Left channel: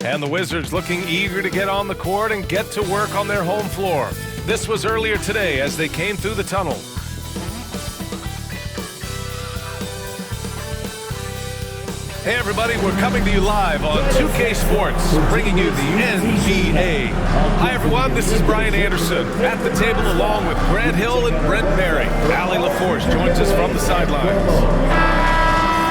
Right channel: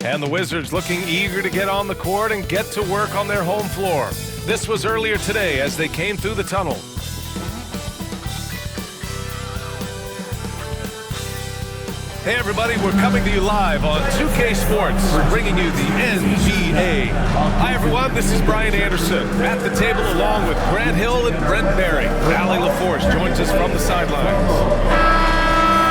And the Wizards looking eager to get on the court and get to work on their home floor. This was earlier today as they came through the tunnel. Hey everybody, we're coming to you live on 2K Sports, bringing you the NBA. Hi everyone, this is Brian Anderson at the table along with Grant Hill and Brent Berry. Allie LaForce joins us from the sidelines.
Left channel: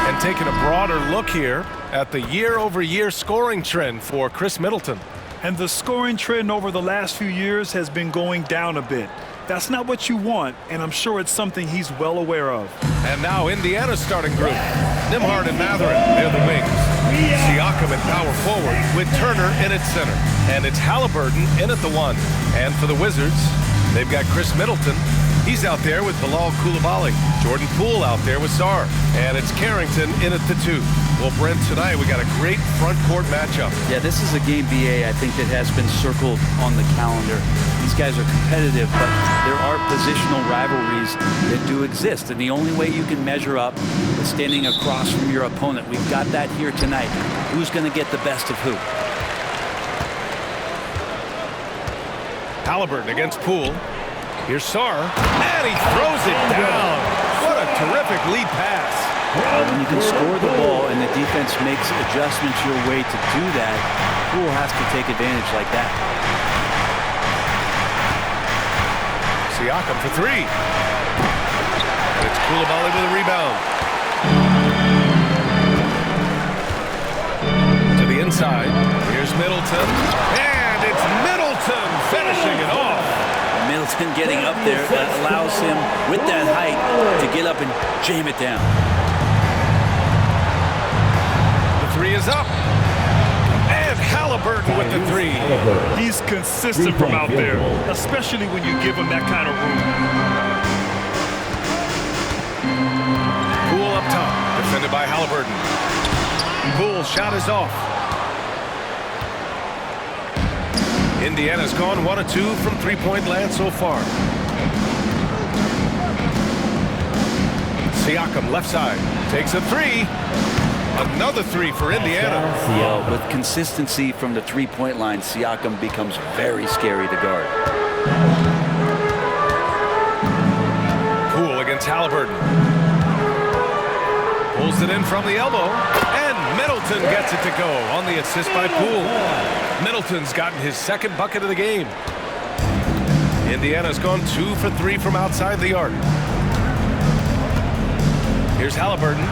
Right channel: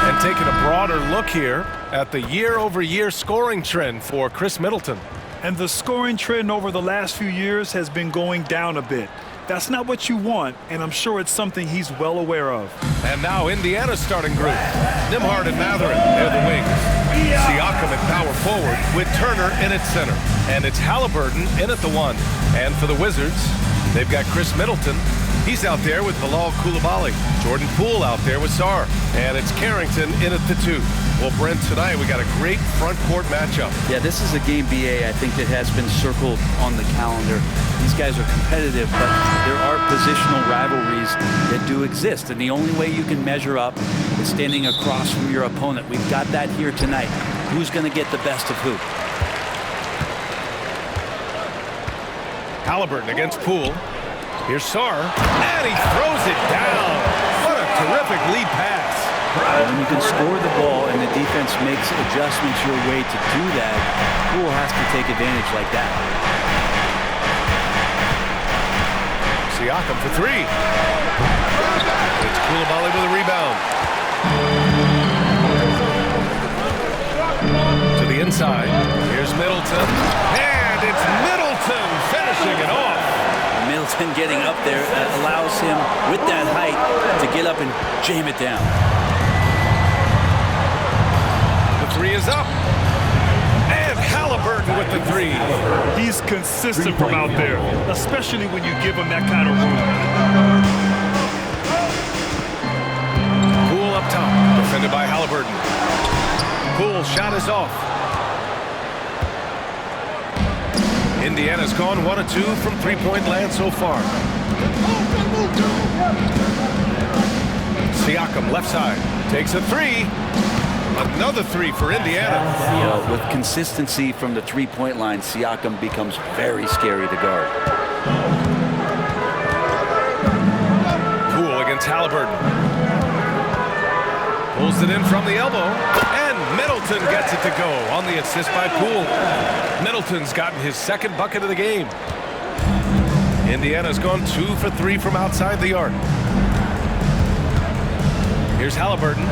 And taking a broader look here at the year-over-year scoring trend for Chris Middleton. And the scoring trend over the last few years has been going down a bit. That's not what you want, and I'm sure it's something he's well aware of. And now Indiana's starting group. Nembhard and Mathurin, they're the wings. Siakam at power forward with Turner in at center. And it's Haliburton in at the 1. And for the Wizards, they've got Chris Middleton. He's out there with Bilal Coulibaly. Jordan Poole out there with Sarr. And it's Carrington in at the 2. Well, Brent, tonight we got a great front court matchup. Yeah, this is a game, BA, I think that has been circled on the calendar. These guys are competitive, but there are positional rivalries that do exist. And the only way you can measure up is standing across from your opponent. We've got that here tonight. Who's going to get the best of who? Haliburton against Poole. Here's Sarr, and he throws it down. What a terrific lead pass. When you can score the ball and the defense makes adjustments your way to do that, Poole has to take advantage like that. Siakam for 3. It's Coulibaly with a rebound. To the inside. Here's Middleton. And it's Middleton finishing it off. Middleton getting up there allows him, with that height, to get up and jam it down. The 3 is up. And Haliburton with the 3. He's consistent from out there, especially when you give him that kind of room. Poole up top, defended by Haliburton. Poole's shot is off. Indiana's gone 1 of 2 from three-point land so far. Siakam left side takes a 3. Another 3 for Indiana. With consistency from the three-point line, Siakam becomes very scary to guard. Poole against Haliburton. Pulls it in from the elbow, and Middleton gets it to go on the assist by Poole. Middleton's gotten his second bucket of the game. Indiana's gone 2 for 3 from outside the arc. Here's Haliburton.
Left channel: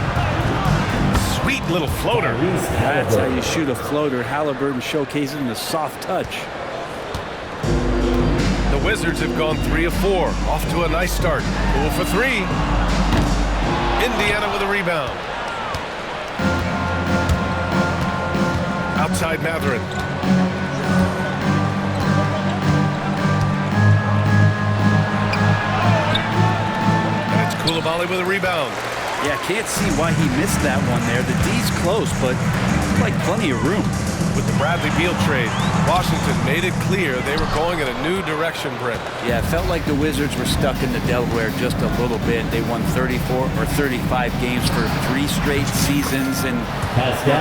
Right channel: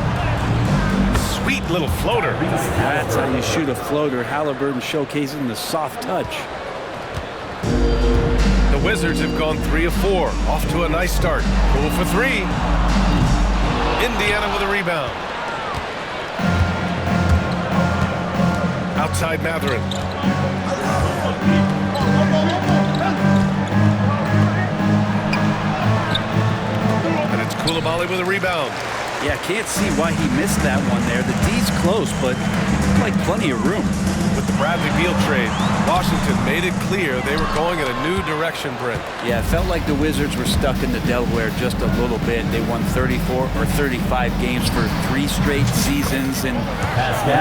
sweet little floater. That's how you shoot a floater. Haliburton showcasing the soft touch. The Wizards have gone 3 of 4. Off to a nice start. Poole for 3. Indiana with a rebound. Outside Mathurin. And it's Coulibaly with a rebound. Yeah, can't see why he missed that one there. The D's close, but it's like plenty of room. With the Bradley Beal trade, Washington made it clear they were going in a new direction, Brent. Yeah, it felt like the Wizards were stuck in the Delaware just a little bit. They won 34 or 35 games for 3 straight seasons, and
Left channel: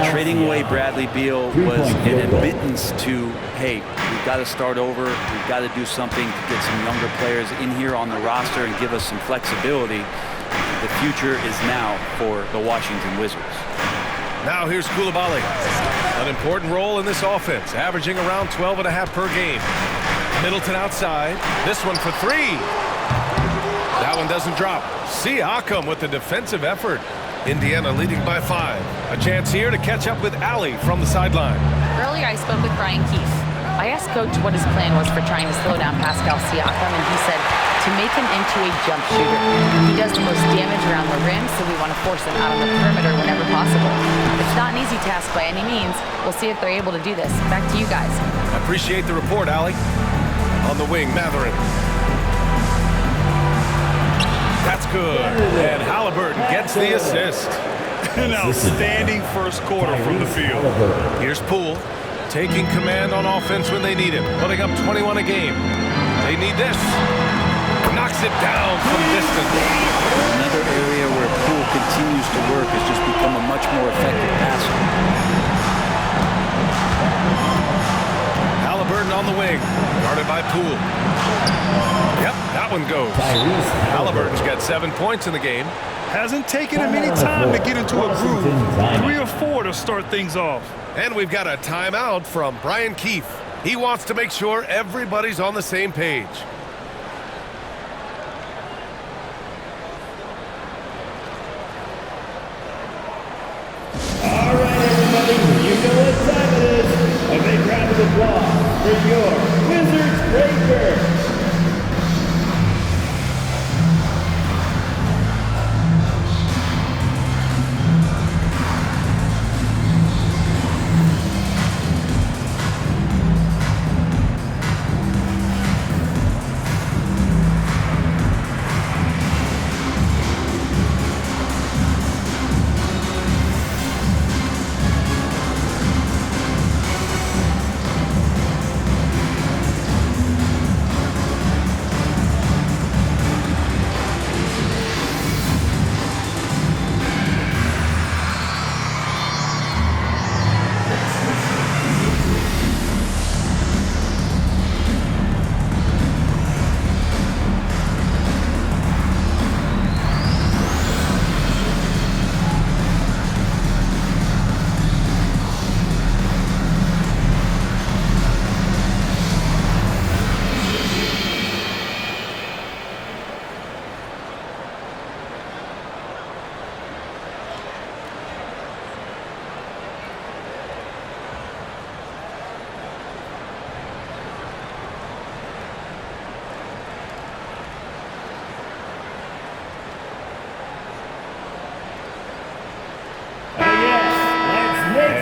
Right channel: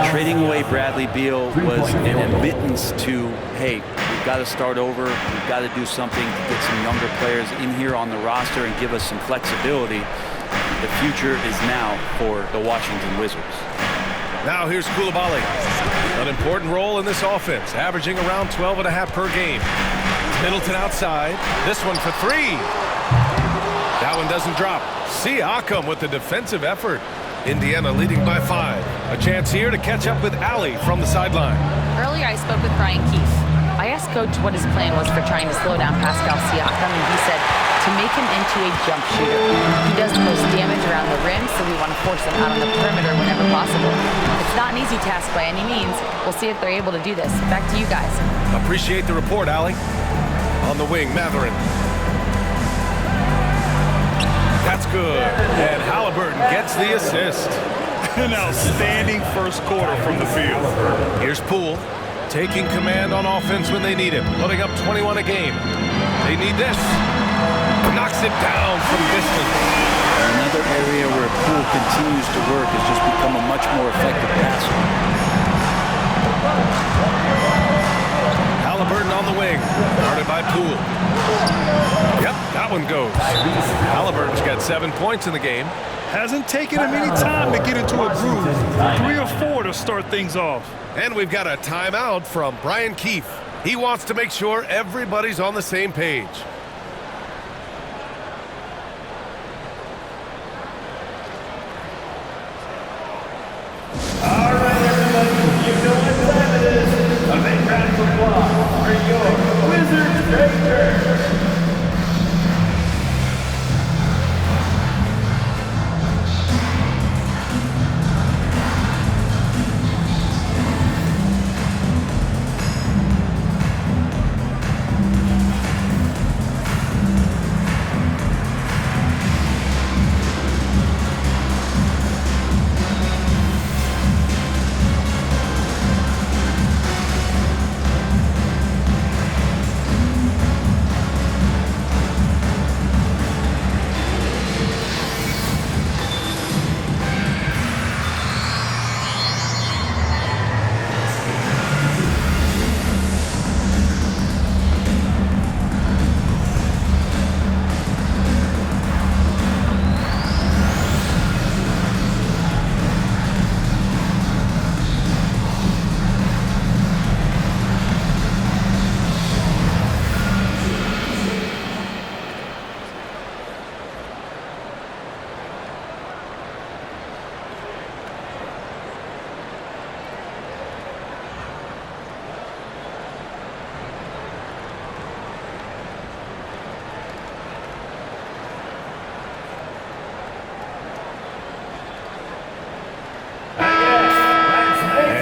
trading away Bradley Beal was an admittance to, hey, we've got to start over. We've got to do something to get some younger players in here on the roster and give us some flexibility. The future is now for the Washington Wizards. Now here's Coulibaly. An important role in this offense, averaging around 12.5 per game. Middleton outside. This one for 3. That one doesn't drop. Siakam with the defensive effort. Indiana leading by 5. A chance here to catch up with Allie from the sideline. Earlier I spoke with Brian Keefe. I asked Coach what his plan was for trying to slow down Pascal Siakam, and he said to make him into a jump shooter. He does the most damage around the rim, so we want to force him out on the perimeter whenever possible. It's not an easy task by any means. We'll see if they're able to do this. Back to you guys. Appreciate the report, Allie. On the wing, Mathurin. That's good. And Haliburton gets the assist. An outstanding first quarter from the field. Here's Poole, taking command on offense when they need him, putting up 21 a game. They need this. Knocks it down from distance. Another area where Poole continues to work has just become a much more effective passer. Haliburton on the wing, guarded by Poole. Yep, that one goes. Haliburton's got 7 points in the game. Hasn't taken him any time to get into a groove. 3 or 4 to start things off. And we've got a timeout from Brian Keefe. He wants to make sure everybody's on the same page. All right, everybody, you know what time it is. A big round of applause for your Wizards Breakers.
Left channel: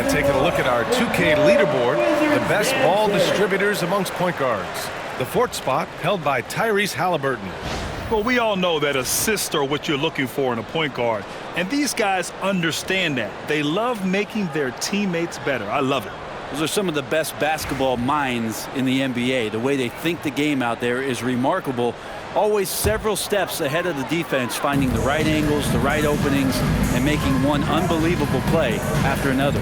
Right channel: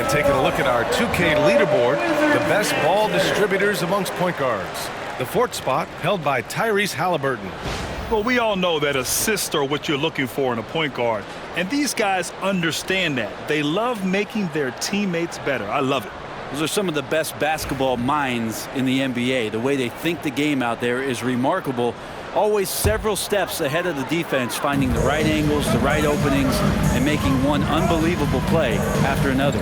Taking a look at our 2K leaderboard, the best ball distributors amongst point guards. The 4th spot held by Tyrese Haliburton. Well, we all know that assists are what you're looking for in a point guard. And these guys understand that. They love making their teammates better. I love it. Those are some of the best basketball minds in the NBA. The way they think the game out there is remarkable. Always several steps ahead of the defense, finding the right angles, the right openings, and making one unbelievable play after another.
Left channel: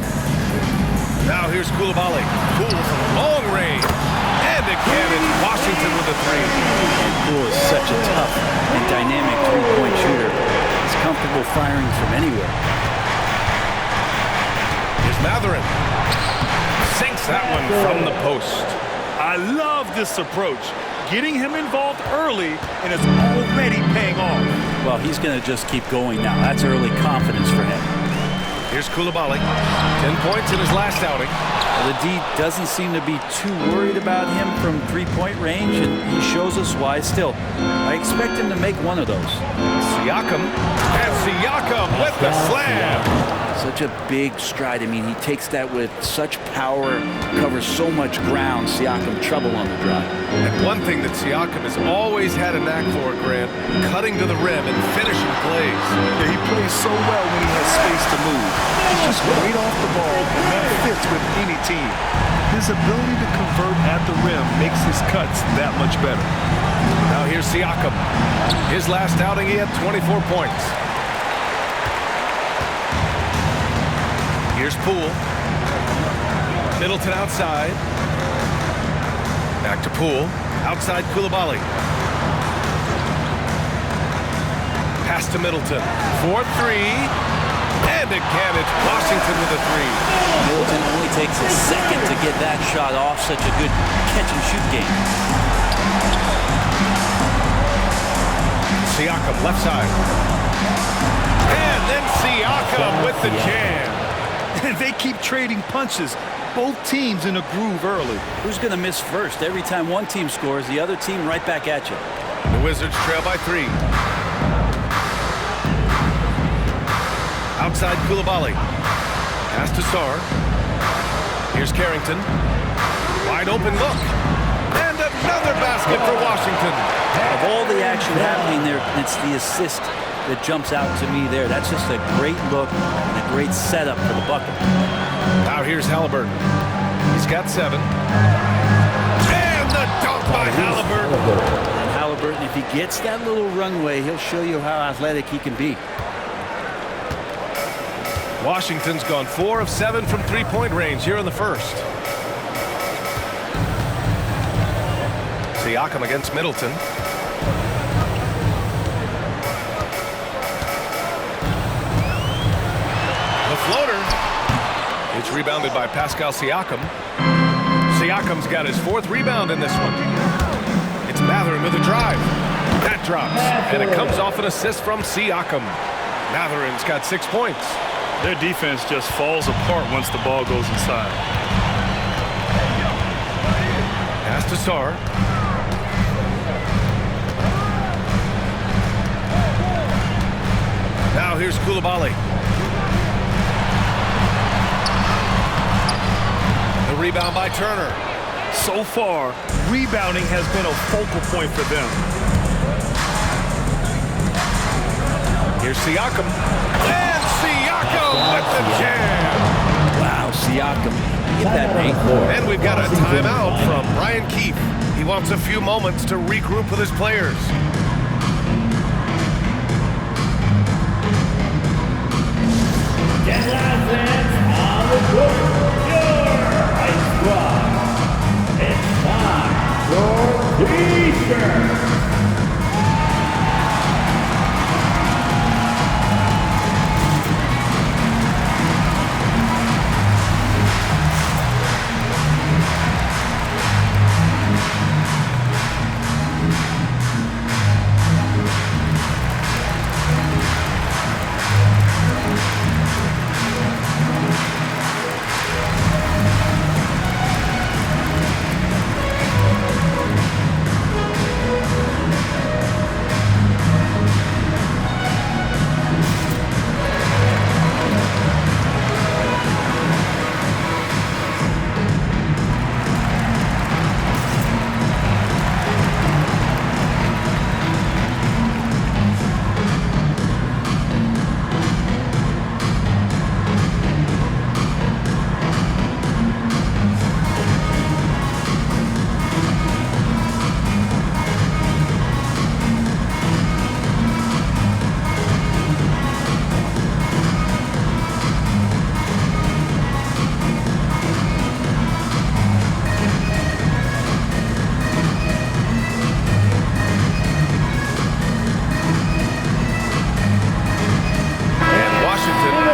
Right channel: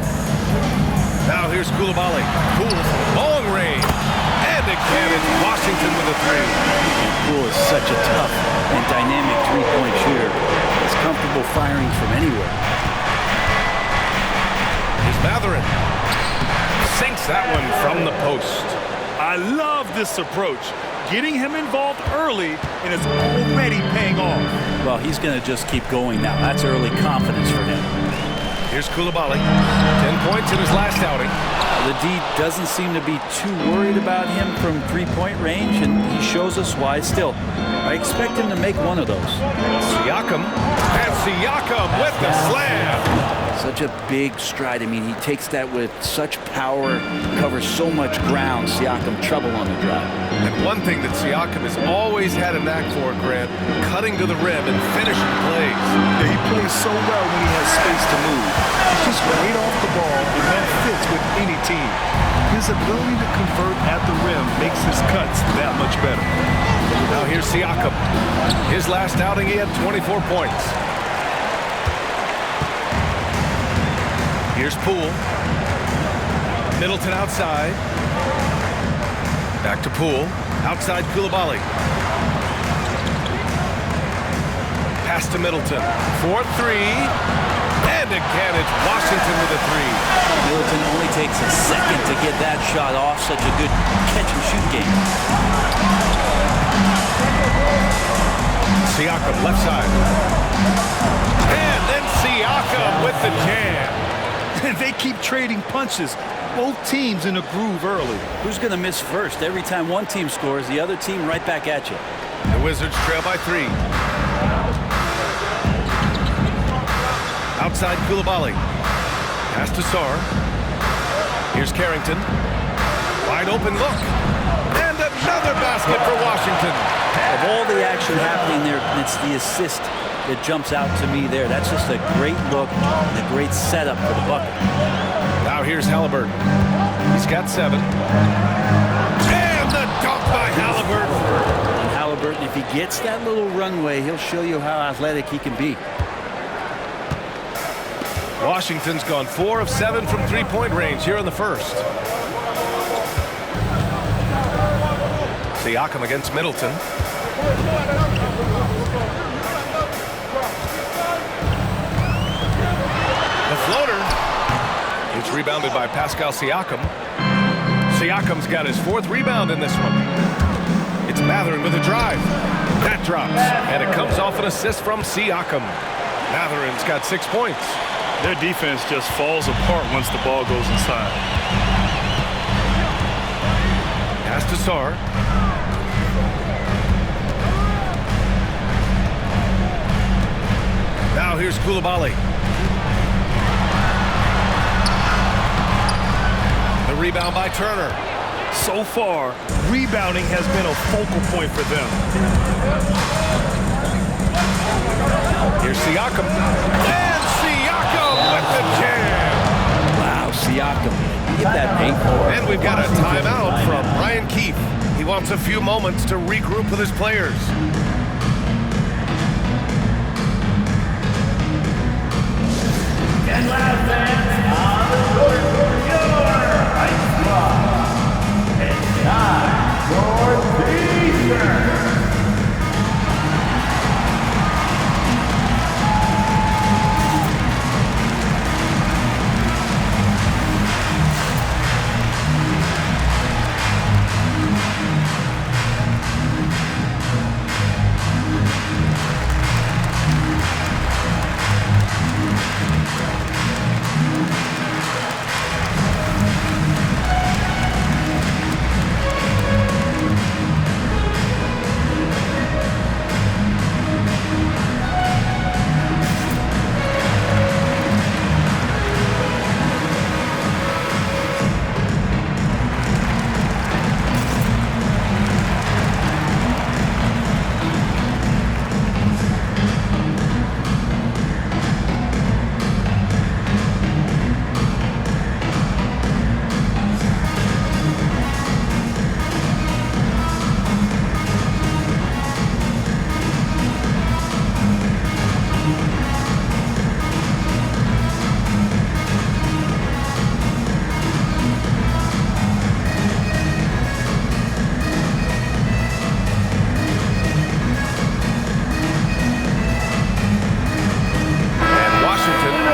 Now here's Coulibaly. Poole from long range. And again, it's Washington with a 3. And Poole is such a tough and dynamic three-point shooter. He's comfortable firing from anywhere. Here's Mathurin. Sinks that one from the post. I love this approach. Getting him involved early, and it's already paying off. Well, he's going to just keep going now. That's early confidence for him. Here's Koulibaly. 10 points in his last outing. The D doesn't seem to be too worried about him from three-point range, and he shows us why still. I expect him to make one of those. Siakam. And Siakam with the slam. Such a big stride. I mean, he takes that with such power, covers so much ground. Siakam trouble on the drive. And one thing that Siakam has always had a knack for, Grant, cutting to the rim and finishing plays. Yeah, he plays so well when he has space to move. He's just great off the ball, and that fits with any team. His ability to convert at the rim makes his cuts that much better. Now here's Siakam. His last outing, he had 24 points. Here's Poole. Middleton outside. Back to Poole. Outside Koulibaly. Pass to Middleton. 4-3. And again, it's Washington with a three. Middleton only takes a second to get that shot off. Such a good catch-and-shoot game. Siakam, left side. And then Siakam with the jam. They keep trading punches. Both teams in a groove early. Who's going to miss first? Every time one team scores, the other team right back at you. The Wizards trail by 3. Outside Koulibaly. Pass to Sarr. Here's Carrington. Wide open look. And another basket for Washington. Of all the action happening there, it's the assist that jumps out to me there. That's just a great look and a great setup for the bucket. Now here's Haliburton. He's got 7. And the dunk by Haliburton. And Haliburton, if he gets that little runway, he'll show you how athletic he can be. Washington's gone 4 of 7 from three-point range here in the first. Siakam against Middleton. The floater. It's rebounded by Pascal Siakam. Siakam's got his 4th rebound in this one. It's Mathurin with a drive. That drops, and it comes off an assist from Siakam. Mathurin's got 6 points. Their defense just falls apart once the ball goes inside. Pass to Sarr. Now here's Koulibaly. The rebound by Turner. So far, rebounding has been a focal point for them. Here's Siakam. And Siakam with the jam. Wow, Siakam. Give that an 8. And we've got a timeout from Brian Keefe. He wants a few moments to regroup with his players. And last dance on the court for your Ice Squad. It's time for T-shirts.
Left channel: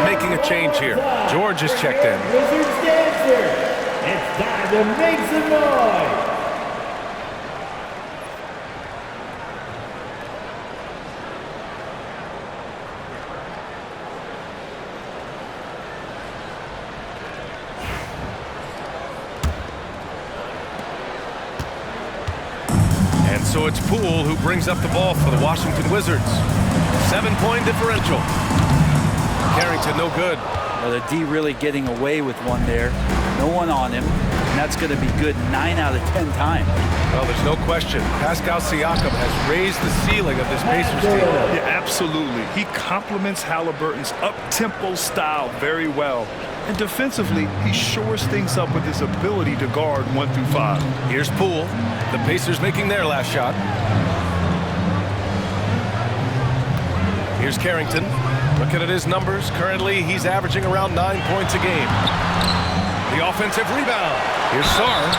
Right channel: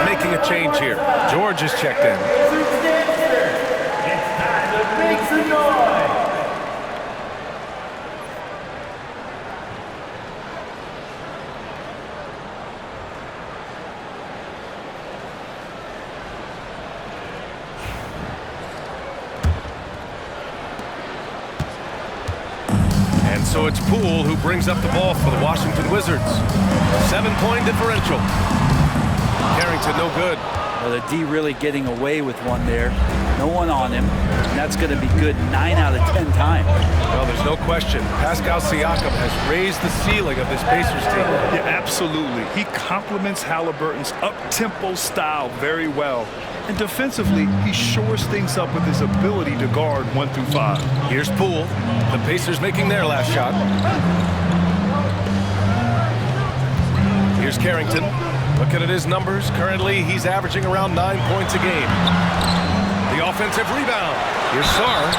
Making a change here. George is checked in. Wizards dancer. It's time to make some noise. And so it's Poole who brings up the ball for the Washington Wizards. 7-point differential. Carrington no good. Well, the D really getting away with one there. No one on him, and that's going to be good 9 out of 10 times. Well, there's no question. Pascal Siakam has raised the ceiling of this Pacers team. Yeah, absolutely. He complements Haliburton's up-tempo style very well. And defensively, he shores things up with his ability to guard 1 through 5. Here's Poole. The Pacers making their last shot. Here's Carrington. Looking at his numbers, currently he's averaging around 9 points a game. The offensive rebound. Here's Sarr.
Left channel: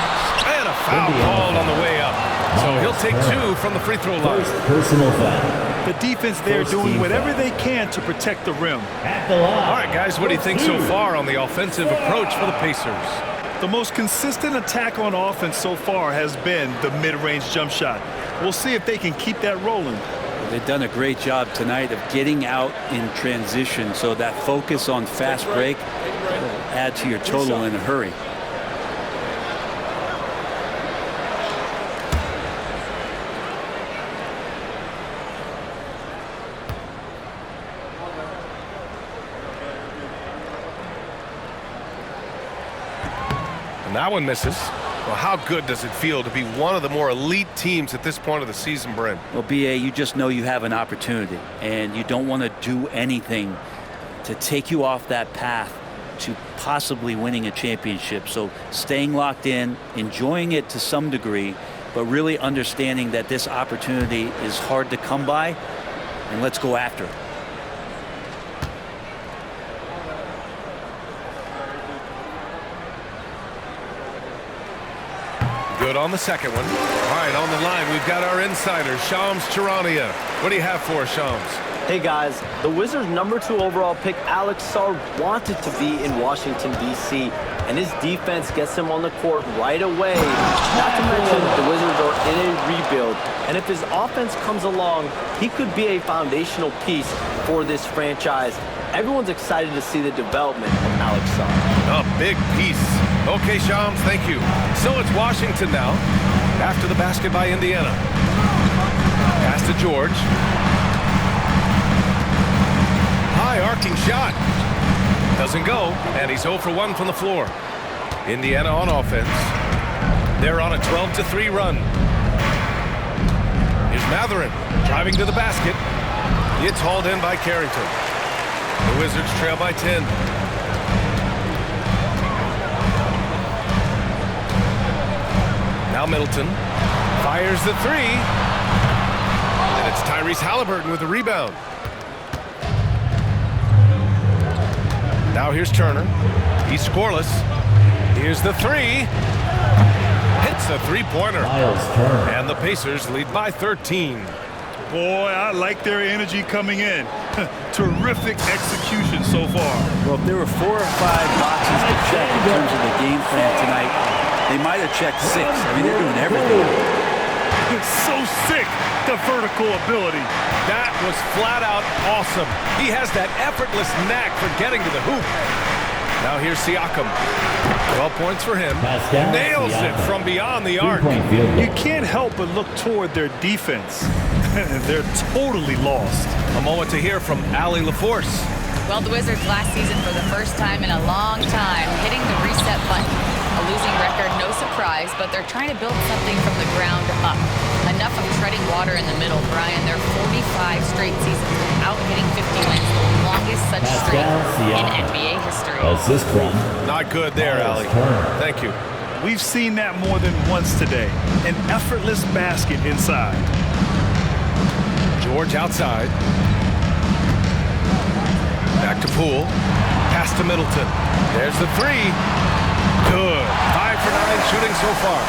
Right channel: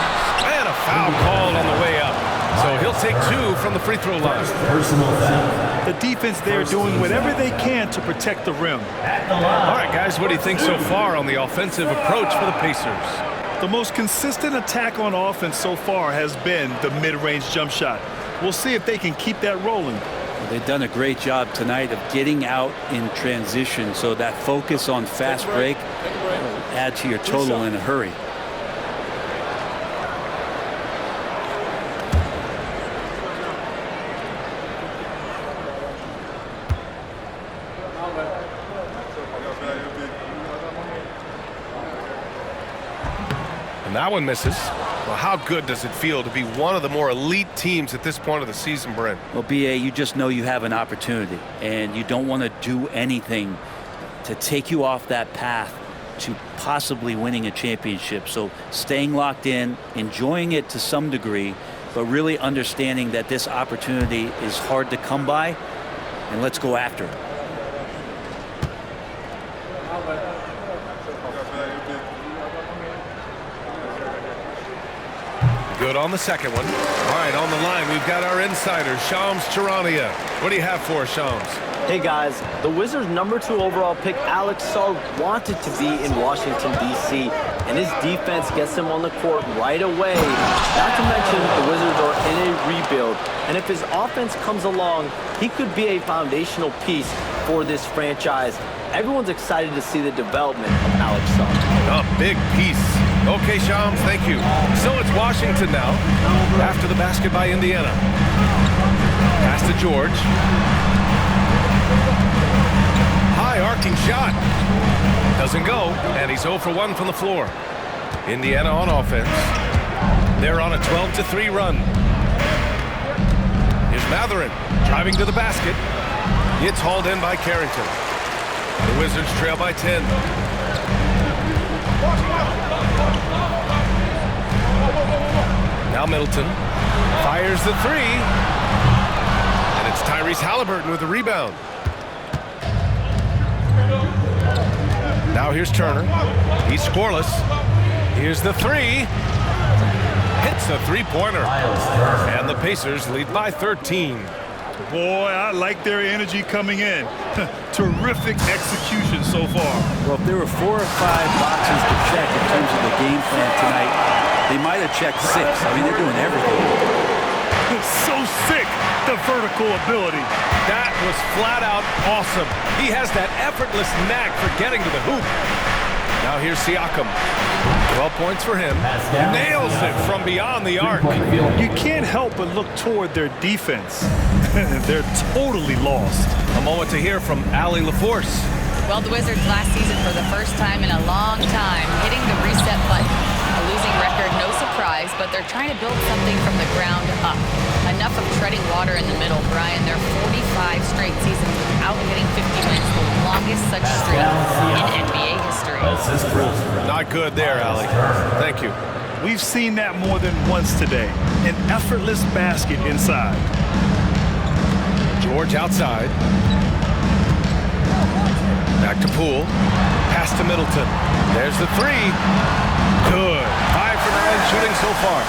And a foul called on the way up. So he'll take 2 from the free throw line. Personal foul. The defense there doing whatever they can to protect the rim. At the line. All right, guys, what do you think so far on the offensive approach for the Pacers? The most consistent attack on offense so far has been the mid-range jump shot. We'll see if they can keep that rolling. Well, they've done a great job tonight of getting out in transition, so that focus on fast break will add to your total in a hurry. And that one misses. Well, how good does it feel to be one of the more elite teams at this point of the season, Brent? Well, BA, you just know you have an opportunity, and you don't want to do anything to take you off that path to possibly winning a championship. So staying locked in, enjoying it to some degree, but really understanding that this opportunity is hard to come by, and let's go after it. Good on the second one. All right, on the line, we've got our insider, Shams Charania. What do you have for us, Shams? Hey guys, the Wizards' #2 overall pick, Alex Sarr, wanted to be in Washington, D.C., and his defense gets him on the court right away. Not to mention, the Wizards are in a rebuild, and if his offense comes along, he could be a foundational piece for this franchise. Everyone's excited to see the development of Alex Sarr. A big piece. Okay, Shams, thank you. So it's Washington now, after the basket by Indiana. Pass to George. High arcing shot. Doesn't go, and he's 0 for 1 from the floor. Indiana on offense. They're on a 12-3 run. Here's Mathurin driving to the basket. It's hauled in by Carrington. The Wizards trail by 10. Now Middleton fires the 3. And it's Tyrese Haliburton with the rebound. Now here's Turner. He's scoreless. Here's the 3. Hits a three-pointer. And the Pacers lead by 13. Boy, I like their energy coming in. Terrific execution so far. Well, if there were 4 or 5 boxes to check in terms of the game plan tonight, they might have checked 6. I mean, they're doing everything. It's so sick, the vertical ability. That was flat out awesome. He has that effortless knack for getting to the hoop. Now here's Siakam. 12 points for him. Nails it from beyond the arc. You can't help but look toward their defense. They're totally lost. A moment to hear from Allie LaForce. Well, the Wizards last season, for the first time in a long time, hitting the reset button. A losing record, no surprise, but they're trying to build something from the ground up. Enough of treading water in the middle, Brian. They're 45 straight seasons without hitting 50 wins, the longest such streak in NBA history. Not good there, Allie. Thank you. We've seen that more than once today. An effortless basket inside. George outside. Back to Poole. Pass to Middleton. There's the 3. Good. 5 for 9 shooting so far.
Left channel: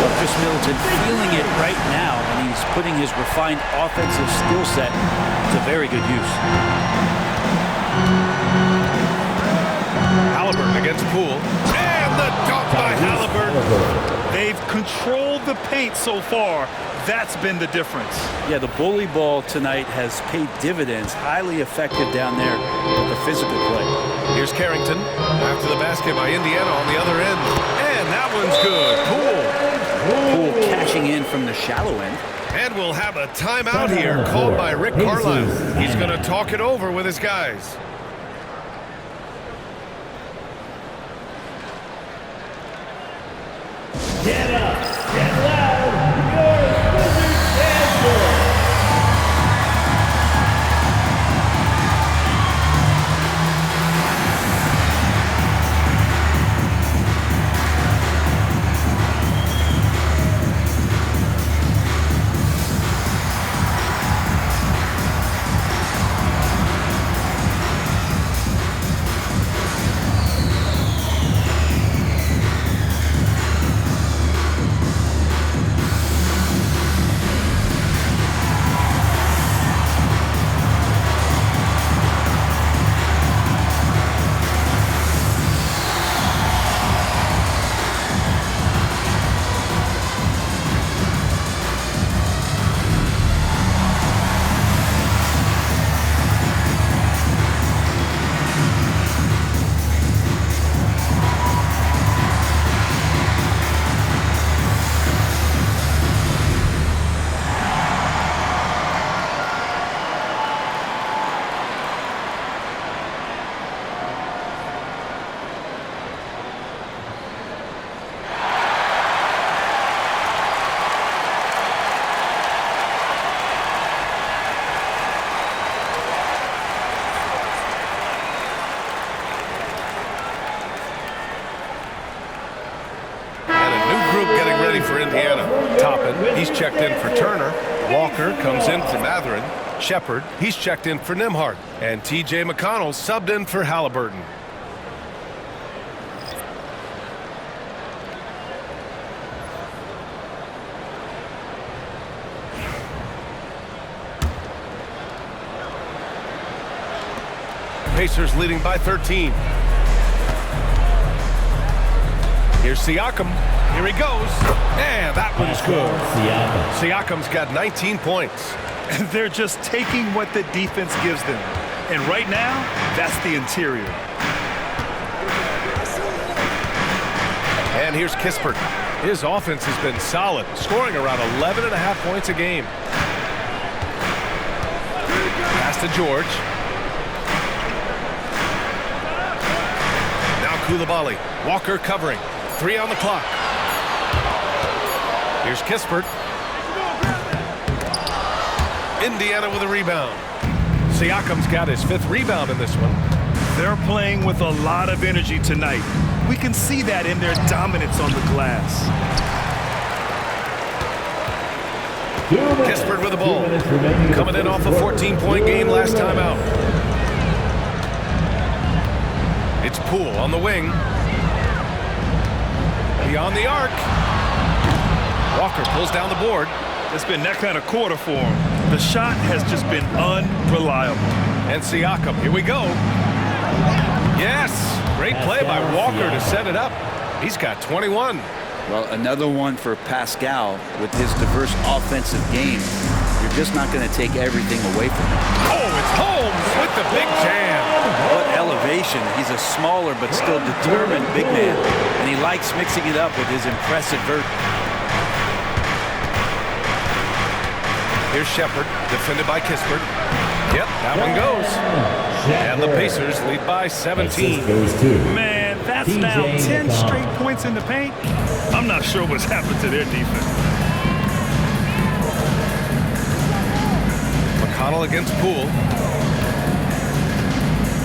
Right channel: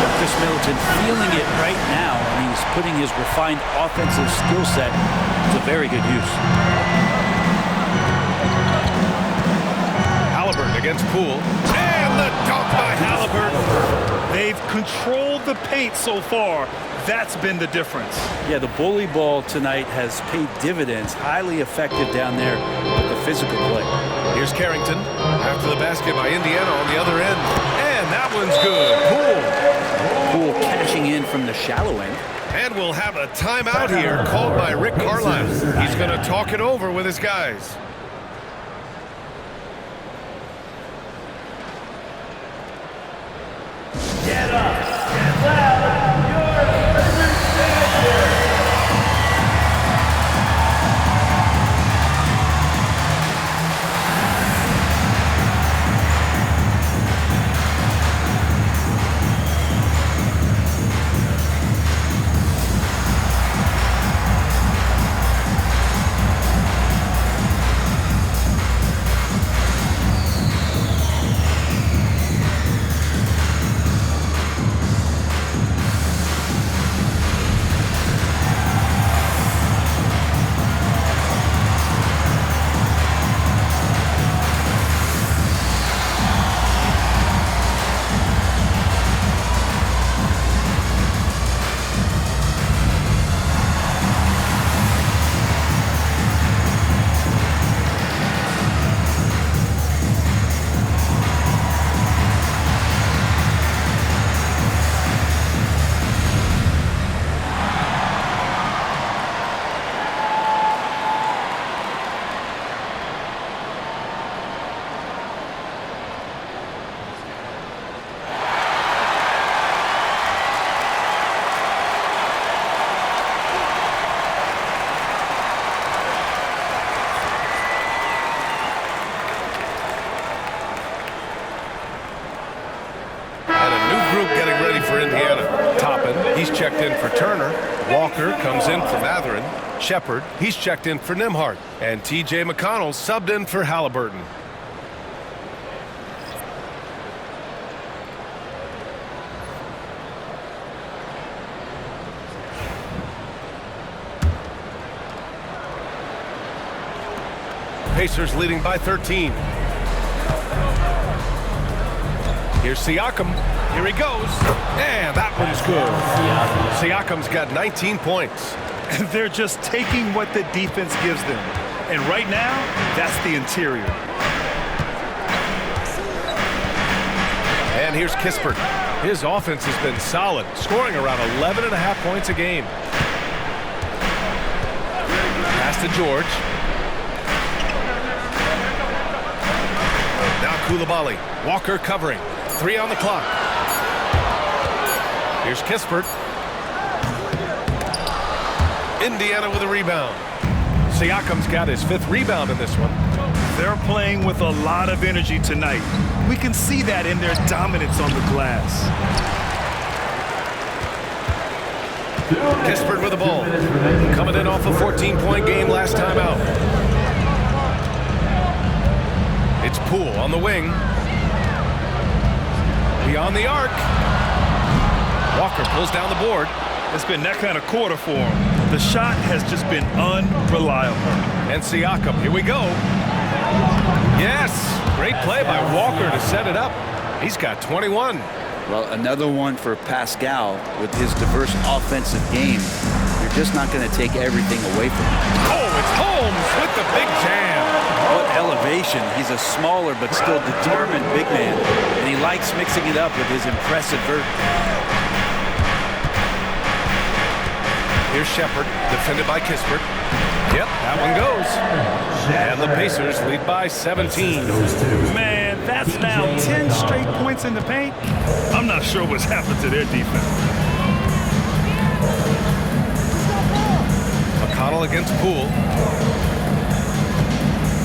Well, Chris Middleton feeling it right now, and he's putting his refined offensive skill set to very good use. Haliburton against Poole. And the dunk by Haliburton. They've controlled the paint so far. That's been the difference. Yeah, the bully ball tonight has paid dividends. Highly effective down there with the physical play. Here's Carrington. After the basket by Indiana on the other end. And that one's good. Poole. Poole cashing in from the shallow end. And we'll have a timeout here called by Rick Carlisle. He's going to talk it over with his guys. Get up, get loud, your Wizards stand here. Group getting ready for Indiana. Toppin, he's checked in for Turner. Walker comes in for Mathurin. Shepard, he's checked in for Nembhard. And T.J. McConnell subbed in for Haliburton. Pacers leading by 13. Here's Siakam. Here he goes. And that one's good. Siakam's got 19 points. They're just taking what the defense gives them. And right now, that's the interior. And here's Kispert. His offense has been solid, scoring around 11.5 points a game. Pass to George. Now Coulibaly. Walker covering. 3 on the clock. Here's Kispert. Indiana with a rebound. Siakam's got his 5th rebound in this one. They're playing with a lot of energy tonight. We can see that in their dominance on the glass. Kispert with the ball. Coming in off a 14-point game last time out. It's Poole on the wing. Beyond the arc. Walker pulls down the board. It's been that kind of quarter for him. The shot has just been unreliable. And Siakam, here we go. Yes, great play by Walker to set it up. He's got 21. Well, another one for Pascal with his diverse offensive game. You're just not going to take everything away from him. Oh, it's Holmes with the big jam. What elevation. He's a smaller but still determined big man. And he likes mixing it up with his impressive vert. Here's Shepard, defended by Kispert. Yep, that one goes. And the Pacers lead by 17. Man, that's now 10 straight points in the paint. I'm not sure what's happened to their defense. McConnell against Poole.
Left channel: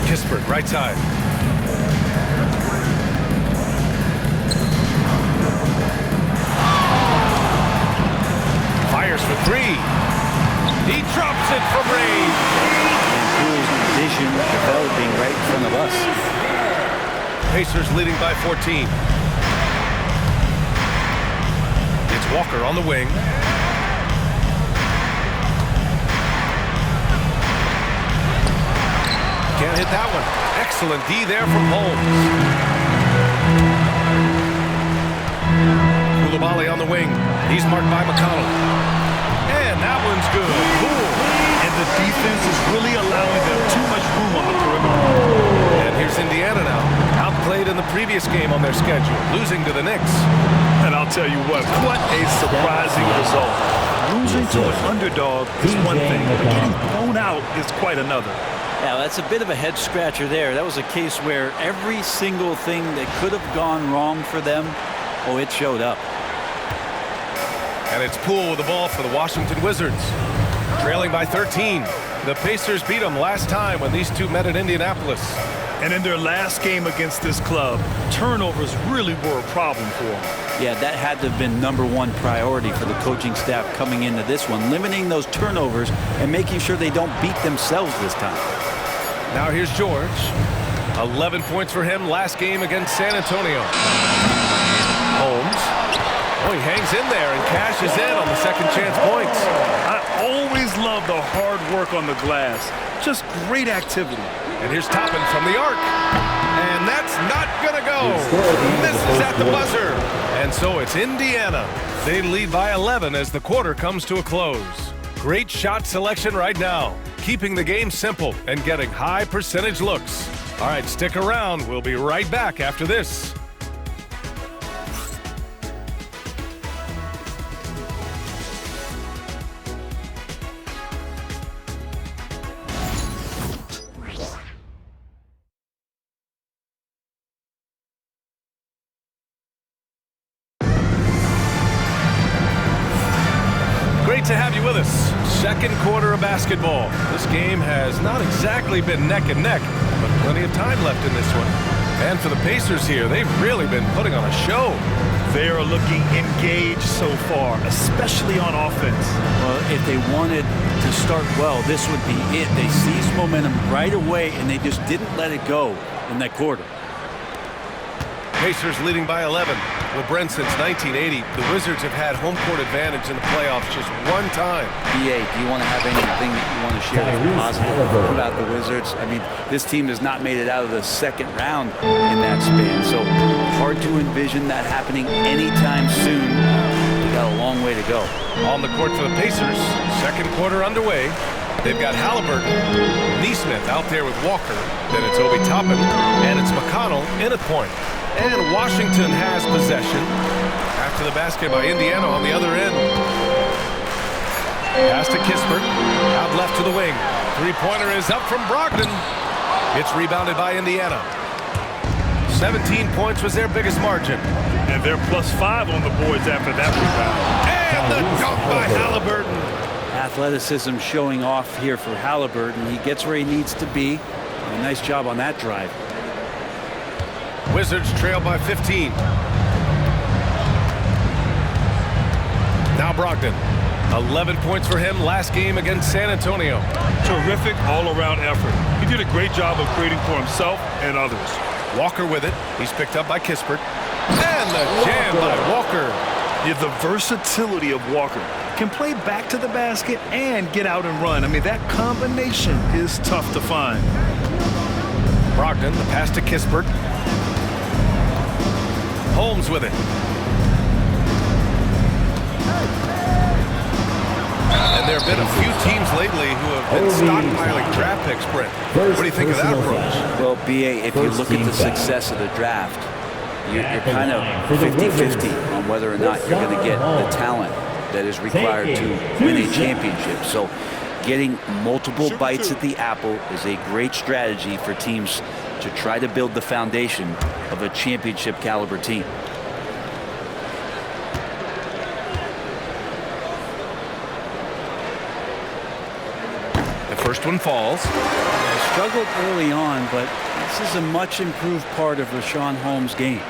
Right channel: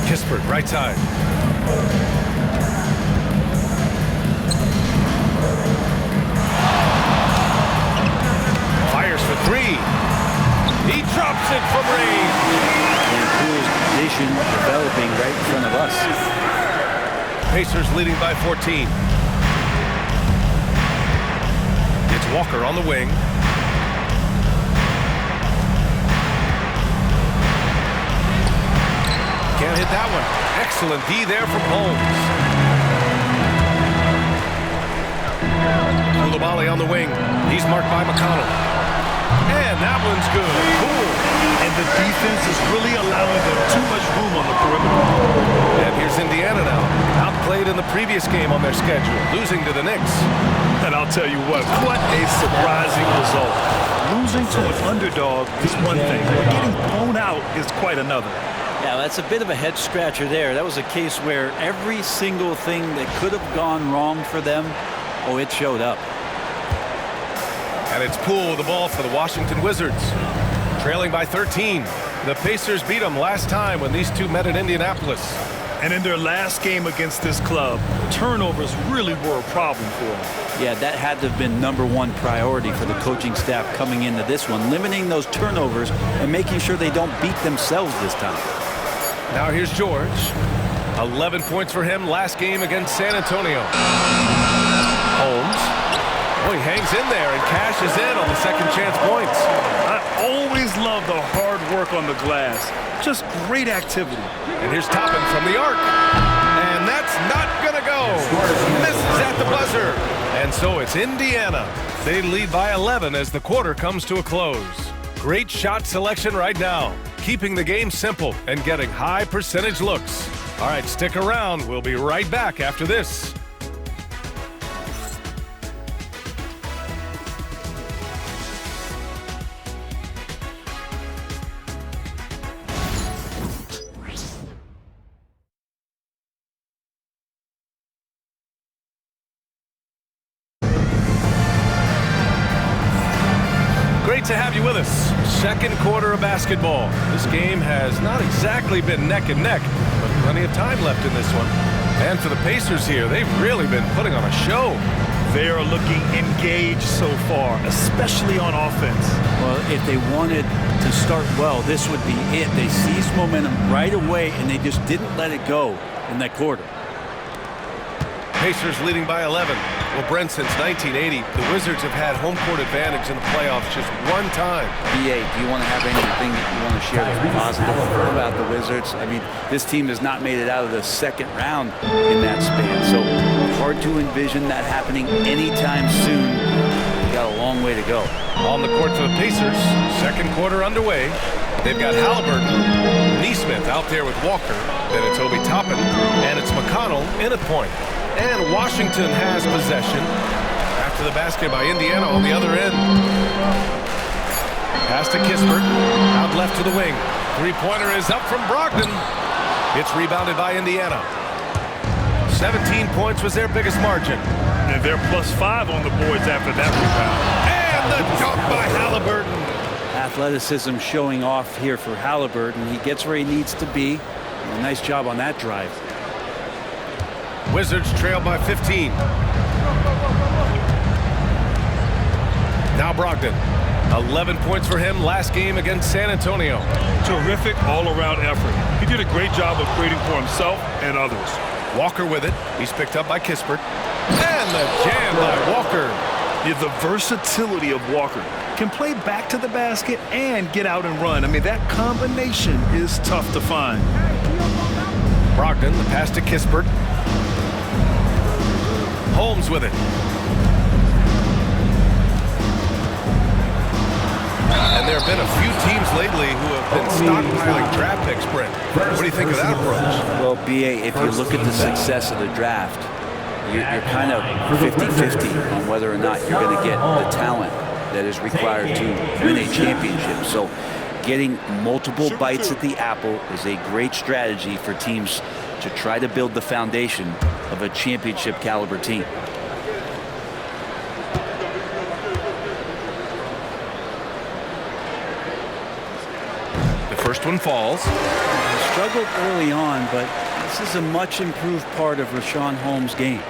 Kispert, right side. Fires for 3. He drops it from range. And Poole's vision developing right in front of us. Pacers leading by 14. It's Walker on the wing. Can't hit that one. Excellent D there from Holmes. Coulibaly on the wing. He's marked by McConnell. And that one's good. Poole. and the defense is really allowing them too much room on the perimeter. And here's Indiana now, outplayed in the previous game on their schedule, losing to the Knicks. And I'll tell you what a surprising result. Losing to an underdog is one thing, but getting blown out is quite another. Yeah, that's a bit of a head scratcher there. That was a case where every single thing that could have gone wrong for them, oh, it showed up. And it's Poole with the ball for the Washington Wizards. Trailing by 13. The Pacers beat them last time when these two met at Indianapolis. And in their last game against this club, turnovers really were a problem for them. Yeah, that had to have been #1 priority for the coaching staff coming into this one, limiting those turnovers and making sure they don't beat themselves this time. Now here's George. 11 points for him last game against San Antonio. Holmes. Oh, he hangs in there and cashes in on the second chance points. I always love the hard work on the glass. Just great activity. And here's Toppin from the arc. And that's not going to go. Misses at the buzzer. And so it's Indiana. They lead by 11 as the quarter comes to a close. Great shot selection right now, keeping the game simple and getting high percentage looks. All right, stick around. We'll be right back after this. Great to have you with us. Second quarter of basketball. This game has not exactly been neck and neck, but plenty of time left in this one. And for the Pacers here, they've really been putting on a show. They are looking engaged so far, especially on offense. Well, if they wanted to start well, this would be it. They seized momentum right away, and they just didn't let it go in that quarter. Pacers leading by 11. Well, Brent, since 1980, the Wizards have had home court advantage in the playoffs just one time. BA, do you want to have anything that you want to share that's positive about the Wizards? I mean, this team has not made it out of the second round in that span, so hard to envision that happening anytime soon. We got a long way to go. On the court for the Pacers, second quarter underway. They've got Haliburton, Neesmith out there with Walker. Then it's Obi Toppin, and it's McConnell in at point. And Washington has possession after the basket by Indiana on the other end. Pass to Kispert, out left to the wing. Three-pointer is up from Brogdon. It's rebounded by Indiana. 17 points was their biggest margin. And they're +5 on the boards after that rebound. And the dunk by Haliburton. Athleticism showing off here for Haliburton. He gets where he needs to be. A nice job on that drive. Wizards trail by 15. Now Brogdon. 11 points for him last game against San Antonio. Terrific all-around effort. He did a great job of creating for himself and others. Walker with it. He's picked up by Kispert. And the jam by Walker. Yeah, the versatility of Walker. Can play back to the basket and get out and run. I mean, that combination is tough to find. Brogdon, the pass to Kispert. Holmes with it. And there have been a few teams lately who have been stockpiling draft picks, Brent. What do you think of that approach? Well, BA, if you look at the success of the draft, you're kind of 50-50 on whether or not you're going to get the talent that is required to win a championship. So getting multiple bites at the apple is a great strategy for teams to try to build the foundation of a championship caliber team. The first one falls. He struggled early on, but this is a much improved part of Richaun Holmes' game.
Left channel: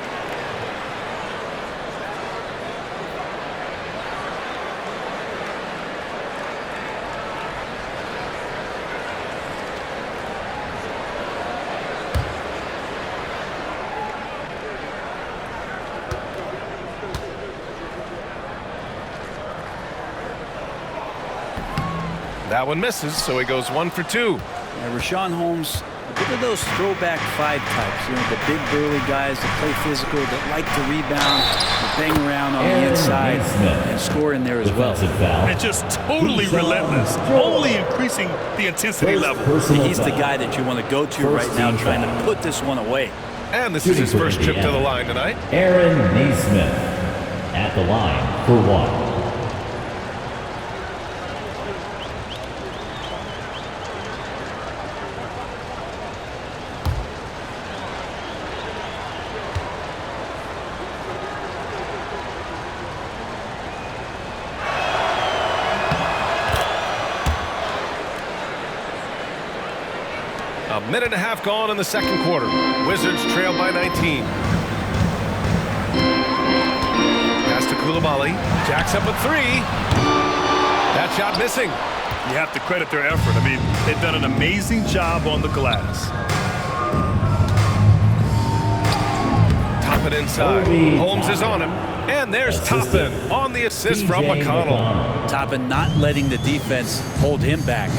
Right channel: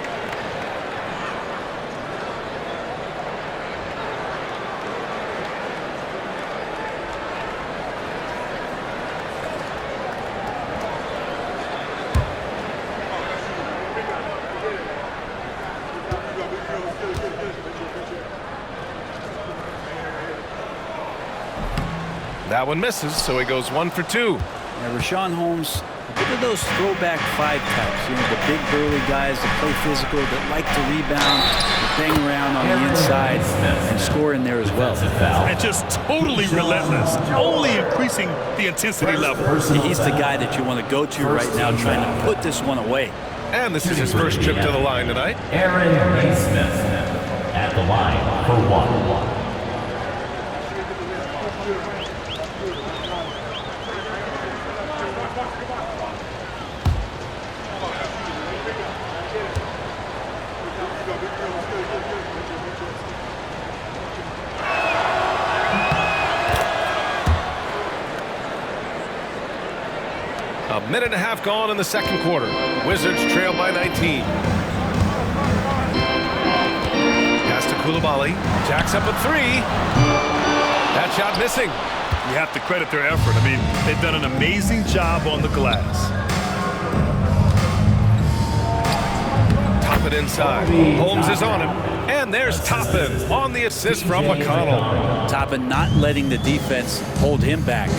That one misses, so he goes 1 for 2. Now, Richaun Holmes A bit of those throwback 5 types, you know, the big burly guys that play physical, that like to rebound, that bang around on the inside and score in there as well. And just totally relentless, only increasing the intensity level. He's the guy that you want to go to right now, trying to put this one away. And this is his first trip to the line tonight. Aaron Naismith at the line for 1. A minute and a half gone in the second quarter. Wizards trail by 19. Pass to Coulibaly. Jacks up a 3. That shot missing. You have to credit their effort. I mean, they've done an amazing job on the glass. Toppin inside. Holmes is on him. And there's Toppin on the assist from McConnell. Toppin not letting the defense hold him back.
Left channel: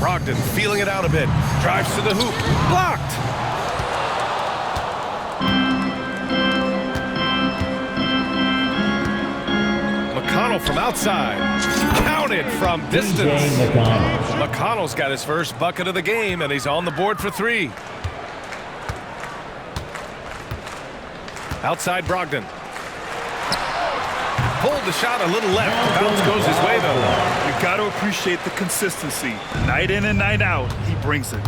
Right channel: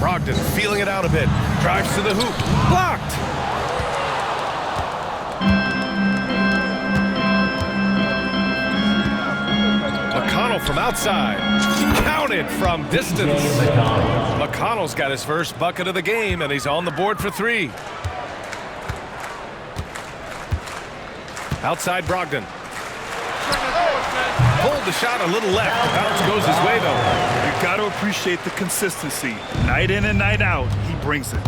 Brogdon feeling it out a bit. Drives to the hoop. Blocked. McConnell from outside. Counted from distance. McConnell's got his first bucket of the game, and he's on the board for 3. Outside Brogdon. Pulled the shot a little left. The bounce goes his way, though. You've got to appreciate the consistency. Night in and night out, he brings it.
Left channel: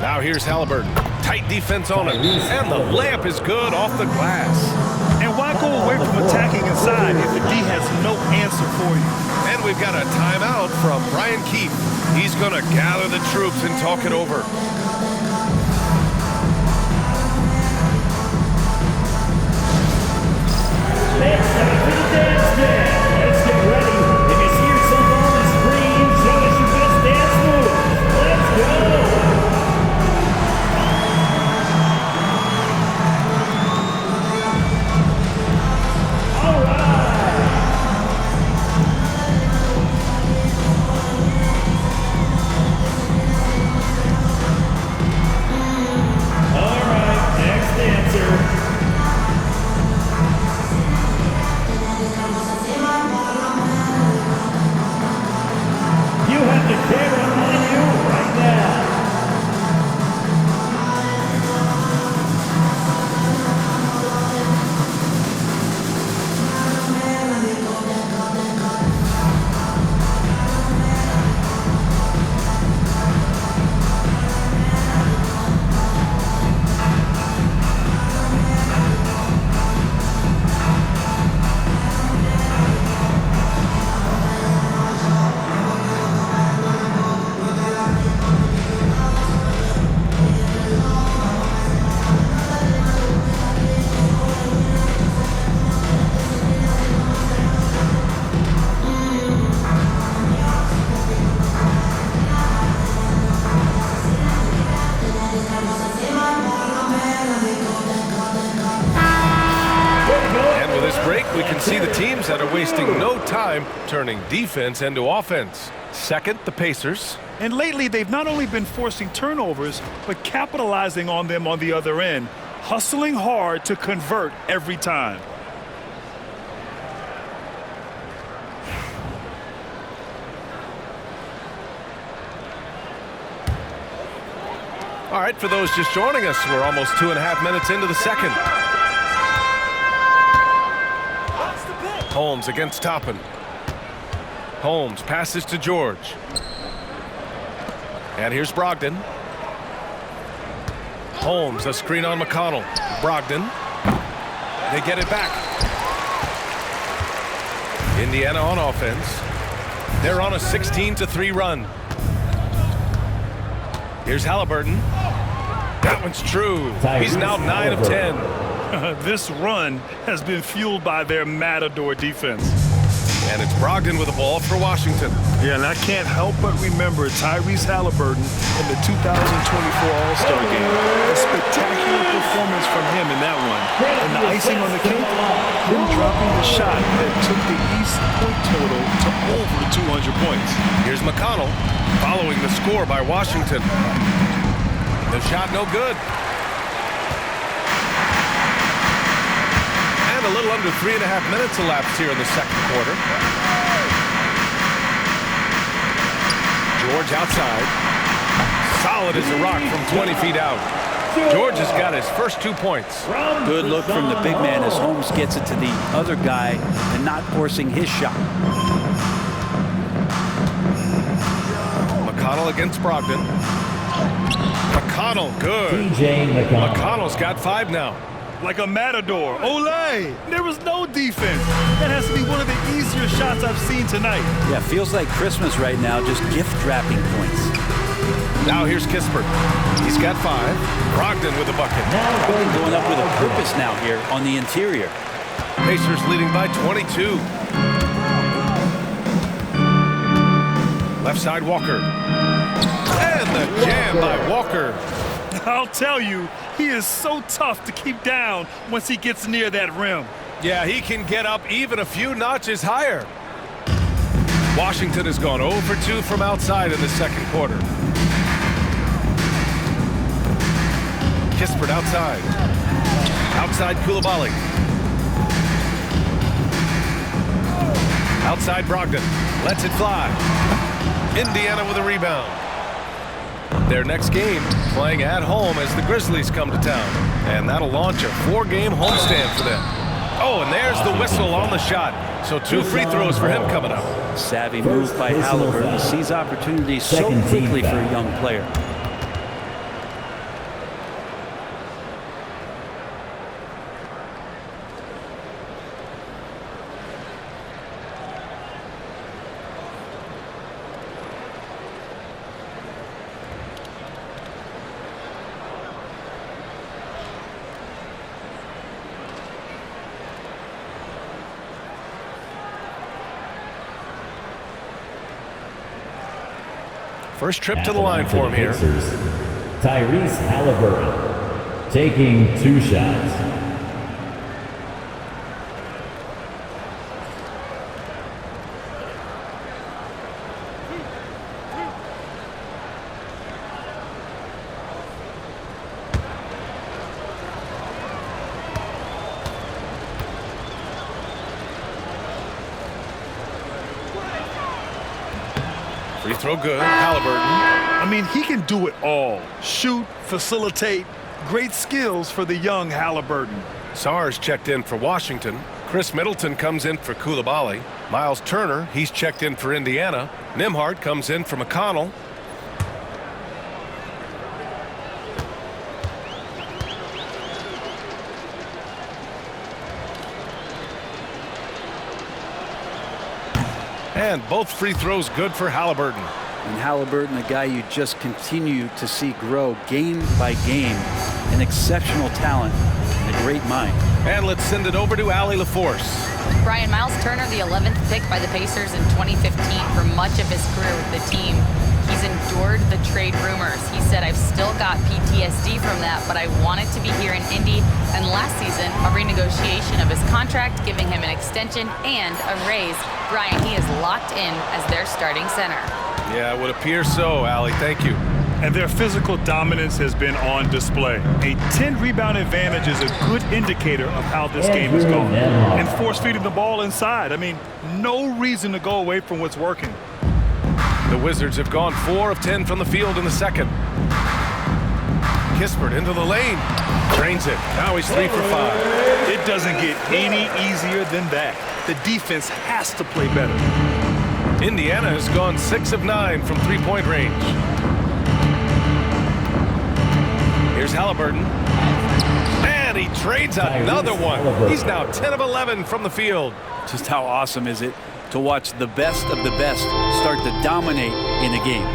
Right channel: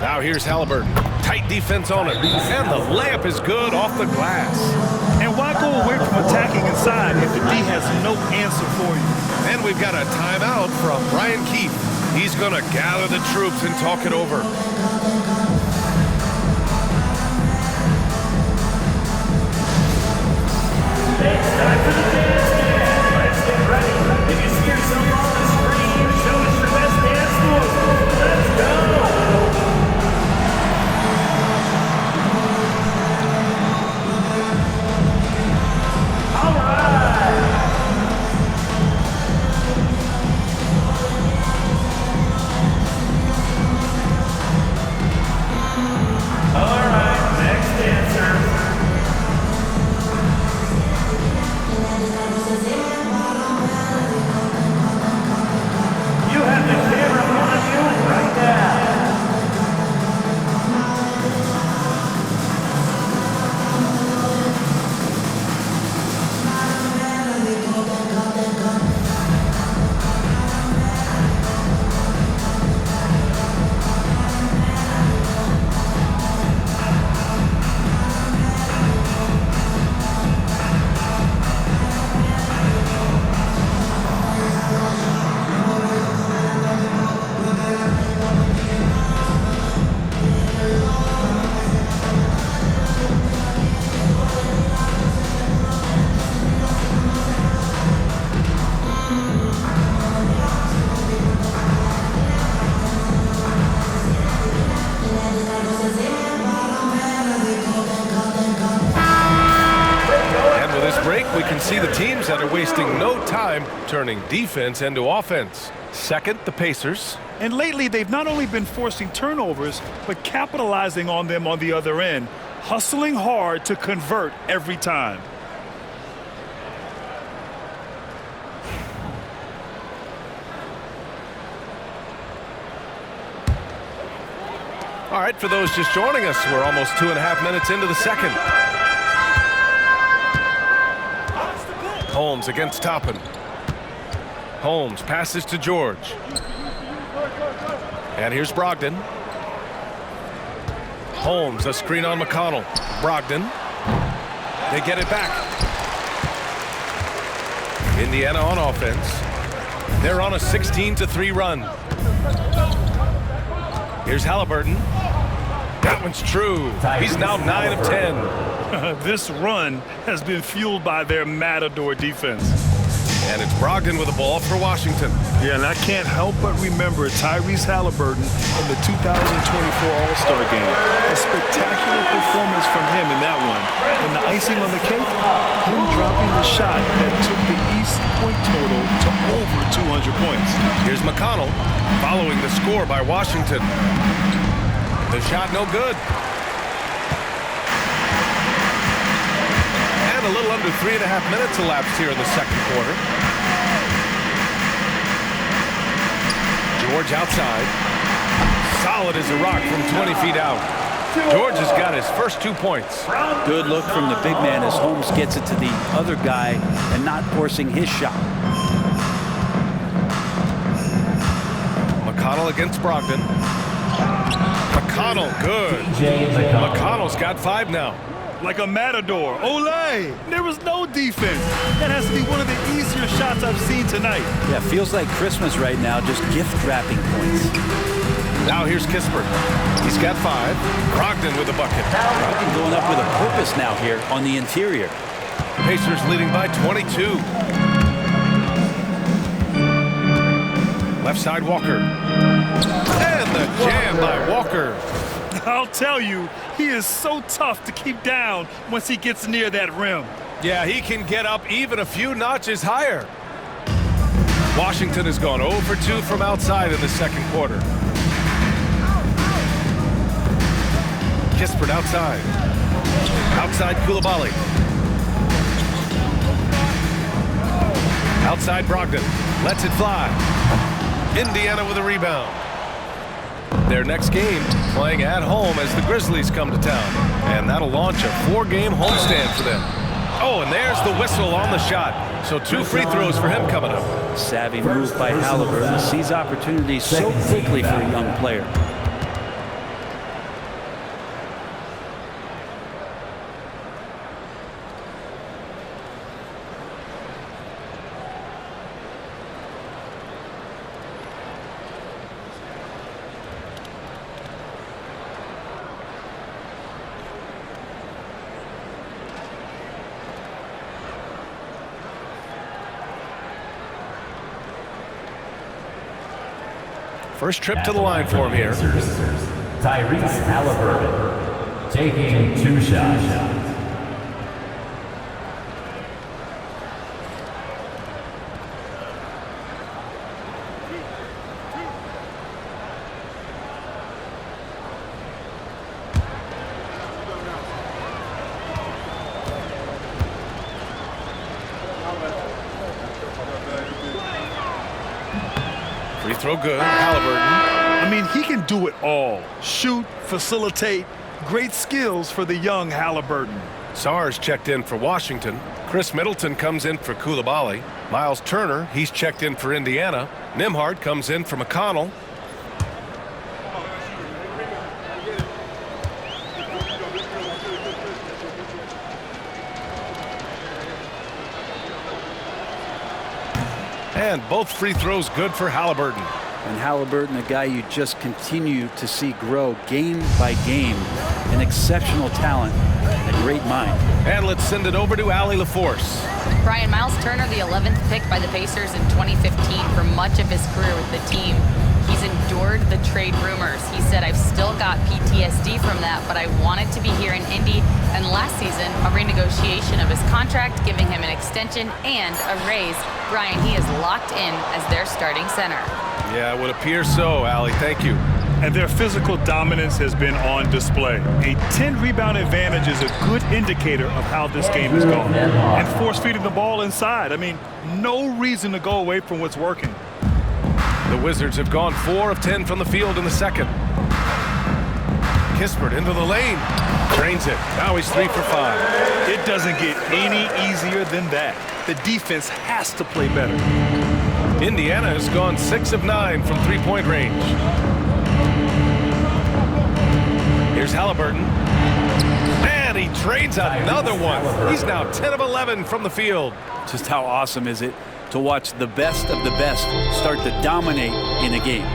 Now here's Haliburton. Tight defense on him. And the layup is good off the glass. And why go away from attacking inside if the D has no answer for you? And we've got a timeout from Brian Keefe. He's going to gather the troops and talk it over. It's time for the dance game. Let's get ready. If you see yourself on the screen, show us your best dance move. Let's go. All right. All right, next dancer. You have the camera on you right now. We can see the teams that are wasting no time turning defense into offense. Second, the Pacers. And lately, they've not only been forcing turnovers, but capitalizing on them on the other end, hustling hard to convert every time. All right, for those just joining us, we're almost 2.5 minutes into the second. Holmes against Toppin. Holmes passes to George. And here's Brogdon. Holmes, a screen on McConnell. Brogdon. They get it back. Indiana on offense. They're on a 16-3 run. Here's Haliburton. That one's true. He's now 9 of 10. This run has been fueled by their Matador defense. And it's Brogdon with the ball for Washington. Yeah, and I can't help but remember Tyrese Haliburton in the 2024 All-Star game. A spectacular performance from him in that one. And the icing on the cake, him dropping the shot that took the East point total to over 200 points. Here's McConnell following the score by Washington. The shot no good. And a little under 3.5 minutes elapsed here in the second quarter. George outside. Solid as a rock from 20 feet out. George has got his first 2 points. Good look from the big man as Holmes gets it to the other guy and not forcing his shot. McConnell against Brogdon. McConnell, good. McConnell's got 5 now. Like a matador. Olay! There was no defense. That has to be one of the easier shots I've seen tonight. Yeah, feels like Christmas right now, just gift wrapping points. Now here's Kispert. He's got 5. Brogdon with a bucket. Brogdon going up with a purpose now here on the interior. Pacers leading by 22. Left side Walker. And the jam by Walker. I'll tell you, he is so tough to keep down once he gets near that rim. Yeah, he can get up even a few notches higher. Washington has gone 0 for 2 from outside in the second quarter. Kispert outside. Outside Coulibaly. Outside Brogdon. Lets it fly. Indiana with a rebound. Their next game playing at home as the Grizzlies come to town. And that'll launch a 4-game homestand for them. Oh, and there's the whistle on the shot. So 2 free throws for him coming up. Savvy move by Haliburton. Sees opportunities so quickly for a young player. First trip to the line for him here. Tyrese Haliburton taking 2 shots. Free throw good. Haliburton. I mean, he can do it all. Shoot, facilitate. Great skills for the young Haliburton. Sarge checked in for Washington. Chris Middleton comes in for Coulibaly. Miles Turner, he's checked in for Indiana. Nembhard comes in for McConnell. And both free throws good for Haliburton. And Haliburton, a guy you just continue to see grow game by game. An exceptional talent and a great mind. And let's send it over to Allie LaForce. Brian, Miles Turner, the 11th pick by the Pacers in 2015 for much of his career with the team. He's endured the trade rumors. He said, I've still got PTSD from that, but I wanted to be here in Indy. And last season, a renegotiation of his contract, giving him an extension and a raise. Brian, he is locked in as their starting center. Yeah, it would appear so, Allie. Thank you. And their physical dominance has been on display. A 10-rebound advantage is a good indicator of how this game is going. And force-feeding the ball inside. I mean, no reason to go away from what's working. The Wizards have gone 4 of 10 from the field in the second. Kispert into the lane. Drains it. Now he's 3 for 5. It doesn't get any easier than that. The defense has to play better. Indiana has gone 6 of 9 from 3-point range. Here's Haliburton. And he trades another one. He's now 10 of 11 from the field. Just how awesome is it to watch the best of the best start to dominate in a game.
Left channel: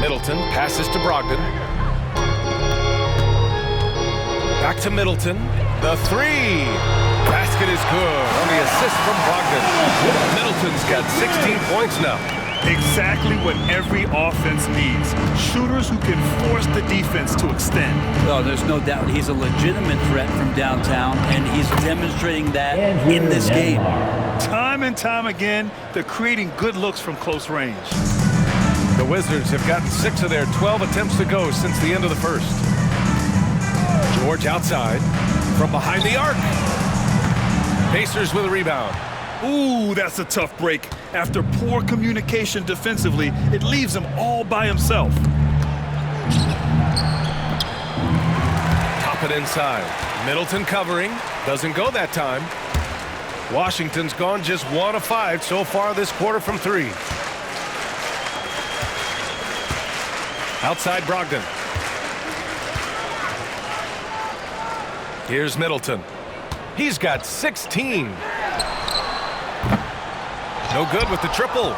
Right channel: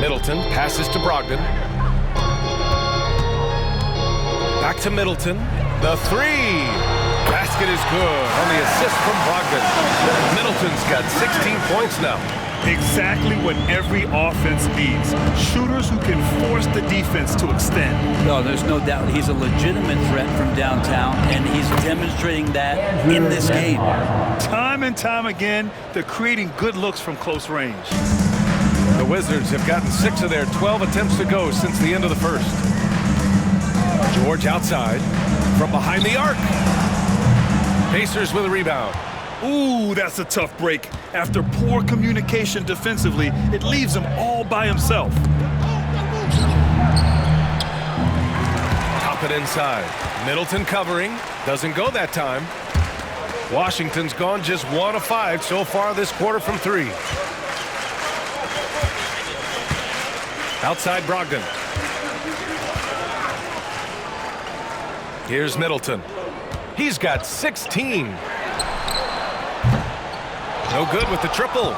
Middleton passes to Brogdon. Back to Middleton. The 3. Basket is good on the assist from Brogdon. Middleton's got 16 points now. Exactly what every offense needs. Shooters who can force the defense to extend. Well, there's no doubt he's a legitimate threat from downtown, and he's demonstrating that in this game. Time and time again, they're creating good looks from close range. The Wizards have gotten 6 of their 12 attempts to go since the end of the first. George outside from behind the arc. Pacers with a rebound. Ooh, that's a tough break. After poor communication defensively, it leaves him all by himself. Top it inside. Middleton covering. Doesn't go that time. Washington's gone just 1 of 5 so far this quarter from 3. Outside Brogdon. Here's Middleton. He's got 16. No good with the triple.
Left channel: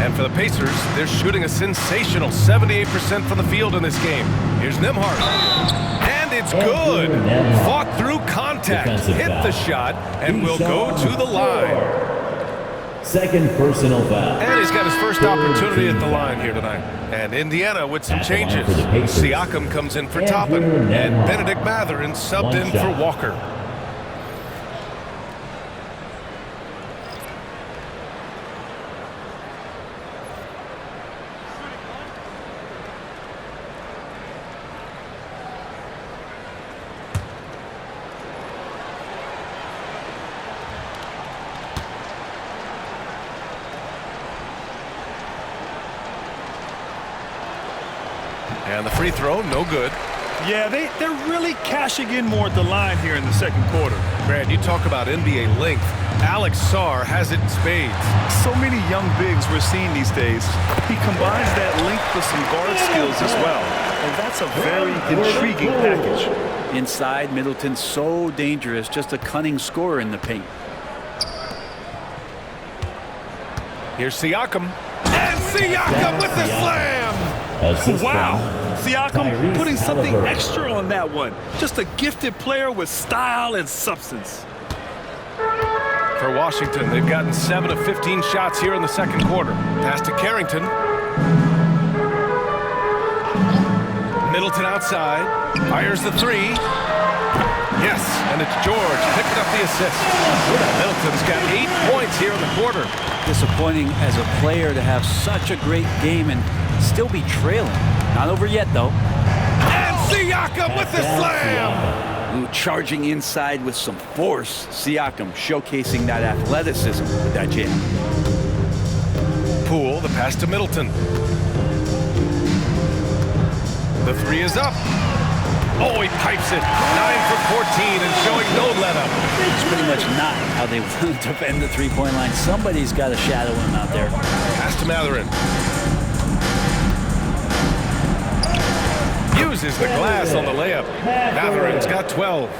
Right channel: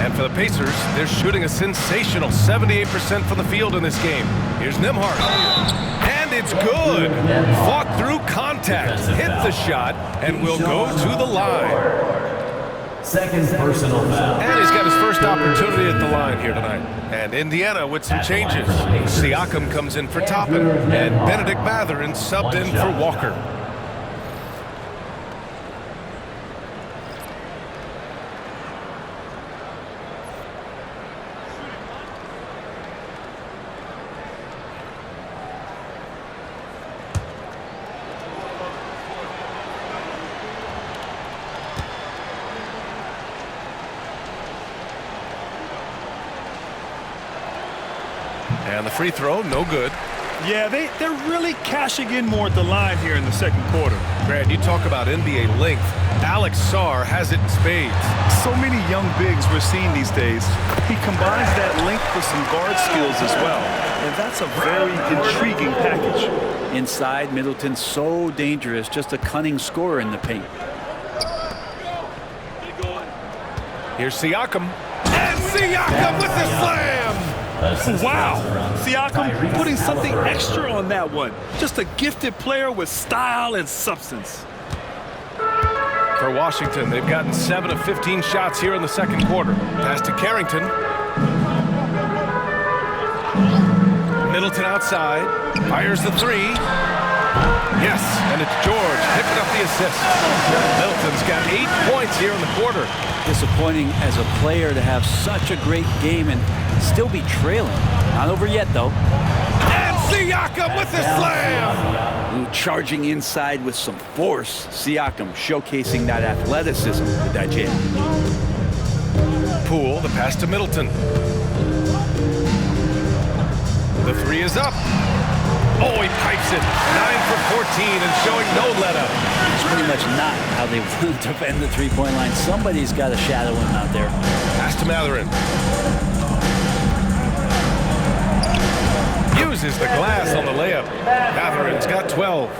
And for the Pacers, they're shooting a sensational 78% from the field in this game. Here's Nembhard. And it's good. Fought through contact, hit the shot, and will go to the line. Second personal foul. And he's got his first opportunity at the line here tonight. And Indiana with some changes. Siakam comes in for Toppin, and Benedict Mathurin subbed in for Walker. And the free throw, no good. Yeah, they're really cashing in more at the line here in the second quarter. Brad, you talk about NBA length. Alex Sarr has it in spades. So many young bigs we're seeing these days. He combines that length with some guard skills as well. And that's a very intriguing package. Inside, Middleton's so dangerous, just a cunning scorer in the paint. Here's Siakam. And Siakam with the slam! Wow! Siakam putting something extra on that one. Just a gifted player with style and substance. For Washington, they've gotten 7 of 15 shots here in the second quarter. Pass to Carrington. Middleton outside. Fires the 3. Yes, and it's George picking up the assist. Middleton's got 8 points here in the quarter. Disappointing as a player to have such a great game and still be trailing. Not over yet, though. And Siakam with the slam! Ooh, charging inside with some force. Siakam showcasing that athleticism with that jam. Poole, the pass to Middleton. The 3 is up. Oh, he pipes it. 9 for 14 and showing no let-up. It's pretty much not how they want to defend the three-point line. Somebody's got to shadow him out there. Pass to Mathurin. Uses the glass on the layup. Mathurin's got 12.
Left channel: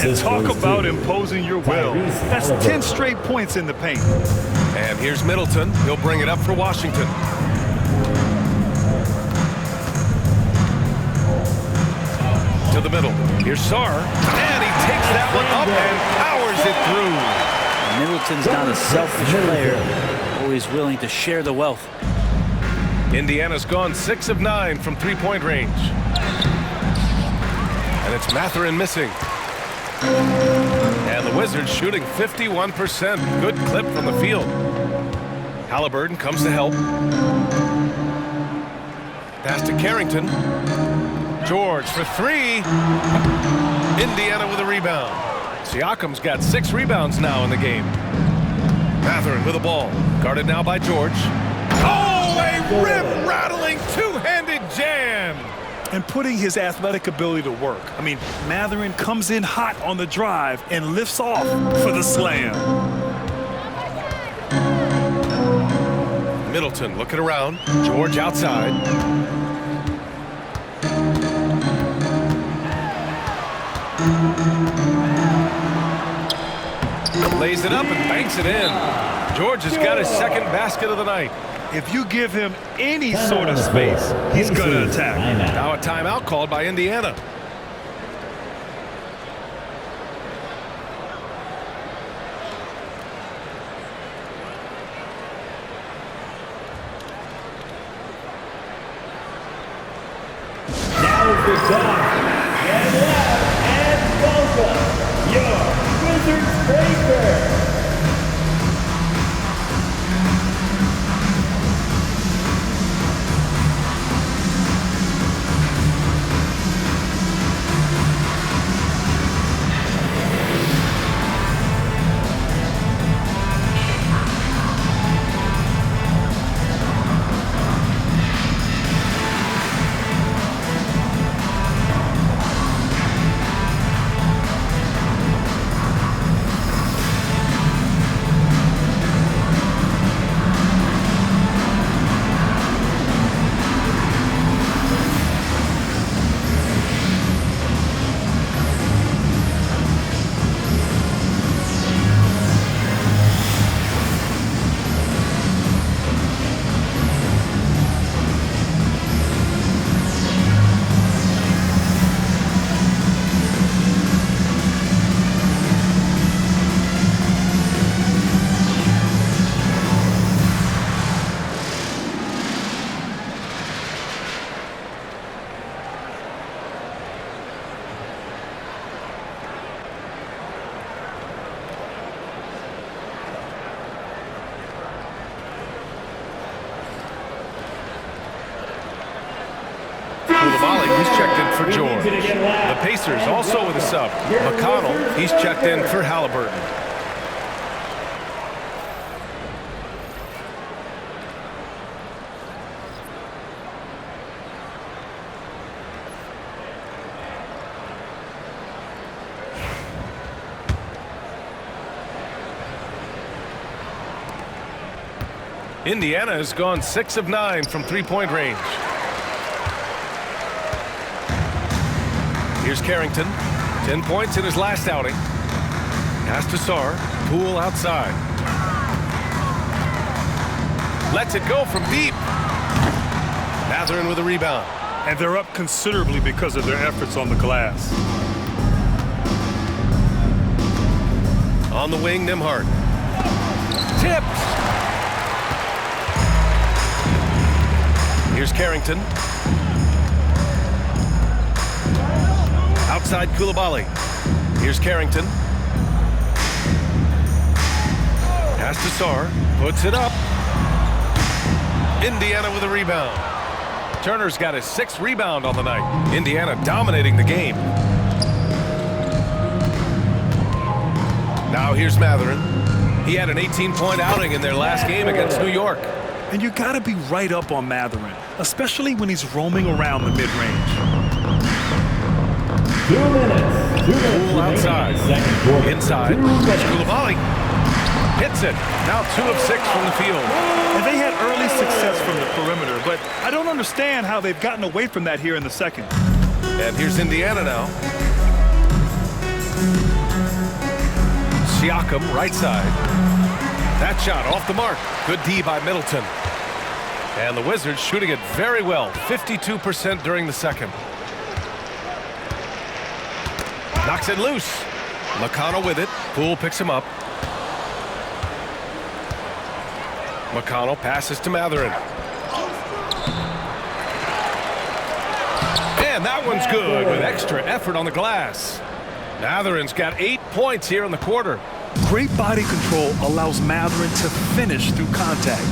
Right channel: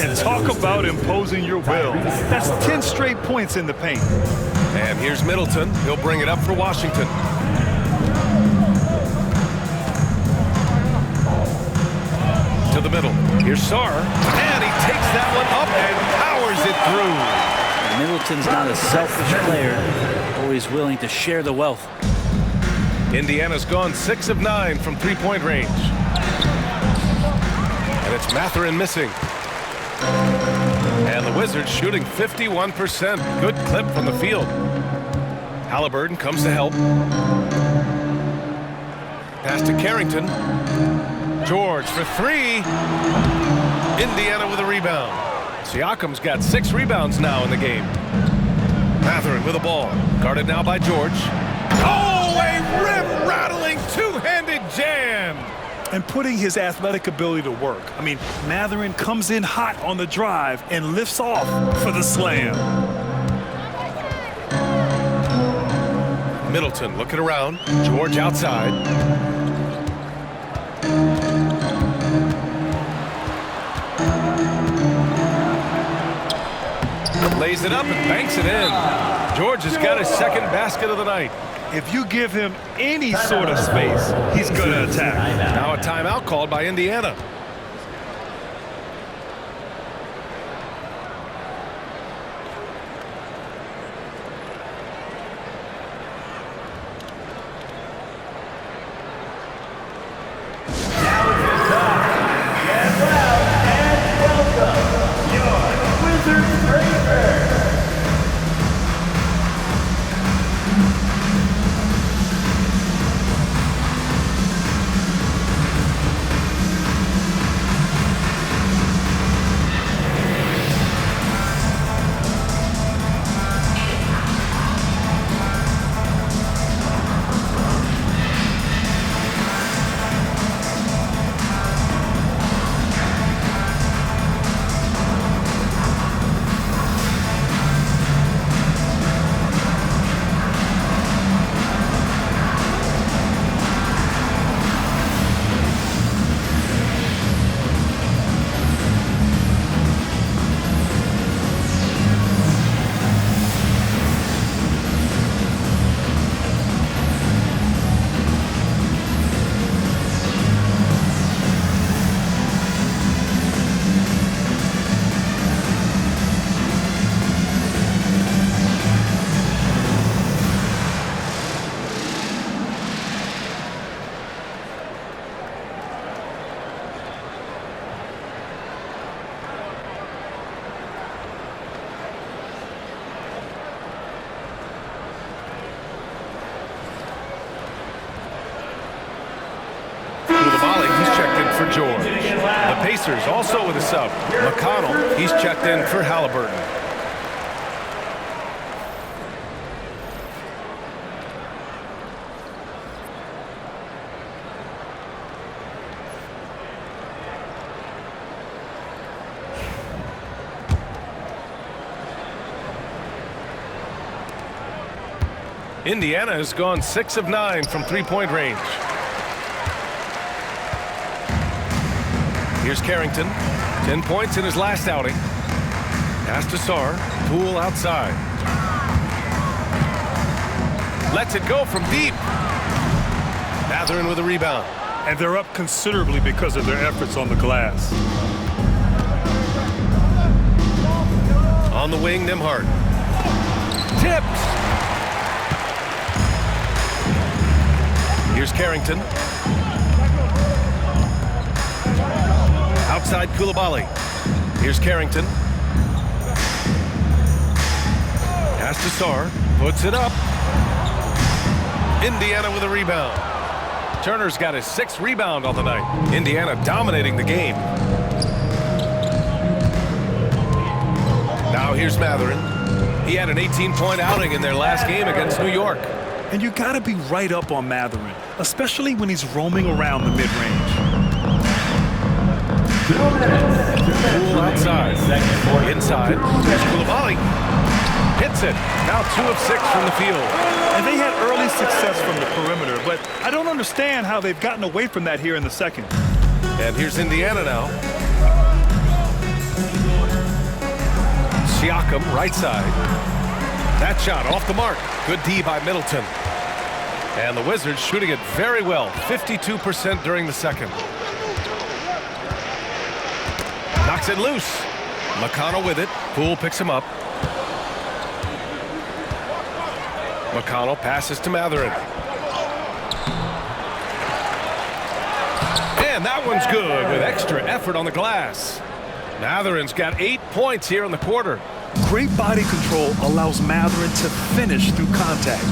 And talk about imposing your will. That's 10 straight points in the paint. And here's Middleton. He'll bring it up for Washington. To the middle. Here's Sarr. And he takes that one up and powers it through. And Middleton's not a selfish player. Always willing to share the wealth. Indiana's gone 6 of 9 from three-point range. And it's Mathurin missing. And the Wizards shooting 51%. Good clip from the field. Haliburton comes to help. Pass to Carrington. George for 3. Indiana with a rebound. Siakam's got 6 rebounds now in the game. Mathurin with the ball. Guarded now by George. Oh, a rim-rattling two-handed jam! And putting his athletic ability to work. I mean, Mathurin comes in hot on the drive and lifts off for the slam. Middleton looking around. George outside. Lays it up and banks it in. George has got his second basket of the night. If you give him any sort of space, he's going to attack. Now a timeout called by Indiana. Get loud and welcome your Wizards Breaker. He's checked in for George. The Pacers also with a sub. McConnell, he's checked in for Haliburton. Indiana has gone 6 of 9 from three-point range. Here's Carrington, 10 points in his last outing. Pass to Sarr, Poole outside. Lets it go from deep. Mathurin with a rebound. And they're up considerably because of their efforts on the glass. On the wing, Nembhard. Tipped. Here's Carrington. Outside Coulibaly. Here's Carrington. Pass to Sarr. Puts it up. Indiana with a rebound. Turner's got his 6th rebound on the night. Indiana dominating the game. Now here's Mathurin. He had an 18-point outing in their last game against New York. And you got to be right up on Mathurin, especially when he's roaming around the mid-range. 2 minutes. Poole outside. Inside. Here's Coulibaly. Hits it. Now 2 of 6 from the field. And they had early success from the perimeter, but I don't understand how they've gotten away from that here in the second. And here's Indiana now. Siakam, right side. That shot off the mark. Good D by Middleton. And the Wizards shooting it very well. 52% during the second. Knocks it loose. McConnell with it. Poole picks him up. McConnell passes to Mathurin. And that one's good with extra effort on the glass. Mathurin's got 8 points here in the quarter. Great body control allows Mathurin to finish through contact.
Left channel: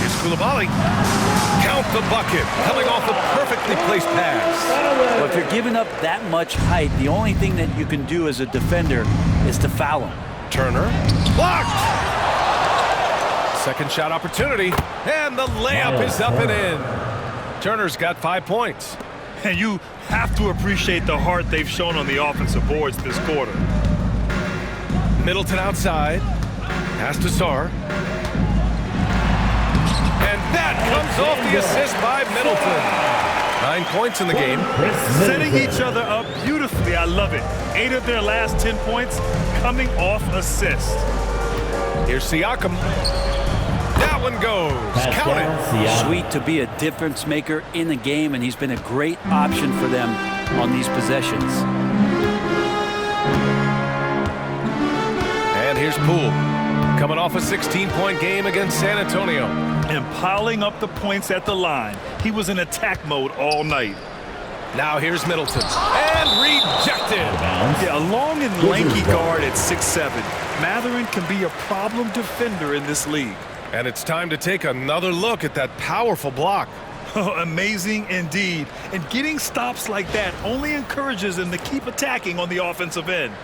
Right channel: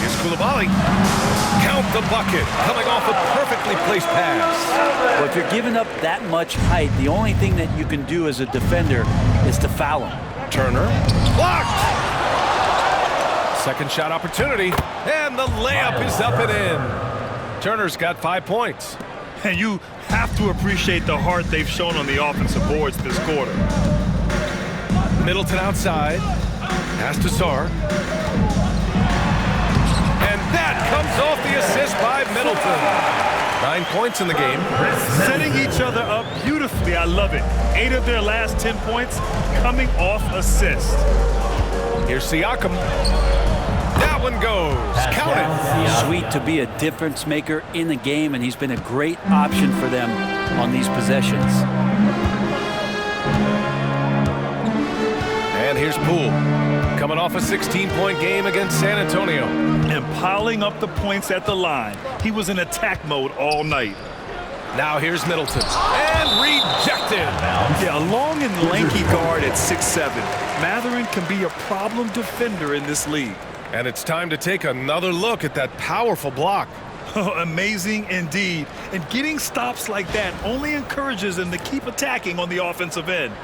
Here's Coulibaly. Count the bucket. Coming off a perfectly placed pass. Well, if you're giving up that much height, the only thing that you can do as a defender is to foul him. Turner. Blocked. Second shot opportunity. And the layup is up and in. Turner's got 5 points. And you have to appreciate the heart they've shown on the offensive boards this quarter. Middleton outside. Pass to Sarr. And that comes off the assist by Middleton. 9 points in the game. Setting each other up beautifully. I love it. 8 of their last 10 points coming off assist. Here's Siakam. That one goes. Count it. Sweet to be a difference maker in the game, and he's been a great option for them on these possessions. And here's Poole. Coming off a 16-point game against San Antonio. And piling up the points at the line. He was in attack mode all night. Now here's Middleton. And rejected. Yeah, a long and lanky guard at 6'7". Mathurin can be a problem defender in this league. And it's time to take another look at that powerful block. Oh, amazing indeed. And getting stops like that only encourages him to keep attacking on the offensive end.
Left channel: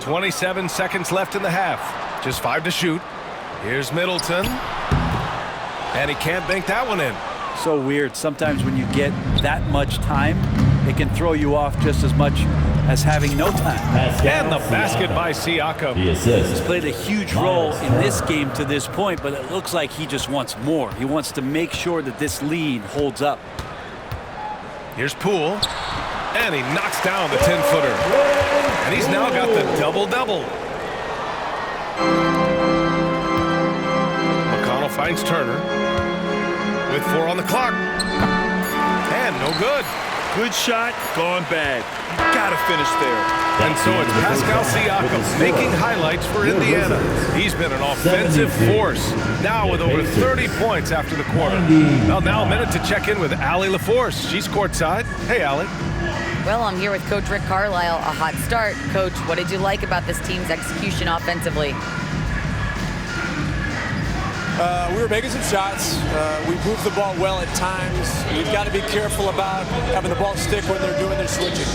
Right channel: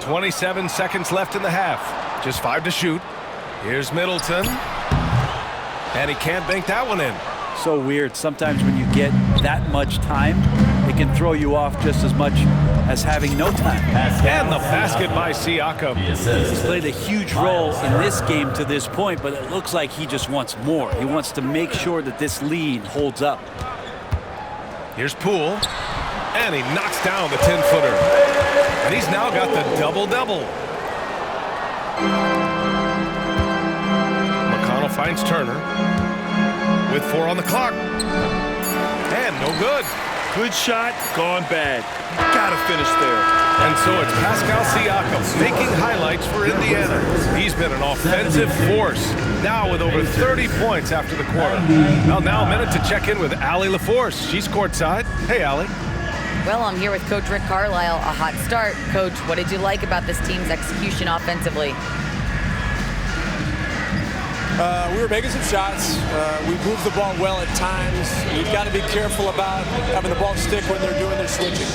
"27 seconds left in the half. Just 5 to shoot. Here's Middleton. And he can't bank that one in. So weird. Sometimes when you get that much time, it can throw you off just as much as having no time. And the basket by Siakam. He's played a huge role in this game to this point, but it looks like he just wants more. He wants to make sure that this lead holds up. Here's Poole. And he knocks down the 10-footer. And he's now got the double-double. McConnell finds Turner with 4 on the clock. And no good. Good shot, gone bad. You gotta finish there. And so it's Pascal Siakam making highlights for Indiana. He's been an offensive force, now with over 30 points after the quarter. Well, now a minute to check in with Allie LaForce. She's courtside. Hey, Allie. Well, I'm here with Coach Rick Carlisle. A hot start. Coach, what did you like about this team's execution offensively? We were making some shots. We moved the ball well at times. You've got to be careful about having the ball stick when they're doing their switching.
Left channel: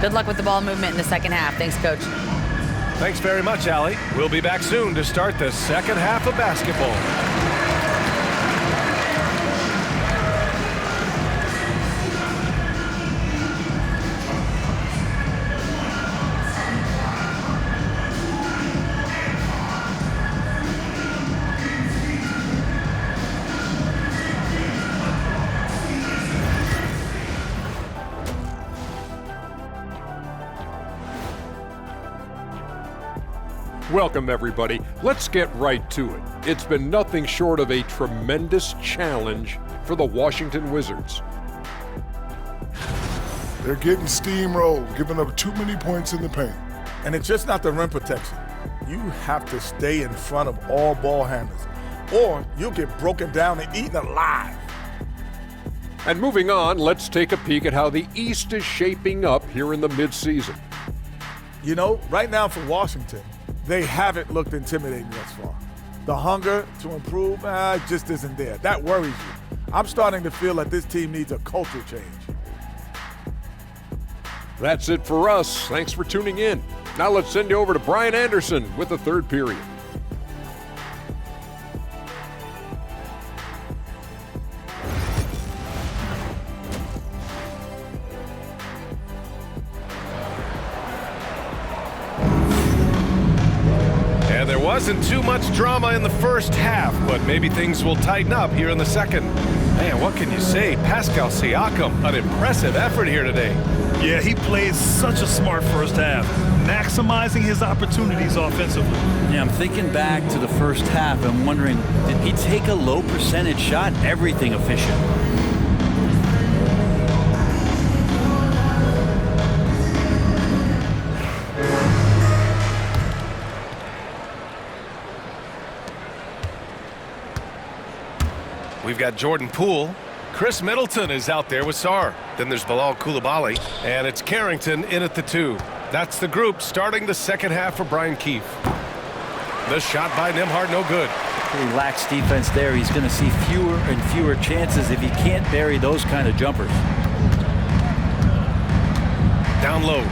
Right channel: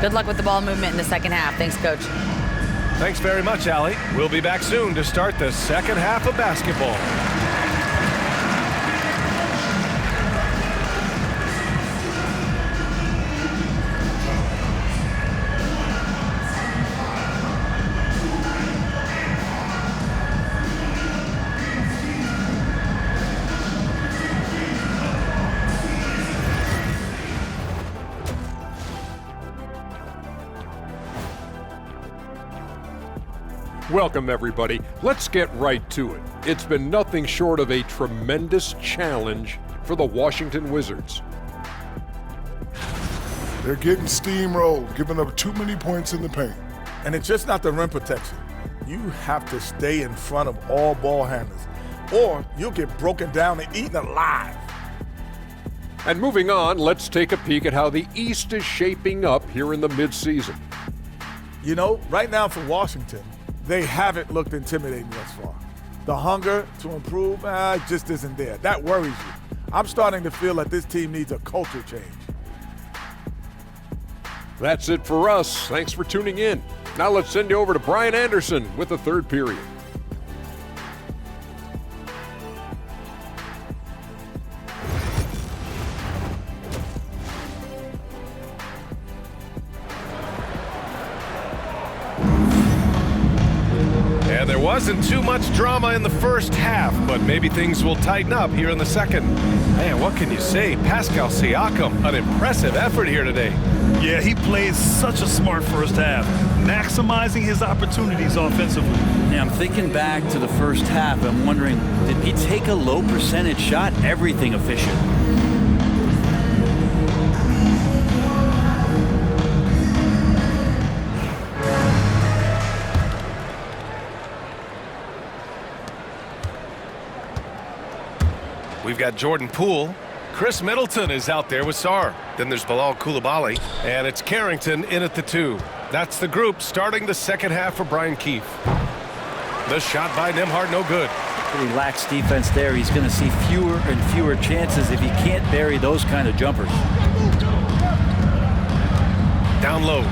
Good luck with the ball movement in the second half. Thanks, Coach. Thanks very much, Allie. We'll be back soon to start the second half of basketball. Welcome, everybody. Let's get right to it. It's been nothing short of a tremendous challenge for the Washington Wizards. They're getting steamrolled, giving up too many points in the paint. And it's just not the rim protection. You have to stay in front of all ball handlers, or you'll get broken down and eaten alive. And moving on, let's take a peek at how the East is shaping up here in the midseason. You know, right now for Washington, they haven't looked intimidating thus far. The hunger to improve just isn't there. That worries you. I'm starting to feel that this team needs a culture change. That's it for us. Thanks for tuning in. Now let's send you over to Brian Anderson with the third period. And there wasn't too much drama in the first half, but maybe things will tighten up here in the second. Man, what can you say? Pascal Siakam, an impressive effort here today. Yeah, he played such a smart first half, maximizing his opportunities offensively. Yeah, I'm thinking back to the first half. I'm wondering, did he take a low percentage shot? Everything efficient. We've got Jordan Poole. Chris Middleton is out there with Sarr. Then there's Bilal Coulibaly. And it's Carrington in at the 2. That's the group starting the second half for Brian Keefe. The shot by Nembhard, no good. Pretty lax defense there. He's going to see fewer and fewer chances if he can't bury those kind of jumpers. Down low.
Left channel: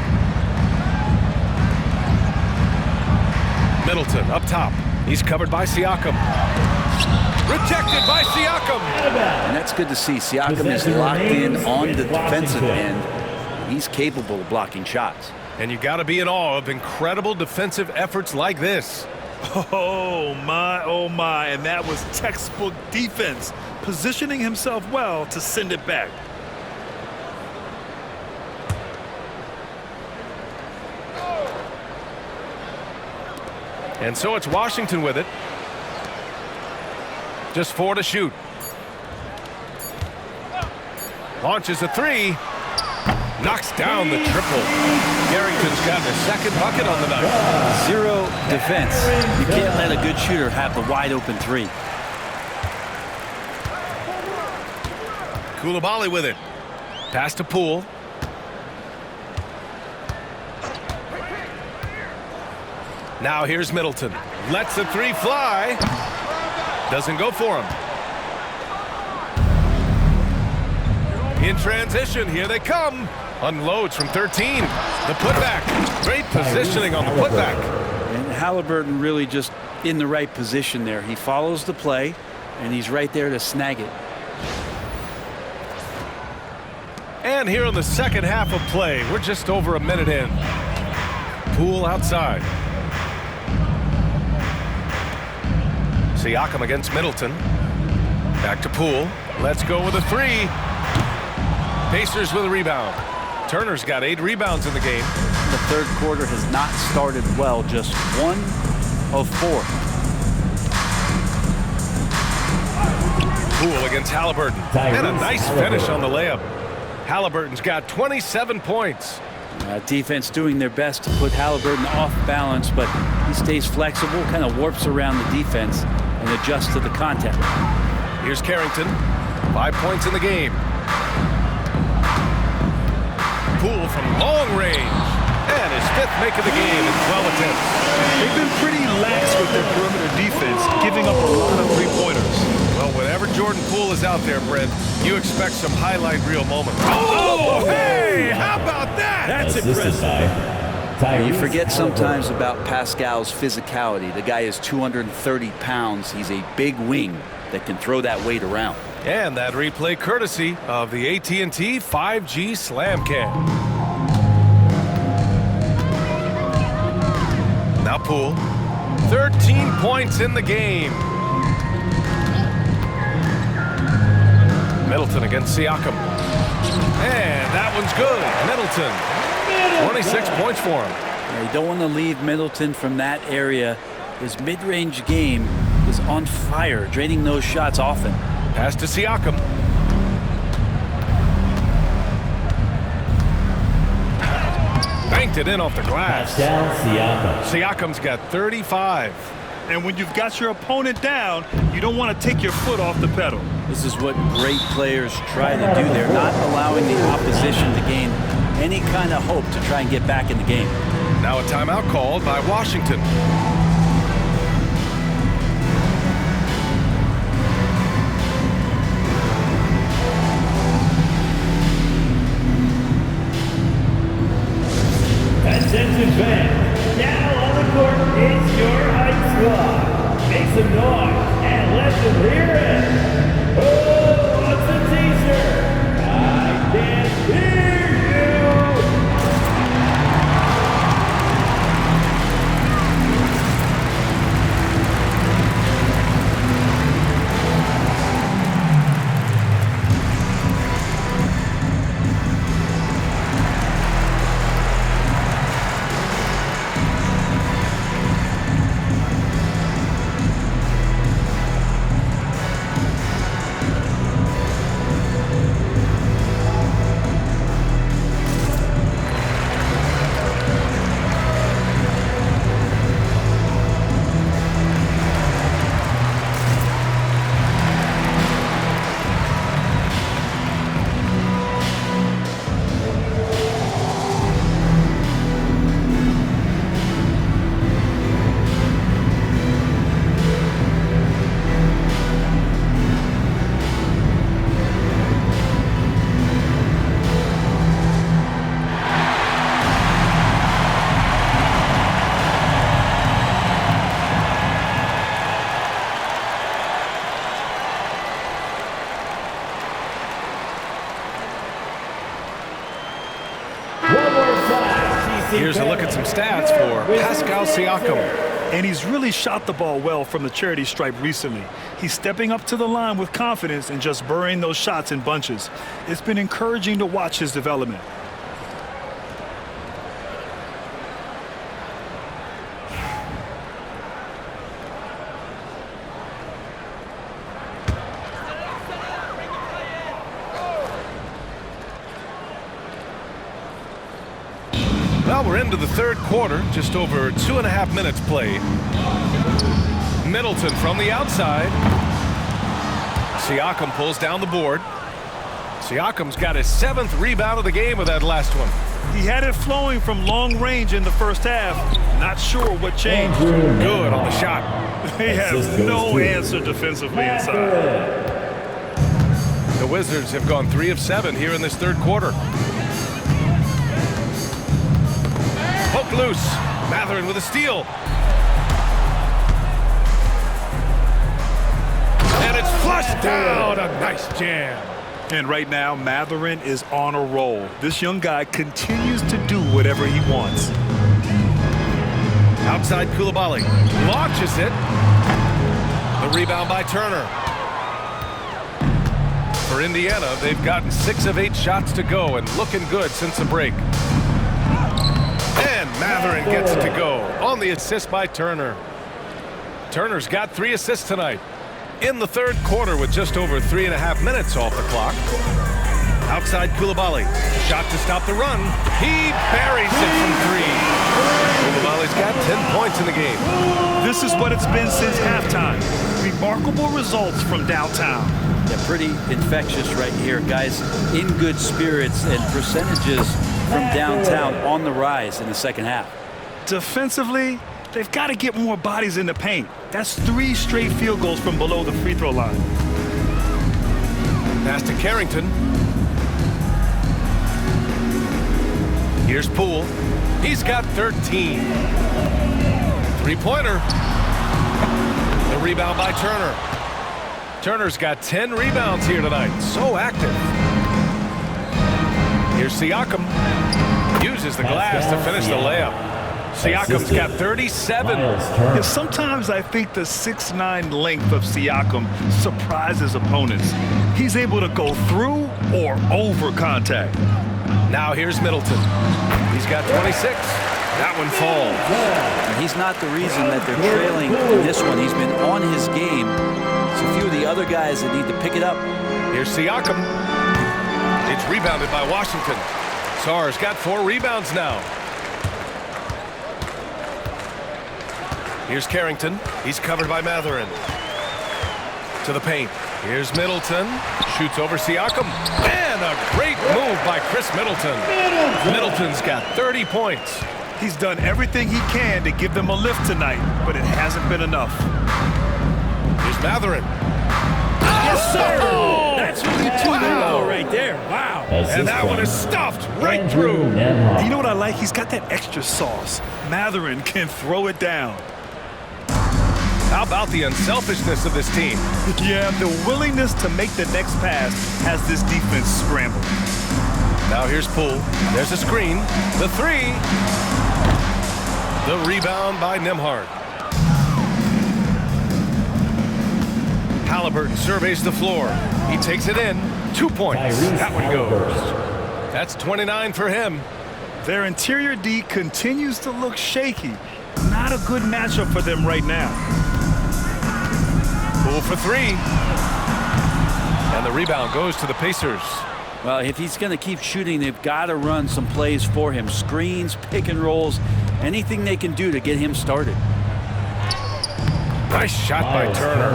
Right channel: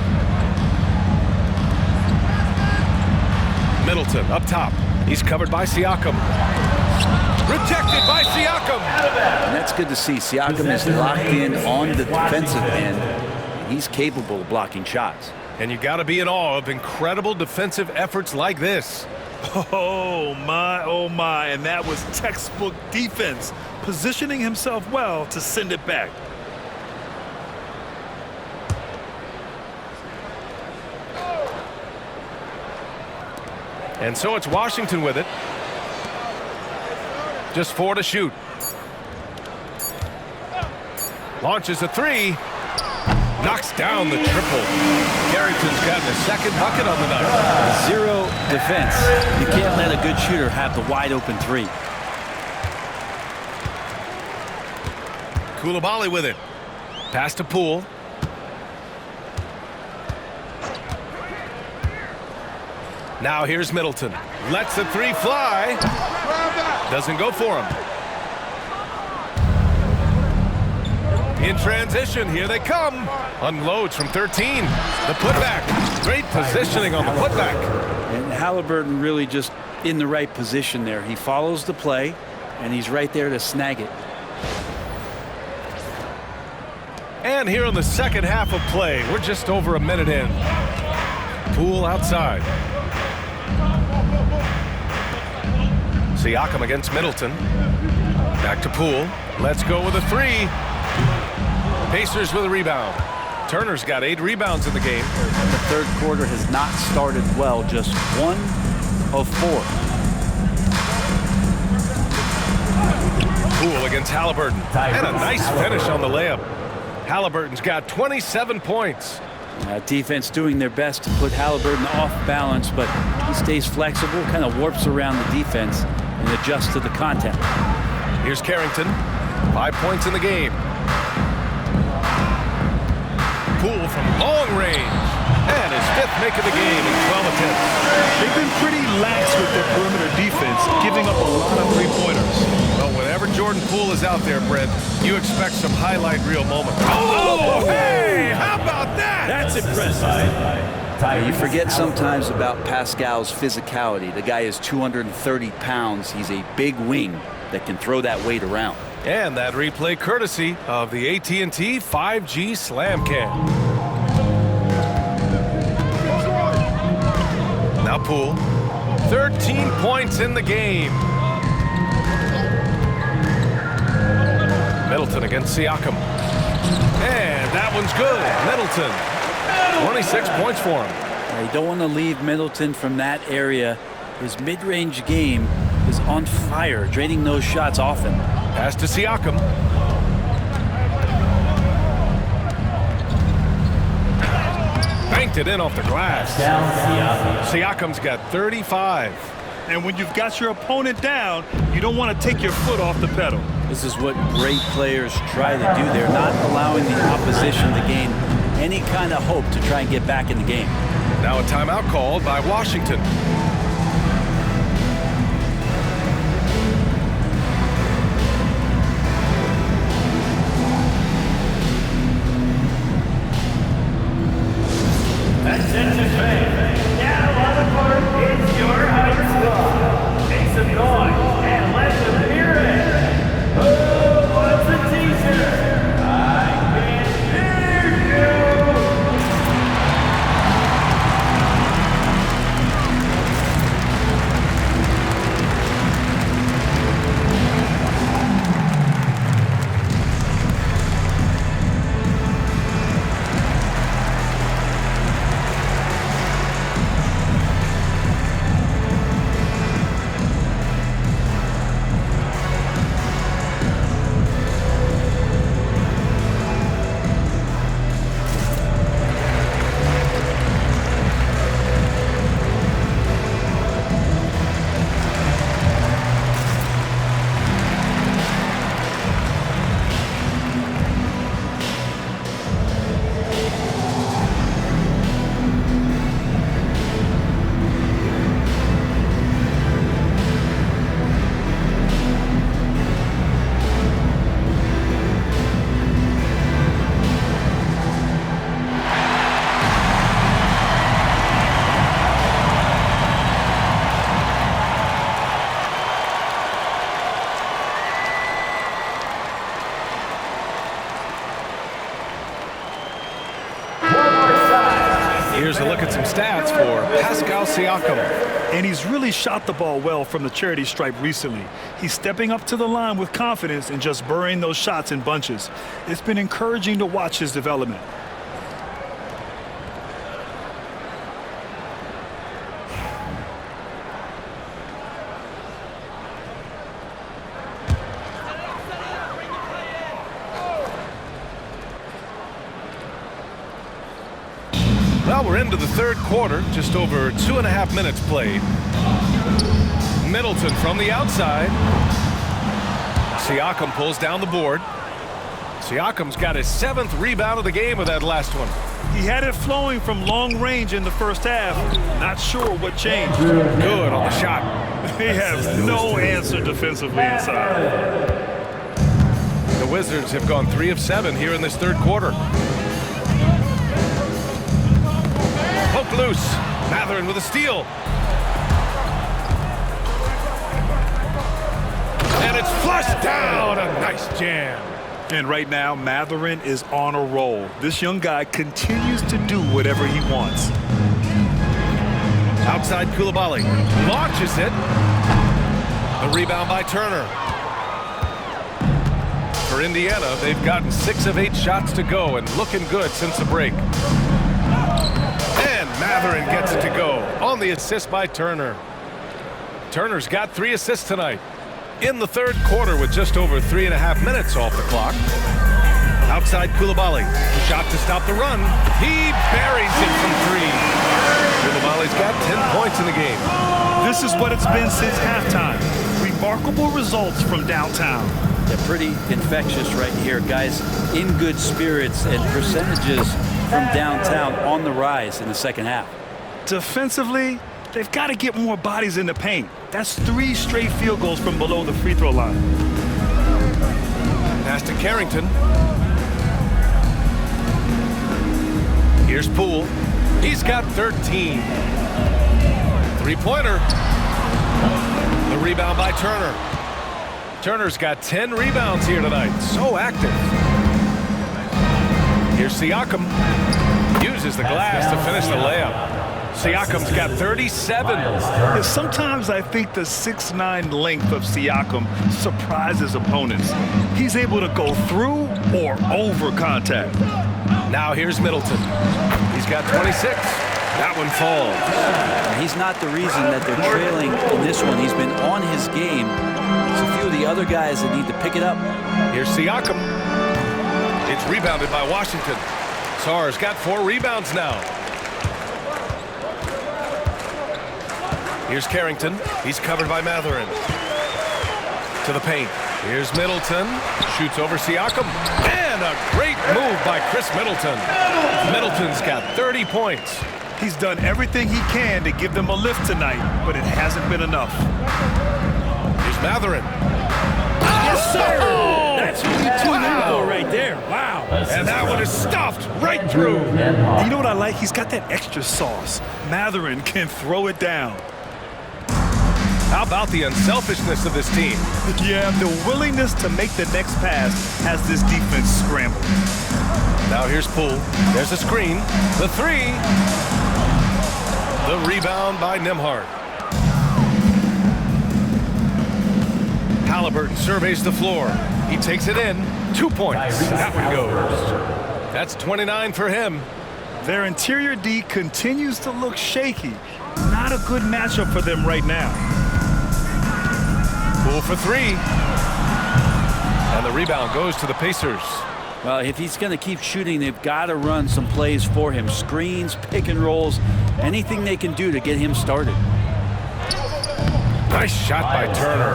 Middleton up top. He's covered by Siakam. Rejected by Siakam. And that's good to see. Siakam is locked in on the defensive end. He's capable of blocking shots. And you got to be in awe of incredible defensive efforts like this. Oh my, and that was textbook defense, positioning himself well to send it back. And so it's Washington with it. Just 4 to shoot. Launches a 3. Knocks down the triple. Carrington's gotten his second bucket on the night. Zero defense. You can't let a good shooter have the wide open three. Coulibaly with it. Pass to Poole. Now here's Middleton. Lets the three fly. Doesn't go for him. In transition, here they come. Unloads from 13. The putback. Great positioning on the putback. And Haliburton really just in the right position there. He follows the play, and he's right there to snag it. And here in the second half of play, we're just over a minute in. Poole outside. Siakam against Middleton. Back to Poole. Let's go with a three. Pacers with a rebound. Turner's got 8 rebounds in the game. The third quarter has not started well, just 1 of 4. Poole against Haliburton. And a nice finish on the layup. Haliburton's got 27 points. Defense doing their best to put Haliburton off balance, but he stays flexible, kind of warps around the defense and adjusts to the contact. Here's Carrington. 5 points in the game. Poole from long range. And his 5th make of the game in 12 attempts. They've been pretty lax with their perimeter defense, giving up a lot of three-pointers. Well, whenever Jordan Poole is out there, Brent, you expect some highlight reel moments. Oh, hey! How about that? That's impressive. You forget sometimes about Pascal's physicality. The guy is 230 pounds. He's a big wing that can throw that weight around. And that replay courtesy of the AT&T 5G Slam Cam. Now Poole, 13 points in the game. Middleton against Siakam. And that one's good. Middleton, 26 points for him. You don't want to leave Middleton from that area. His mid-range game is on fire, draining those shots often. Pass to Siakam. Banked it in off the glass. Down Siakam. Siakam's got 35. And when you've got your opponent down, you don't want to take your foot off the pedal. This is what great players try to do. They're not allowing the opposition to gain any kind of hope to try and get back in the game. Now a timeout called by Washington. Attention fans, now on the court is your hype squad. Make some noise and let them hear it. Who wants a t-shirt? I can't hear you. Here's a look at some stats for Pascal Siakam. And he's really shot the ball well from the charity stripe recently. He's stepping up to the line with confidence and just burying those shots in bunches. It's been encouraging to watch his development. Well, we're into the third quarter, just over 2.5 minutes played. Middleton from the outside. Siakam pulls down the board. Siakam's got his 7th rebound of the game with that last one. He had it flowing from long range in the first half. Not sure what changed. Good on the shot. He has no answer defensively inside. The Wizards have gone 3 of 7 here in this third quarter. Poked loose. Mathurin with a steal. And it's flushed down. A nice jam. And right now, Mathurin is on a roll. This young guy continues to do whatever he wants. Outside Koulibaly. Launches it. The rebound by Turner. For Indiana, they've gotten 6 of 8 shots to go and looking good since the break. And Mathurin gets it to go on the assist by Turner. Turner's got 3 assists tonight. In the third quarter with just over 3.5 minutes off the clock. Outside Koulibaly. Shot to stop the run. He buries it from 3. Koulibaly's got 10 points in the game. This is what it's been since halftime. Remarkable results from downtown. Yeah, pretty infectious right here. Guys in good spirits and percentages from downtown on the rise in the second half. Defensively, they've got to get more bodies in the paint. That's 3 straight field goals from below the free throw line. Pass to Carrington. Here's Poole. He's got 13. 3-pointer. The rebound by Turner. Turner's got 10 rebounds here tonight. So active. Here's Siakam. Uses the glass to finish the layup. Siakam's got 37. Yeah, sometimes I think the 6'9" length of Siakam surprises opponents. He's able to go through or over contact. Now here's Middleton. He's got 26. That one falls. And he's not the reason that they're trailing in this one. He's been on his game. It's a few of the other guys that need to pick it up. Here's Siakam. It's rebounded by Washington. Sarr's got 4 rebounds now. Here's Carrington. He's covered by Mathurin. To the paint. Here's Middleton. Shoots over Siakam. And a great move by Chris Middleton. Middleton's got 30 points. He's done everything he can to give them a lift tonight, but it hasn't been enough. Here's Mathurin. Yes, sir! That's what you tune in for right there. Wow. And that one is stuffed right through. You know what I like? He's got that extra sauce. Mathurin can throw it down. How about the unselfishness of this team? Yeah, the willingness to make the next pass has this defense scrambled. Now here's Poole. There's a screen. The 3. The rebound by Nembhard. Haliburton surveys the floor. He takes it in. 2 points. That one goes. That's 29 for him. Their interior D continues to look shaky. Not a good matchup for them right now. Poole for 3. And the rebound goes to the Pacers. Well, if he's going to keep shooting, they've got to run some plays for him. Screens, pick and rolls, anything they can do to get him started. Nice shot by Turner.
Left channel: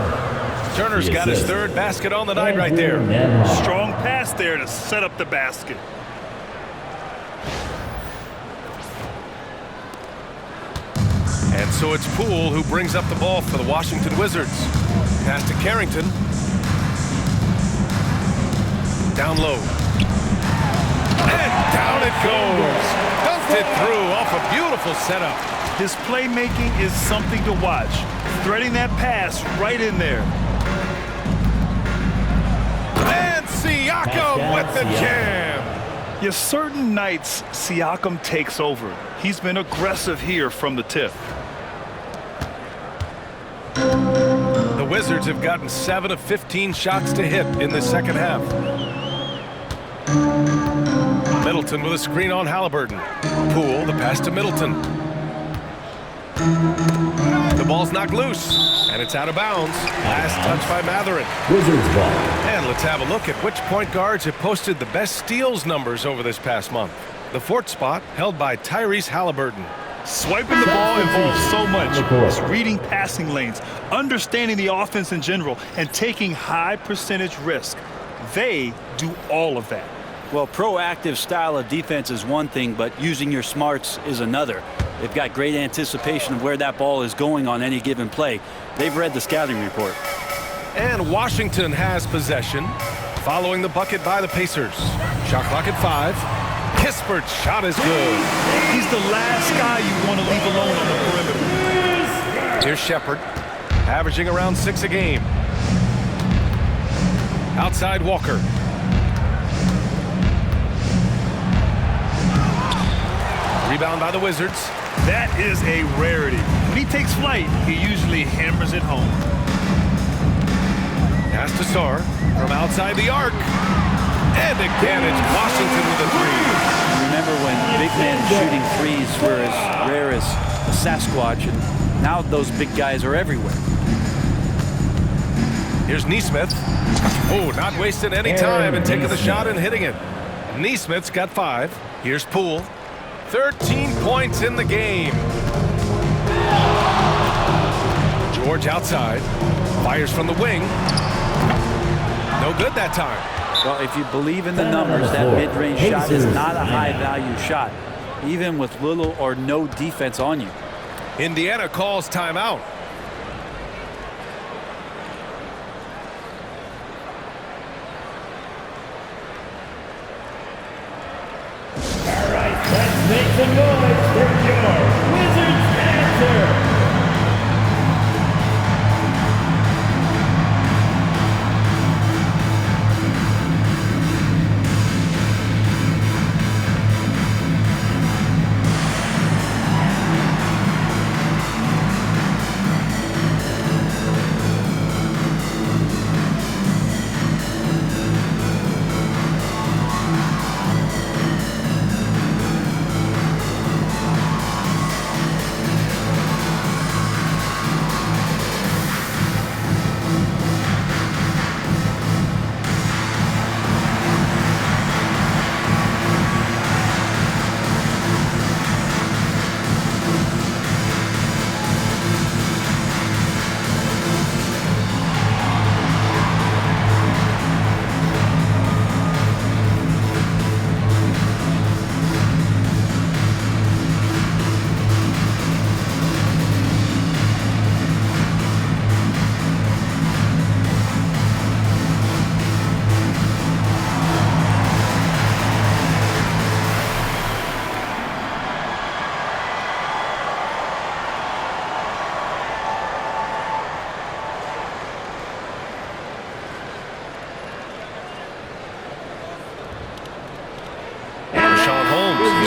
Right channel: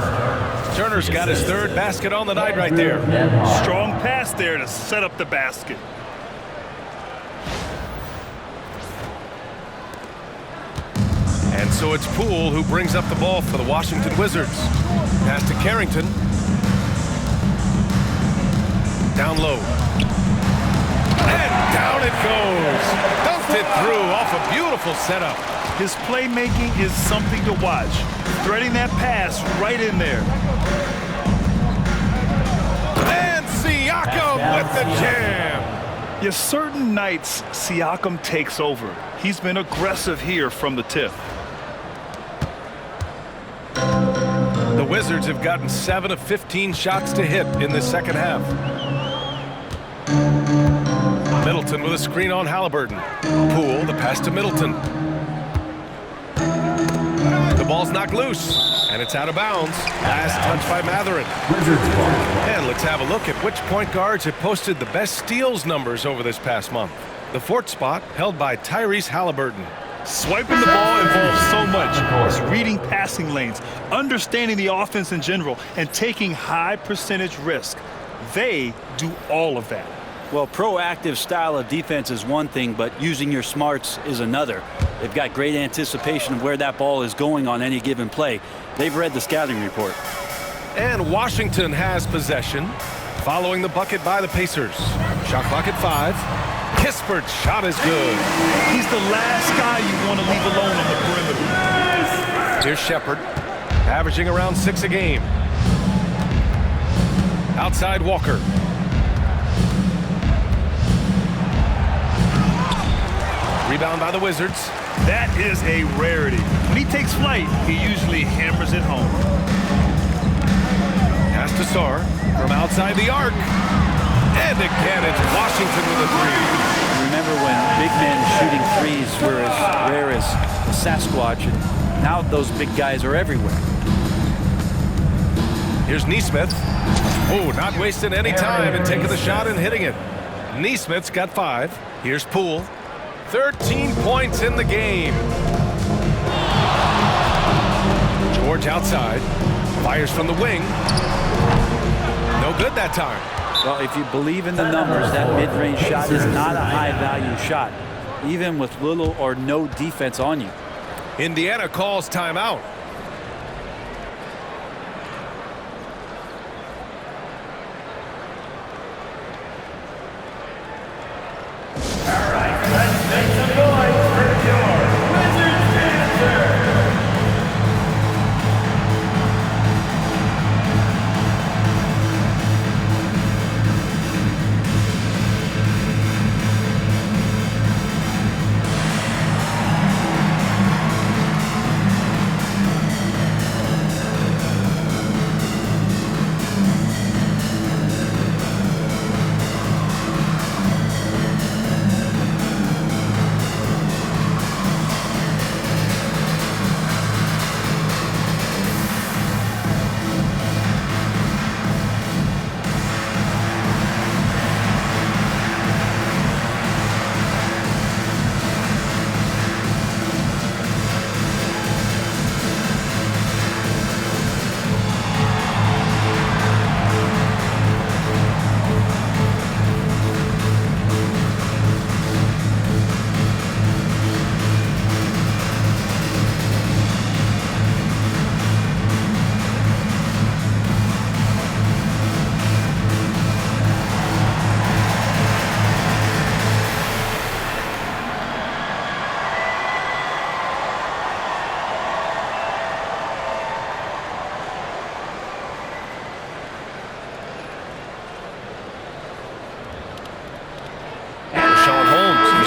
Turner's got his 3rd basket on the night right there. Strong pass there to set up the basket. And so it's Poole who brings up the ball for the Washington Wizards. Pass to Carrington. Down low. And down it goes. Dunked it through off a beautiful setup. His playmaking is something to watch. Threading that pass right in there. And Siakam with the jam. Yeah, certain nights Siakam takes over. He's been aggressive here from the tip. The Wizards have gotten 7 of 15 shots to hit in the second half. Middleton with a screen on Haliburton. Poole, the pass to Middleton. The ball's knocked loose, and it's out of bounds. Last touch by Mathurin. Wizards ball. And let's have a look at which point guards have posted the best steals numbers over this past month. The fourth spot held by Tyrese Haliburton. Swiping the ball involves so much. It's reading passing lanes, understanding the offense in general, and taking high percentage risk. They do all of that. Well, proactive style of defense is one thing, but using your smarts is another. They've got great anticipation of where that ball is going on any given play. They've read the scouting report. And Washington has possession, following the bucket by the Pacers. Shot clock at 5. Kispert's shot is good. He's the last guy you want to leave alone on the perimeter. Here's Shepherd, averaging around 6 a game. Outside Walker. Rebound by the Wizards. That is a rarity. When he takes flight, he usually hammers it home. Pass to Sarr from outside the arc. And again, it's Washington with a 3. Remember when big men shooting threes were as rare as a Sasquatch, and now those big guys are everywhere. Here's Nesmith. Oh, not wasting any time and taking the shot and hitting it. Nesmith's got 5. Here's Poole. 13 points in the game. George outside. Fires from the wing. No good that time. Well, if you believe in the numbers, that mid-range shot is not a high-value shot, even with little or no defense on you. Indiana calls timeout. All right, let's make some noise for your Wizards answer.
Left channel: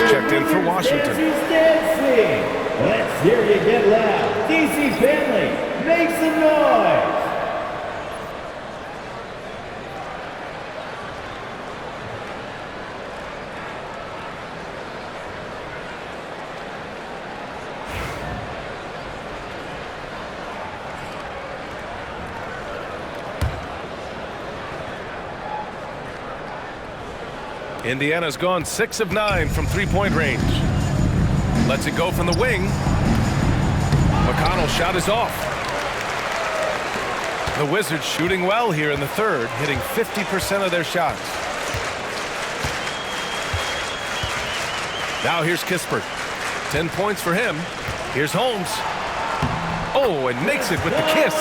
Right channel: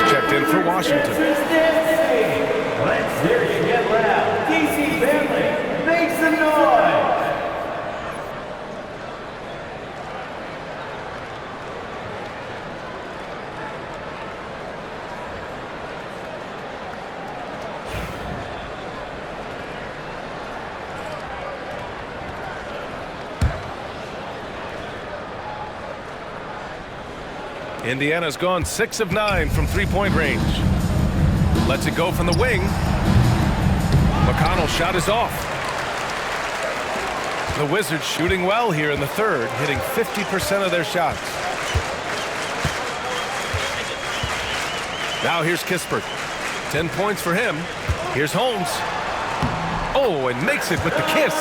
Checked in for Washington. Let's hear you get loud. DC family, make some noise. Indiana's gone 6 of 9 from three-point range. Lets it go from the wing. McConnell's shot is off. The Wizards shooting well here in the third, hitting 50% of their shots. Now here's Kispert. 10 points for him. Here's Holmes. Oh, and makes it with the kiss.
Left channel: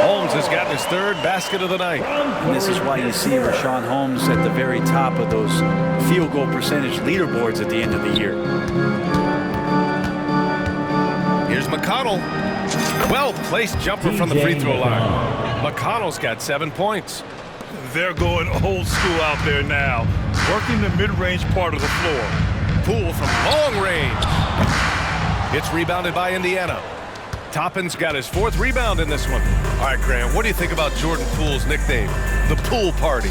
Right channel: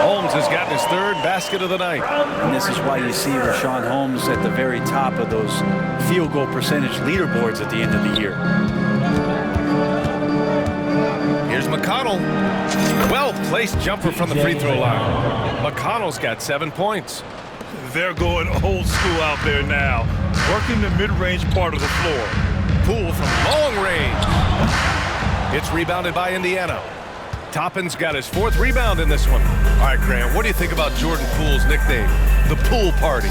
Holmes has gotten his third basket of the night. And this is why you see Rashawn Holmes at the very top of those field goal percentage leaderboards at the end of the year. Here's McConnell. Well-placed jumper from the free throw line. McConnell's got 7 points. They're going old school out there now, working the mid-range part of the floor. Poole from long range. It's rebounded by Indiana. Toppin's got his 4th rebound in this one. All right, Grant, what do you think about Jordan Poole's nickname, the Poole Party?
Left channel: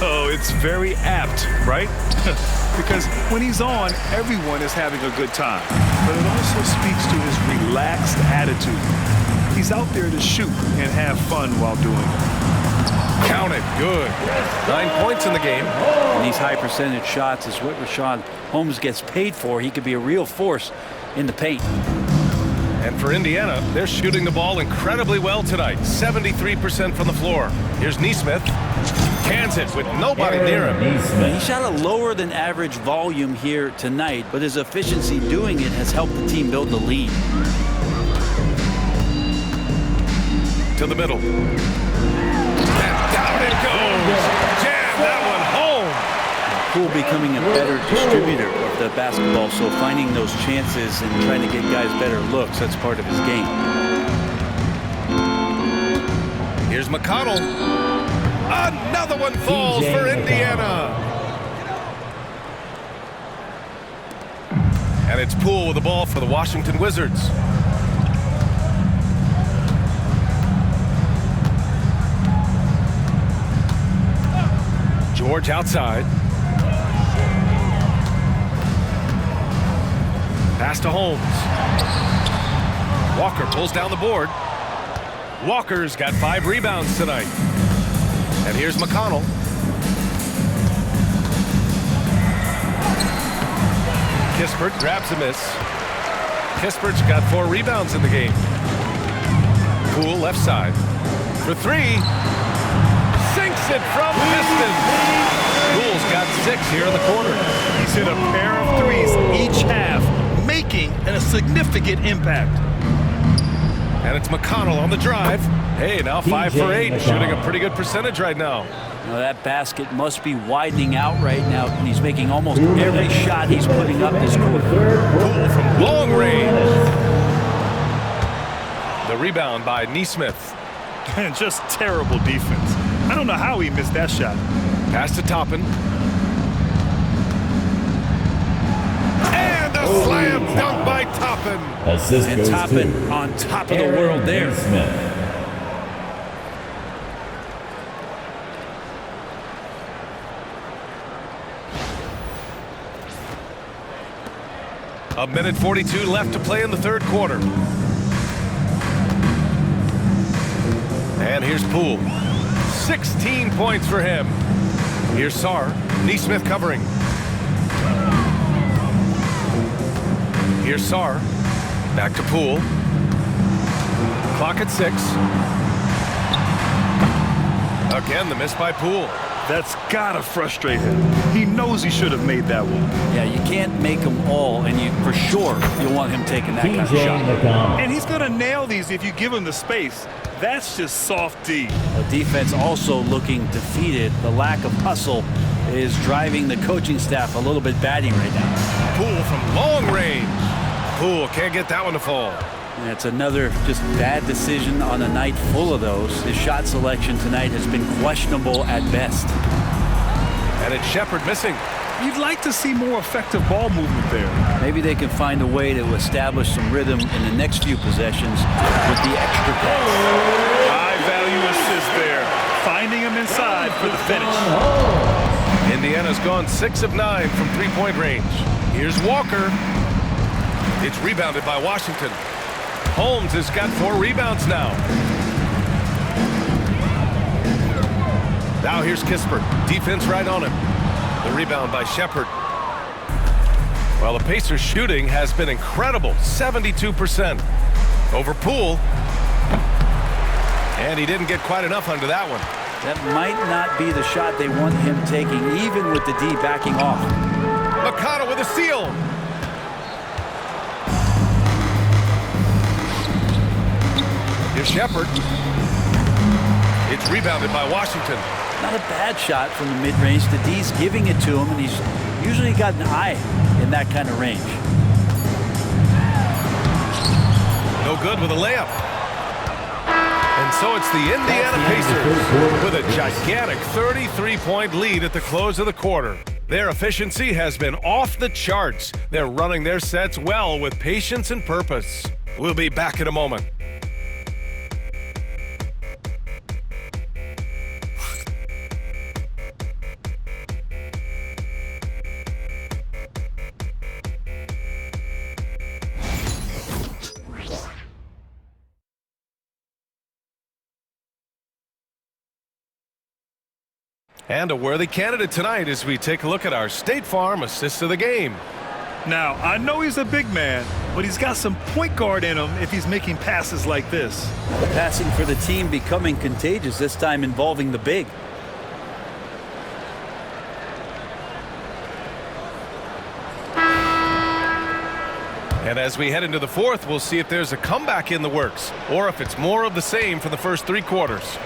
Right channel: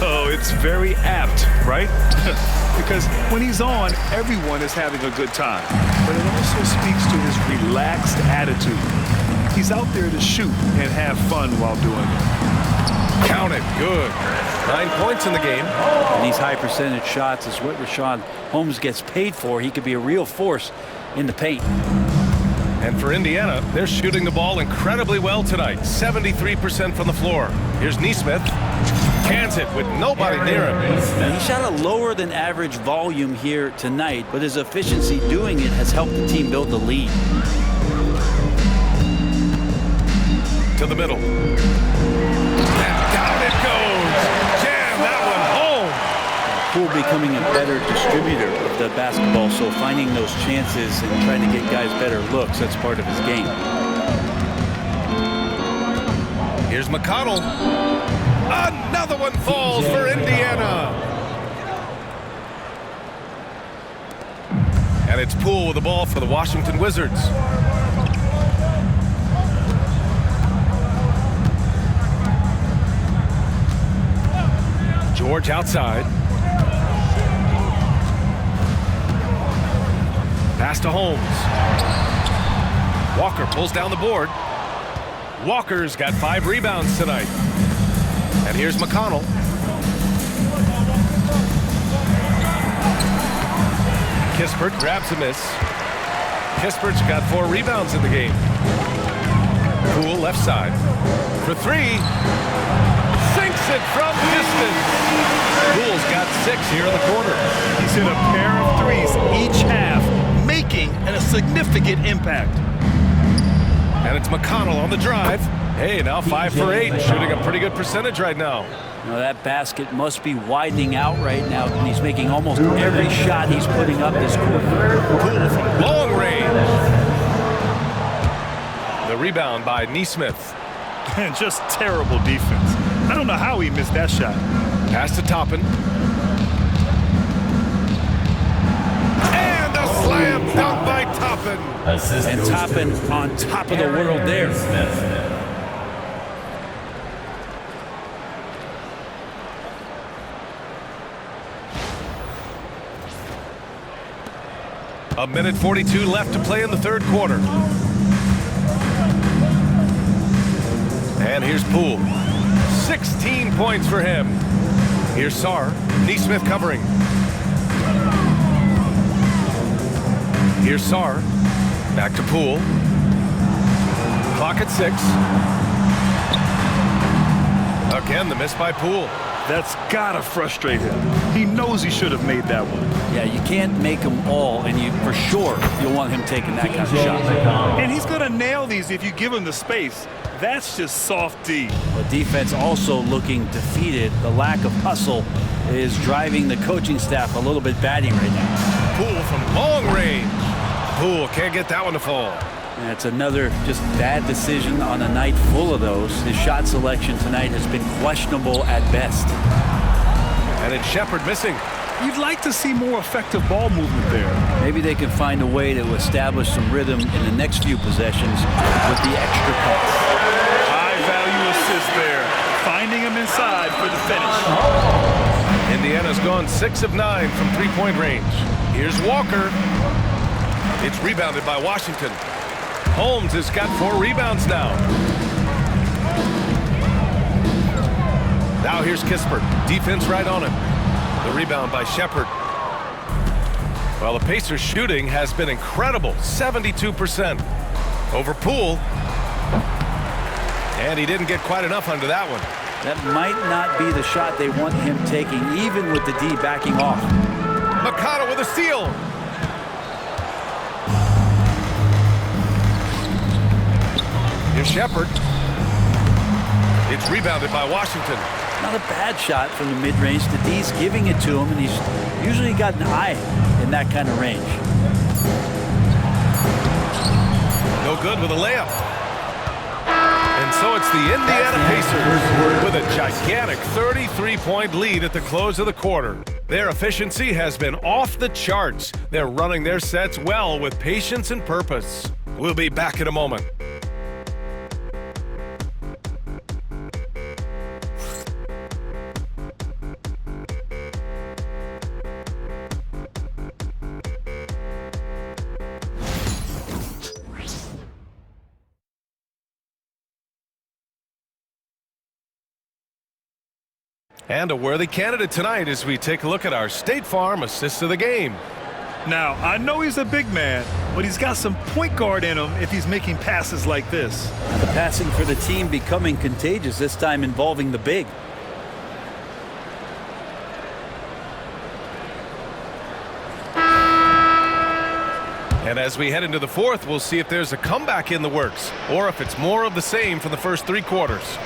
Oh, it's very apt, right? Because when he's on, everyone is having a good time. But it also speaks to his relaxed attitude. He's out there to shoot and have fun while doing it. Count it. Good. 9 points in the game. And these high percentage shots is what Richaun Holmes gets paid for. He could be a real force in the paint. And for Indiana, they're shooting the ball incredibly well tonight. 73% from the floor. Here's Nesmith. Cans it with nobody near him. Now, he shot a lower than average volume here tonight, but his efficiency doing it has helped the team build the lead. To the middle. And down it goes. Jam that one home. Poole becoming a better distributor of the basketball, so finding those chances and trying to get guys better looks, that's part of his game. Here's McConnell. Another one falls for Indiana. And it's Poole with the ball for the Washington Wizards. George outside. Pass to Holmes. Walker pulls down the board. Walker's got 5 rebounds tonight. And here's McConnell. Kispert grabs a miss. Kispert's got 4 rebounds in the game. Poole left side. For 3. Sinks it from distance. Poole's got 6 here in the quarter. He's hit a pair of threes each half, making a significant impact. And it's McConnell on the drive. Hey, now 5 for 8, shooting a pretty good percentage right now. Now that basket must be widening out right now, and he's making almost every shot he's putting up this quarter. Poole from long range. The rebound by Nesmith. And just terrible defense. I don't know how he missed that shot. Pass to Toppin. And a slam dunk by Toppin. And Toppin on top of the world there. A minute 42 left to play in the third quarter. And here's Poole. 16 points for him. Here's Sarr. Nesmith covering. Here's Sarr. Back to Poole. Clock at 6. Again, the miss by Poole. That's gotta frustrate him. He knows he should have made that one. Yeah, you can't make them all, and you for sure you'll want him taking that kind of shot. And he's gonna nail these if you give him the space. That's just soft D. A defense also looking defeated. The lack of hustle is driving the coaching staff a little bit batty right now. Poole from long range. Poole can't get that one to fall. And it's another just bad decision on a night full of those. His shot selection tonight has been questionable at best. And it's Shepherd missing. You'd like to see more effective ball movement there. Maybe they can find a way to establish some rhythm in the next few possessions with the extra pass. High value assist there. Finding him inside for the finish. Indiana's gone 6 of 9 from 3-point range. Here's Walker. It's rebounded by Washington. Holmes has got 4 rebounds now. Now here's Kispert. Defense right on him. The rebound by Shepherd. Well, the Pacers' shooting has been incredible. 72% over Poole. And he didn't get quite enough under that one. That might not be the shot they want him taking, even with the D backing off. McConnell with a steal. Here's Shepherd. It's rebounded by Washington. Not a bad shot from the mid-range. The D's giving it to him, and he's usually got an eye in that kind of range. No good with a layup. And so it's the Indiana Pacers with a gigantic 33-point lead at the close of the quarter. Their efficiency has been off the charts. They're running their sets well with patience and purpose. We'll be back in a moment. And a worthy candidate tonight as we take a look at our State Farm assist of the game. Now, I know he's a big man, but he's got some point guard in him if he's making passes like this. Now the passing for the team becoming contagious, this time involving the big. And as we head into the fourth, we'll see if there's a comeback in the works or if it's more of the same from the first 3 quarters.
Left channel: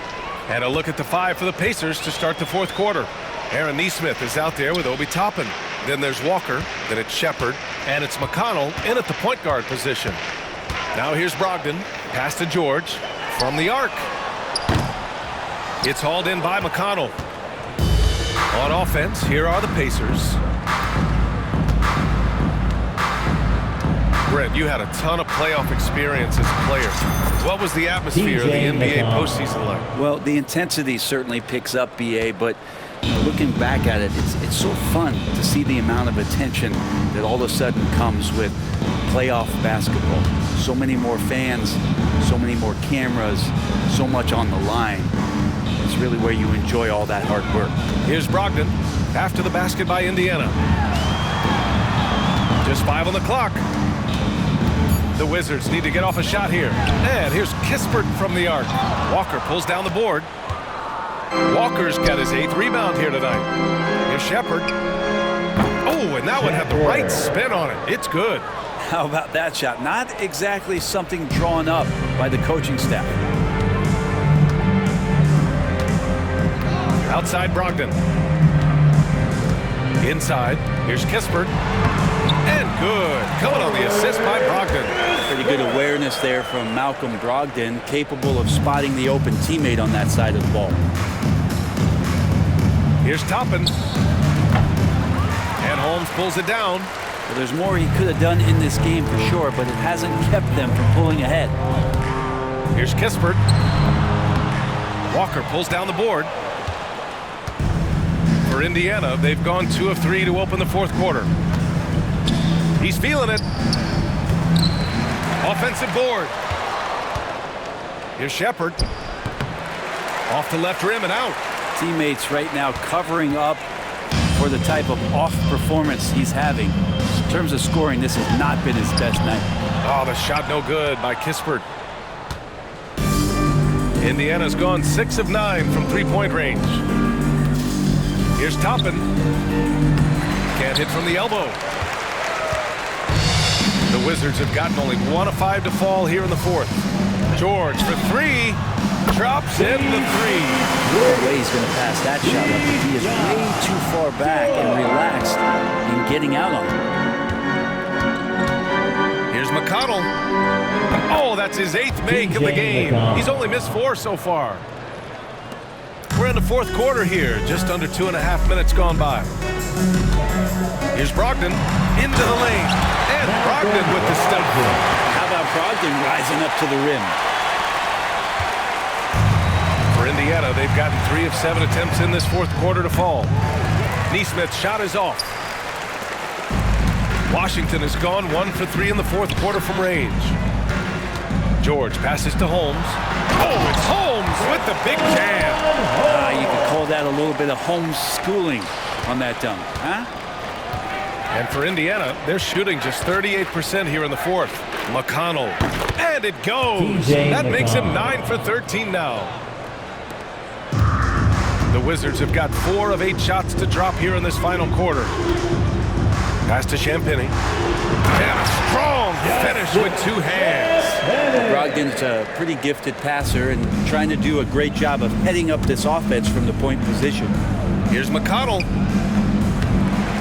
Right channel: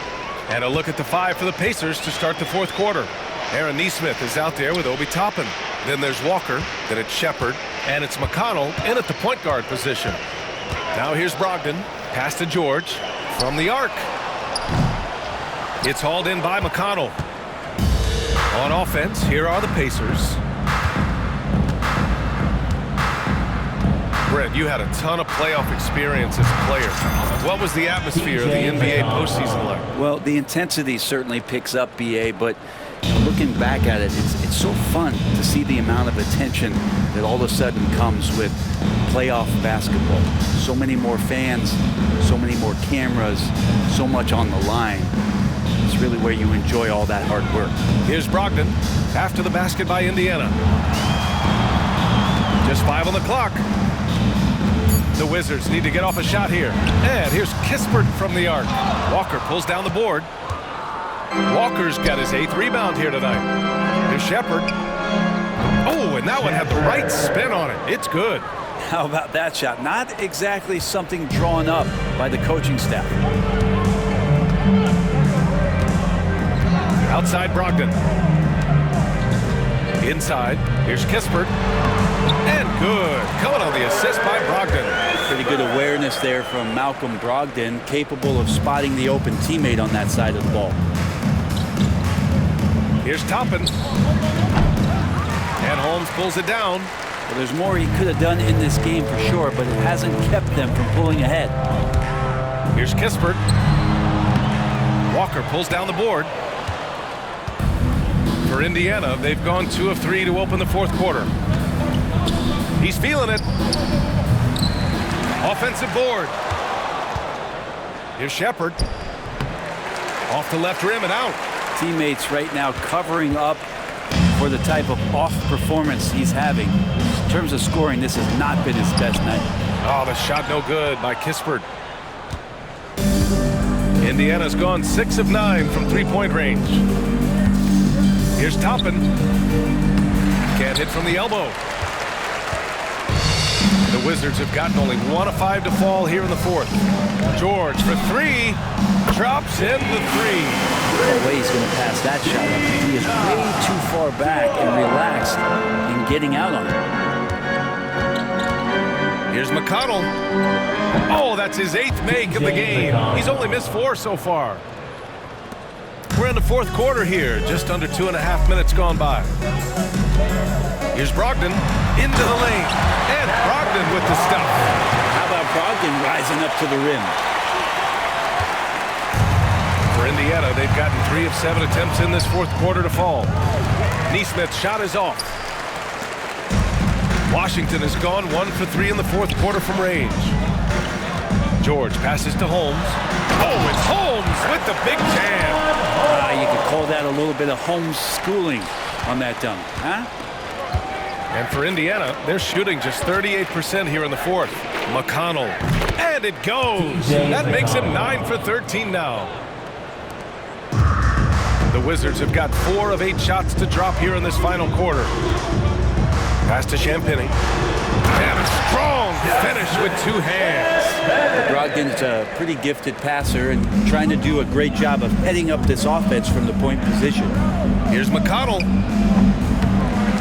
And a look at the 5 for the Pacers to start the fourth quarter. Aaron Nesmith is out there with Obi Toppin. Then there's Walker, then it's Shepard, and it's McConnell in at the point guard position. Now here's Brogdon, pass to George from the arc. It's hauled in by McConnell. On offense, here are the Pacers. Brent, you had a ton of playoff experience as a player. What was the atmosphere of the NBA postseason like? Well, the intensity certainly picks up, BA, but looking back at it, it's so fun to see the amount of attention that all of a sudden comes with playoff basketball. So many more fans, so many more cameras, so much on the line. It's really where you enjoy all that hard work. Here's Brogdon after the basket by Indiana. Just 5 on the clock. The Wizards need to get off a shot here. And here's Kispert from the arc. Walker pulls down the board. Walker's got his 8th rebound here tonight. Here's Shepard. Oh, and that one had the right spin on it. It's good. How about that shot? Not exactly something drawn up by the coaching staff. Outside Brogdon. Inside, here's Kispert. And good. Coming on the assist by Brogdon. Pretty good awareness there from Malcolm Brogdon, capable of spotting the open teammate on that side of the ball. Here's Toppin. And Holmes pulls it down. Well, there's more he could have done in this game for sure, but it hasn't kept them from pulling ahead. Here's Kispert. Walker pulls down the board. For Indiana, they've gone 2 of 3 to open the fourth quarter. He's feeling it. Offensive board. Here's Shepard. Off the left rim and out. Teammates right now covering up for the type of off performance he's having. In terms of scoring, this has not been his best night. Oh, the shot no good by Kispert. Indiana's gone 6 of 9 from 3-point range. Here's Toppin. Can't hit from the elbow. The Wizards have gotten only 1 of 5 to fall here in the fourth. George for 3. Drops in the 3. No way he's going to pass that shot up. He is way too far back and relaxed in getting out on it. Here's McConnell. Oh, that's his 8th make of the game. He's only missed 4 so far. We're in the fourth quarter here. Just under 2.5 minutes gone by. Here's Brogdon into the lane. And Brogdon with the stuff. How about Brogdon rising up to the rim? For Indiana, they've gotten 3 of 7 attempts in this fourth quarter to fall. Nesmith's shot is off. Washington has gone 1 for 3 in the fourth quarter from range. George passes to Holmes. Oh, it's Holmes with the big jam. You could call that a little bit of Holmes schooling on that dunk, huh? And for Indiana, they're shooting just 38% here in the fourth. McConnell. And it goes. That makes him 9 for 13 now. The Wizards have got 4 of 8 shots to drop here in this final quarter. Pass to Champagny. And a strong finish with 2 hands. Brogdon's a pretty gifted passer and trying to do a great job of heading up this offense from the point position. Here's McConnell.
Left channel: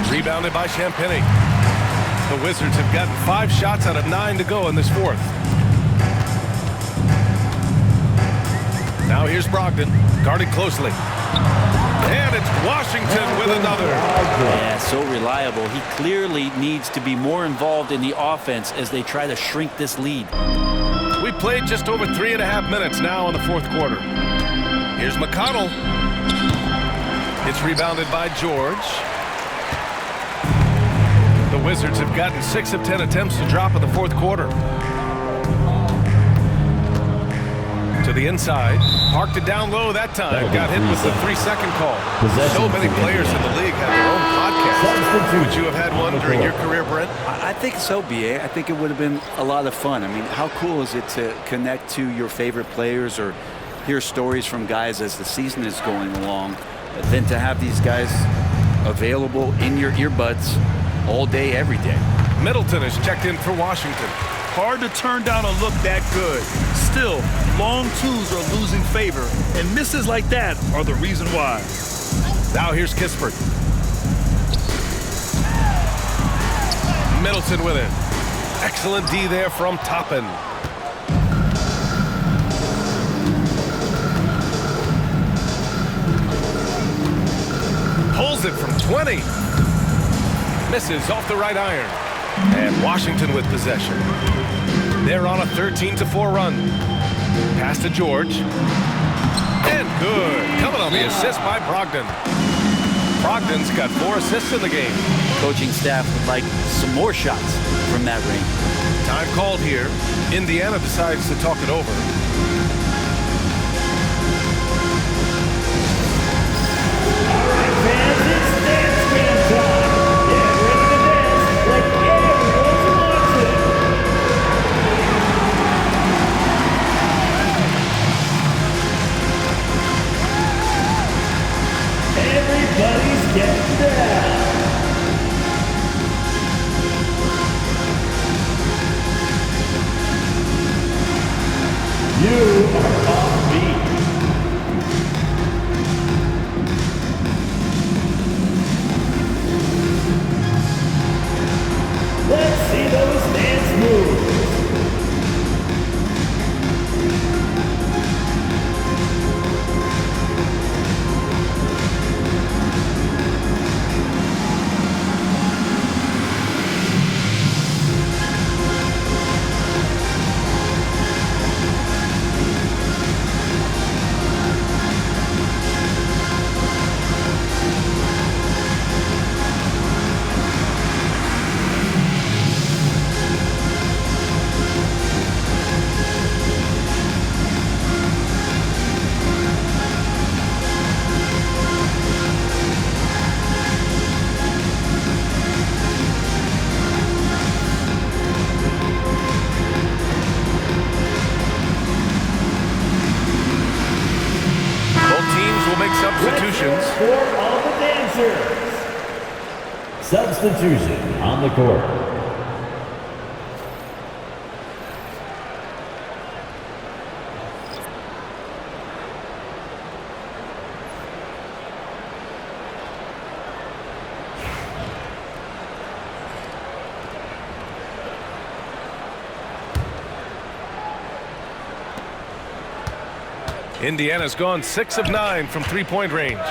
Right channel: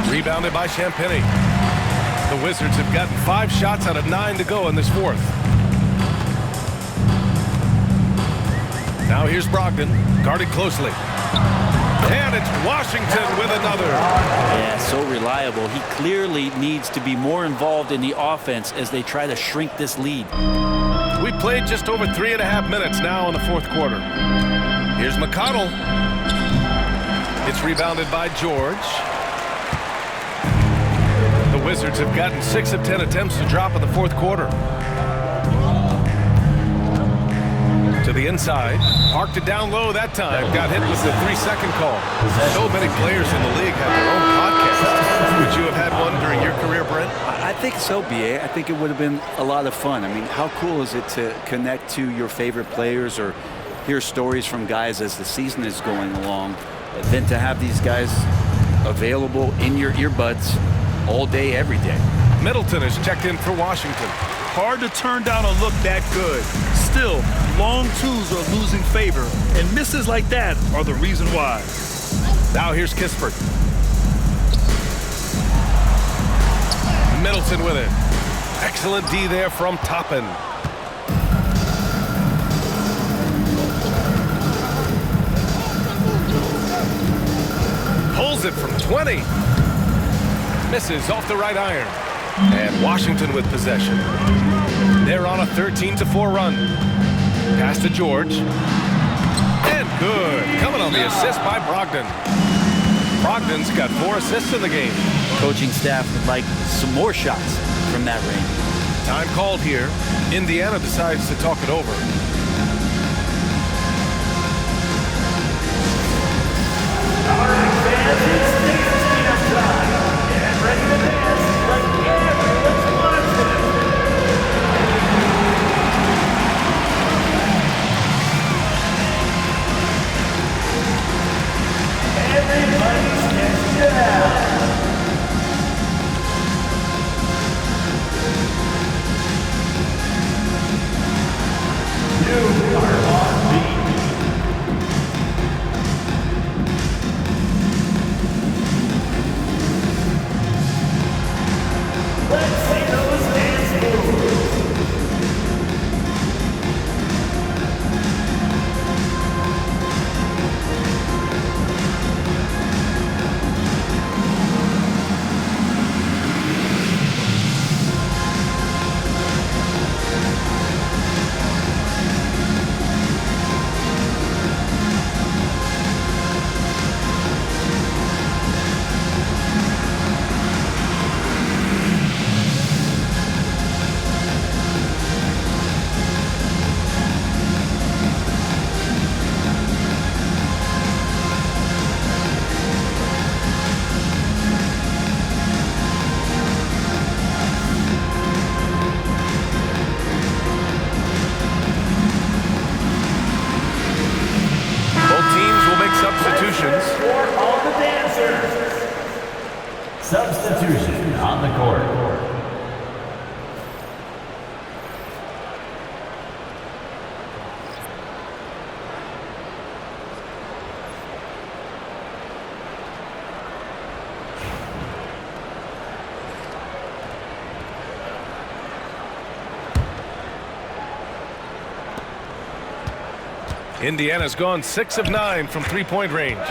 Rebounded by Champagny. The Wizards have gotten 5 shots out of 9 to go in this fourth. Now here's Brogdon, guarded closely. And it's Washington with another. Yeah, so reliable. He clearly needs to be more involved in the offense as they try to shrink this lead. We played just over 3.5 minutes now in the fourth quarter. Here's McConnell. It's rebounded by George. The Wizards have gotten 6 of 10 attempts to drop in the fourth quarter. To the inside. Parked it down low that time. Got hit with the 3-second call. So many players in the league have their own podcast. Would you have had one during your career, Brent? I think so, B.A. I think it would have been a lot of fun. I mean, how cool is it to connect to your favorite players or hear stories from guys as the season is going along, than to have these guys available in your earbuds all day, every day. Middleton is checked in for Washington. Hard to turn down a look that good. Still, long twos are losing favor, and misses like that are the reason why. Now here's Kispert. Middleton with it. Excellent D there from Toppin. Pulls it from 20. Misses off the right iron. And Washington with possession. They're on a 13-4 run. Pass to George. And good. Coming on the assist by Brogdon. Brogdon's got 4 assists in the game. Coaching staff would like some more shots from that range. Time called here. Indiana decides to talk it over. All right, fans, it's dance camp time. Get ready to dance like everyone's watching. Everybody's getting down. You are on beat. Let's see those dance moves. Substitutions. For all the dancers. Substitution on the court. Indiana's gone 6 of 9 from three-point range.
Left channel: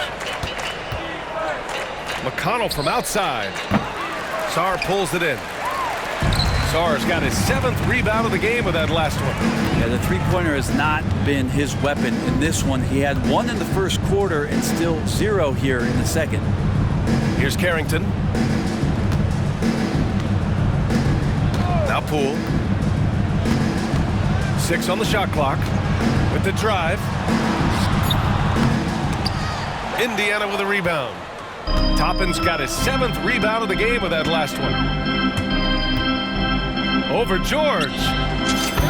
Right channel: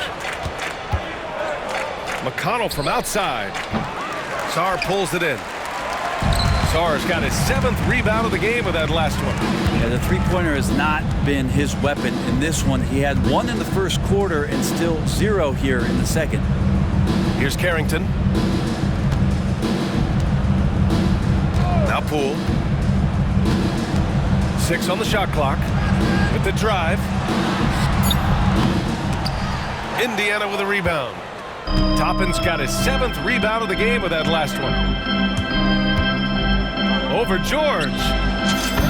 McConnell from outside. Sarr pulls it in. Sarr's got his 7th rebound of the game with that last one. Yeah, the three-pointer has not been his weapon in this one. He had 1 in the first quarter and still 0 here in the second. Here's Carrington. Now Poole. 6 on the shot clock. With the drive. Indiana with a rebound. Toppin's got his 7th rebound of the game with that last one. Over George.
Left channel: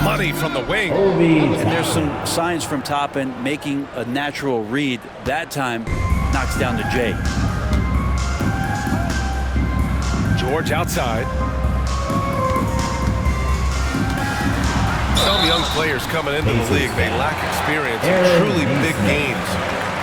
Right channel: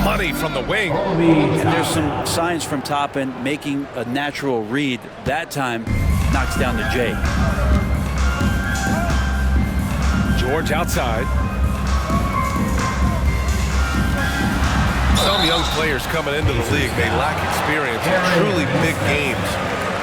Money from the wing. And there's some signs from Toppin making a natural read. That time knocks down to Jay. George outside. Some young players coming into the league, they lack experience in truly big games.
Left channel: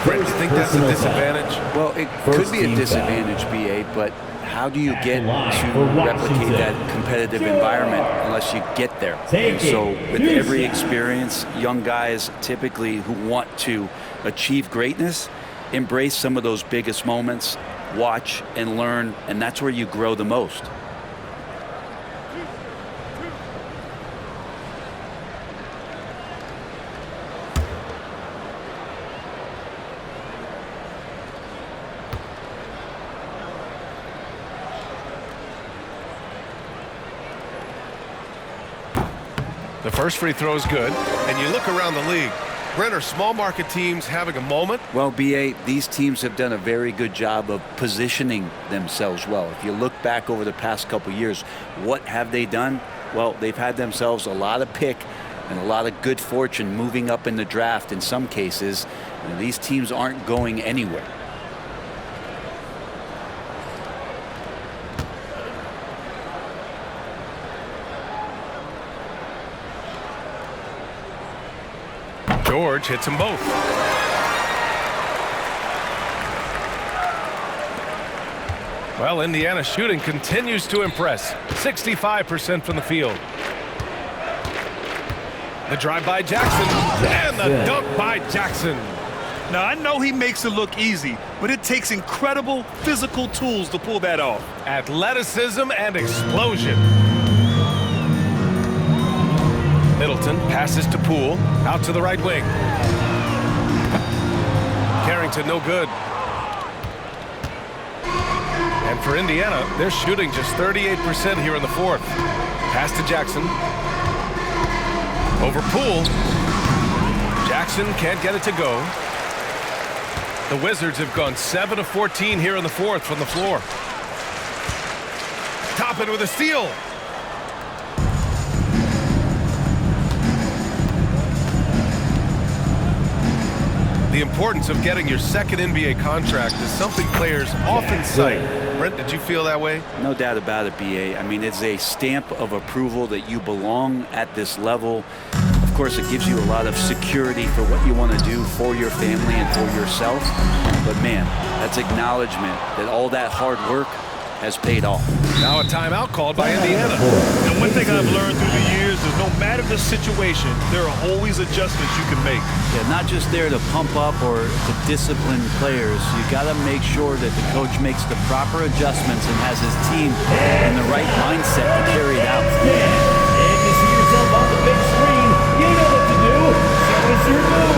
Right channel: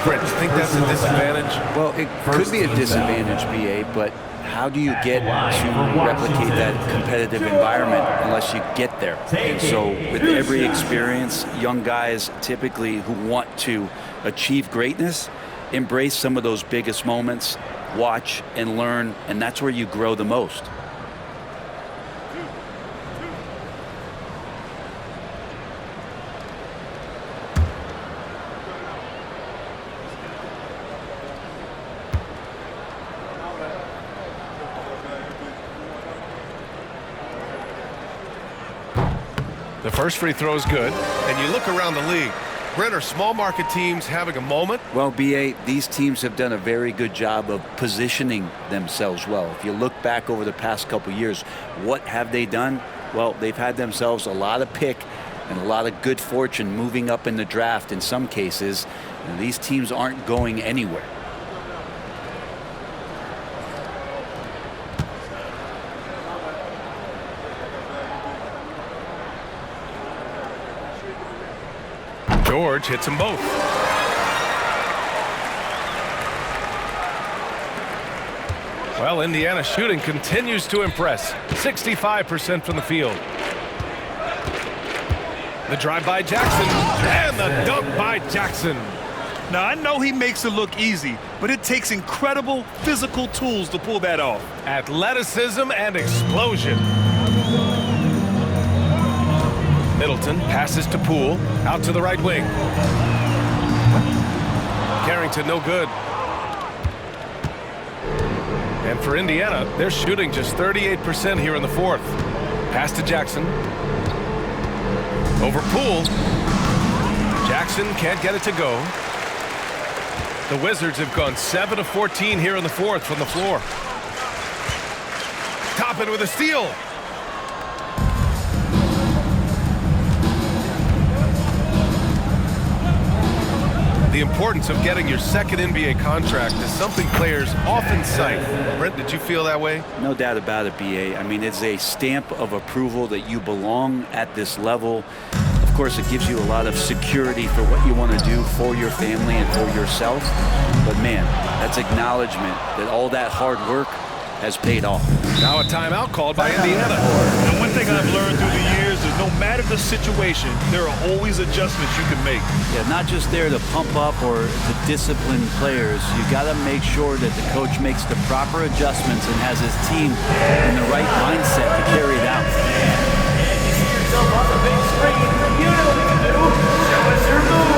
Brent, do you think that's a disadvantage? Well, it could be a disadvantage, BA, but how do you get to replicate that competitive environment unless you get there? And so with every experience, young guys typically who want to achieve greatness, embrace some of those biggest moments, watch and learn, and that's where you grow the most. The first free throw is good, and you look around the league. Brent, are small market teams having a moment? Well, BA, these teams have done a very good job of positioning themselves well. If you look back over the past couple years, what have they done? Well, they've had themselves a lot of pick and a lot of good fortune moving up in the draft in some cases. And these teams aren't going anywhere. George hits them both. Well, Indiana's shooting continues to impress. 65% from the field. The drive by Jackson and the dunk by Jackson. Now, I know he makes it look easy, but it takes incredible physical tools to pull that off. Athleticism and explosion. Middleton passes to Poole, out to the right wing. Carrington no good. And for Indiana, they're shooting just 38% here in the fourth. Pass to Jackson. Over Poole. Jackson can't get it to go. The Wizards have gone 7 of 14 here in the fourth from the floor. Toppin with a steal. The importance of getting your second NBA contract is something players often cite. Brent, did you feel that way? No doubt about it, BA. I mean, it's a stamp of approval that you belong at this level. Of course, it gives you a lot of security for what you want to do for your family and for yourself. But man, that's acknowledgement that all that hard work has paid off. Now a timeout called by Indiana. And one thing I've learned through the years is no matter the situation, there are always adjustments you can make. Yeah, not just there to pump up or to discipline players. You got to make sure that the coach makes the proper adjustments and has his team in the right mindset to carry it out. And you see yourself on the big screen. You know what to do. Show us your moves.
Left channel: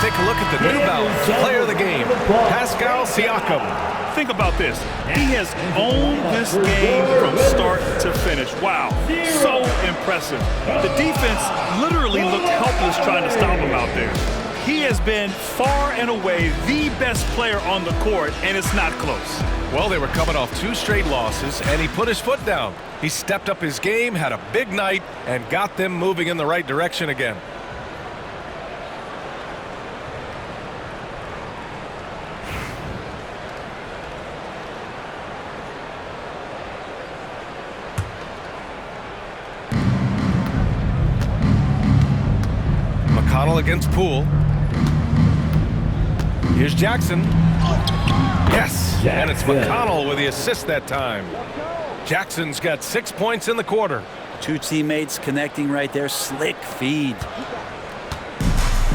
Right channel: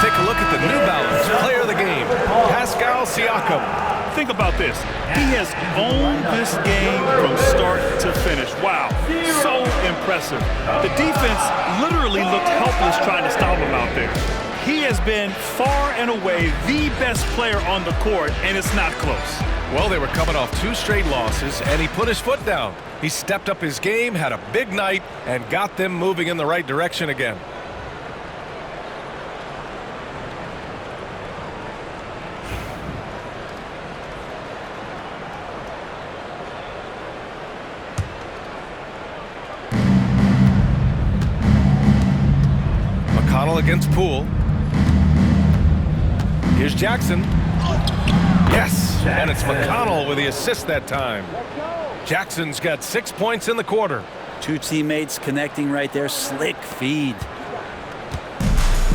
Take a look at the New Balance player of the game, Pascal Siakam. Think about this. He has owned this game from start to finish. Wow, so impressive. The defense literally looked helpless trying to stop him out there. He has been far and away the best player on the court, and it's not close. Well, they were coming off 2 straight losses, and he put his foot down. He stepped up his game, had a big night, and got them moving in the right direction again. McConnell against Poole. Here's Jackson. Yes, and it's McConnell with the assist that time. Jackson's got 6 points in the quarter. 2 teammates connecting right there. Slick feed.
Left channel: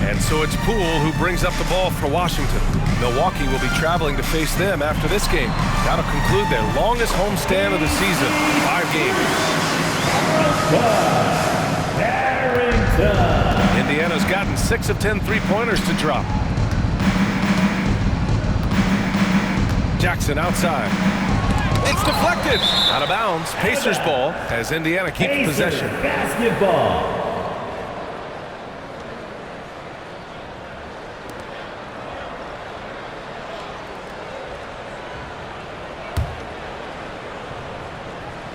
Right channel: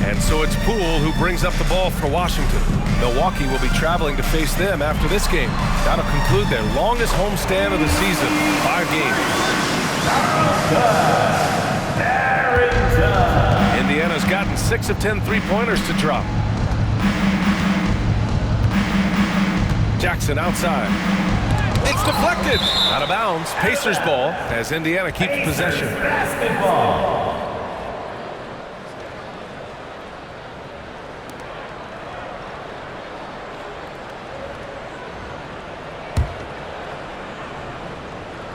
And so it's Poole who brings up the ball for Washington. Milwaukee will be traveling to face them after this game. That'll conclude their longest homestand of the season, 5 games. Indiana's gotten 6 of 10 three-pointers to drop. Jackson outside. It It's deflected. Out of bounds. Pacers ball as Indiana keeps possession. Basketball.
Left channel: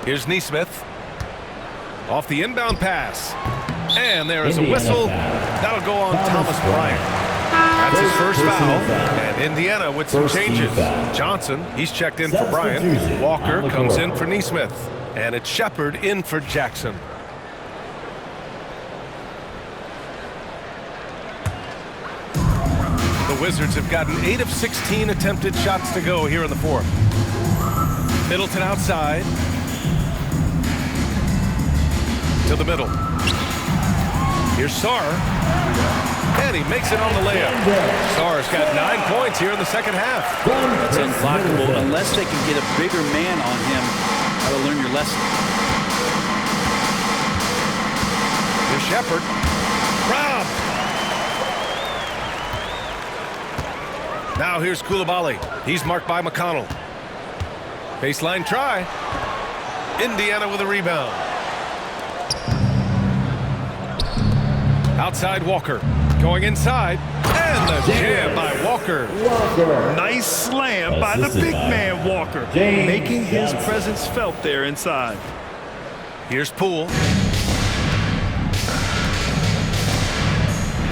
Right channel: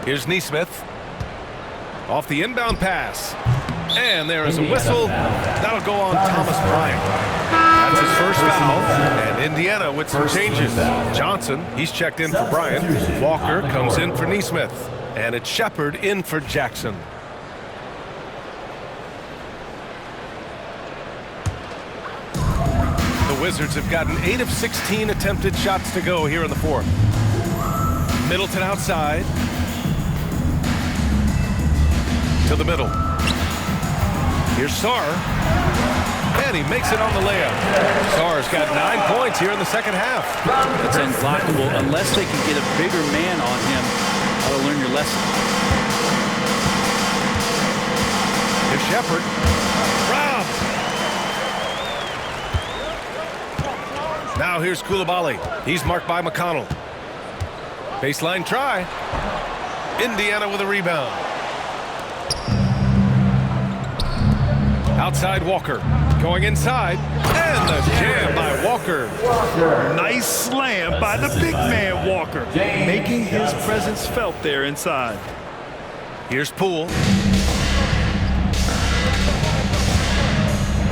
Here's Nesmith. Off the inbound pass. And there is a whistle. That'll go on Thomas Bryant. That's his first foul. And Indiana with some changes. Johnson, he's checked in for Bryant. Walker comes in for Nesmith. And it's Shepard in for Jackson. The Wizards have gotten 8 of 16 attempted shots to go here in the fourth. Middleton outside. To the middle. Here's Sarr. And he makes it on the layup. Sarr's got 9 points here in the second half. That's unblockable unless they can get a bigger man on him. How to learn your lesson. Here's Shepard. Rob. Now here's Coulibaly. He's marked by McConnell. Baseline try. Indiana with a rebound. Outside Walker. Going inside. And the jam by Walker. Nice slam by the big man Walker, making his presence felt there inside. Here's Poole.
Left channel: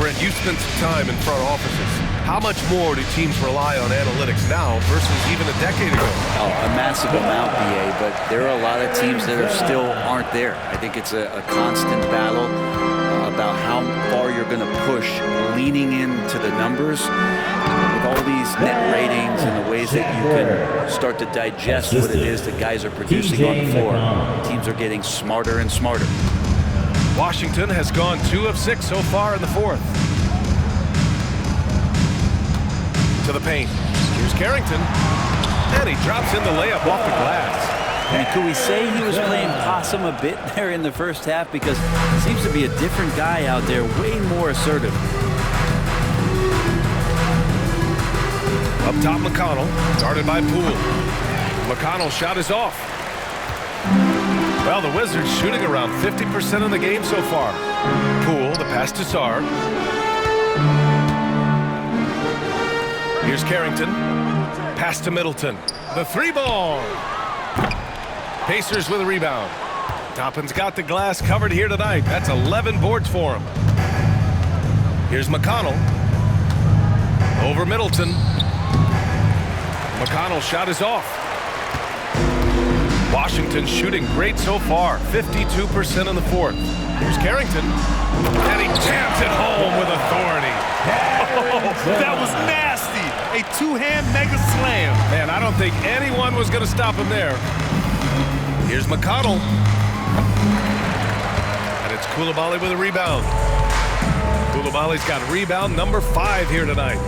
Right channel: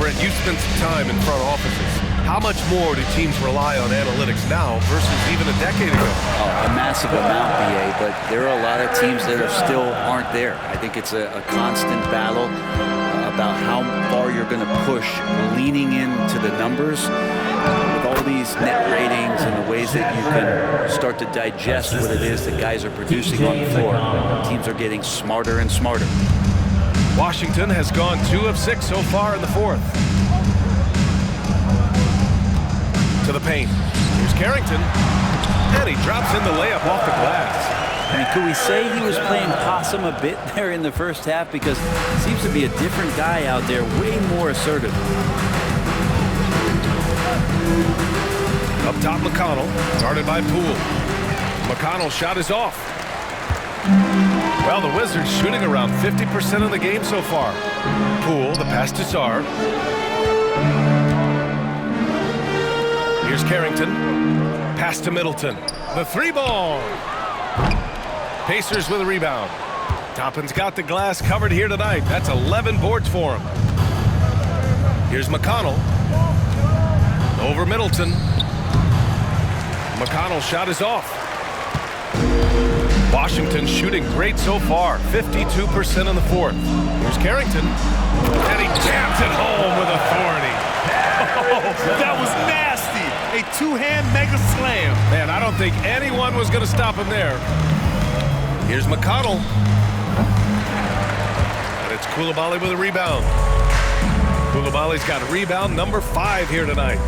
Brent, you spent some time in front offices. How much more do teams rely on analytics now versus even a decade ago? Oh, a massive amount, BA, but there are a lot of teams that are still aren't there. I think it's a constant battle about how far you're going to push, leaning into the numbers with all these net ratings and the ways that you can start to digest what it is that guys are producing on the floor. Teams are getting smarter and smarter. Washington has gone 2 of 6 so far in the fourth. To the paint. Here's Carrington. And he drops in the layup off the glass. I mean, could we say he was playing possum a bit there in the first half? Because it seems to be a different guy out there, way more assertive. Up top, McConnell. Guarded by Poole. McConnell's shot is off. Well, the Wizards shooting around 50% of the game so far. Poole, the pass to Sarr. Here's Carrington. Pass to Middleton. The 3-ball. Pacers with a rebound. Toppin's got the glass covered here tonight. That's 11 boards for him. Here's McConnell. Over Middleton. McConnell's shot is off. Washington shooting great so far. 52% in the fourth. Here's Carrington. And he jams it home with authority. Oh, that was nasty. A two-hand mega slam. Man, I don't think anyone was going to stop him there. Here's McConnell. And it's Coulibaly with a rebound. Coulibaly's got rebound number 5 here tonight.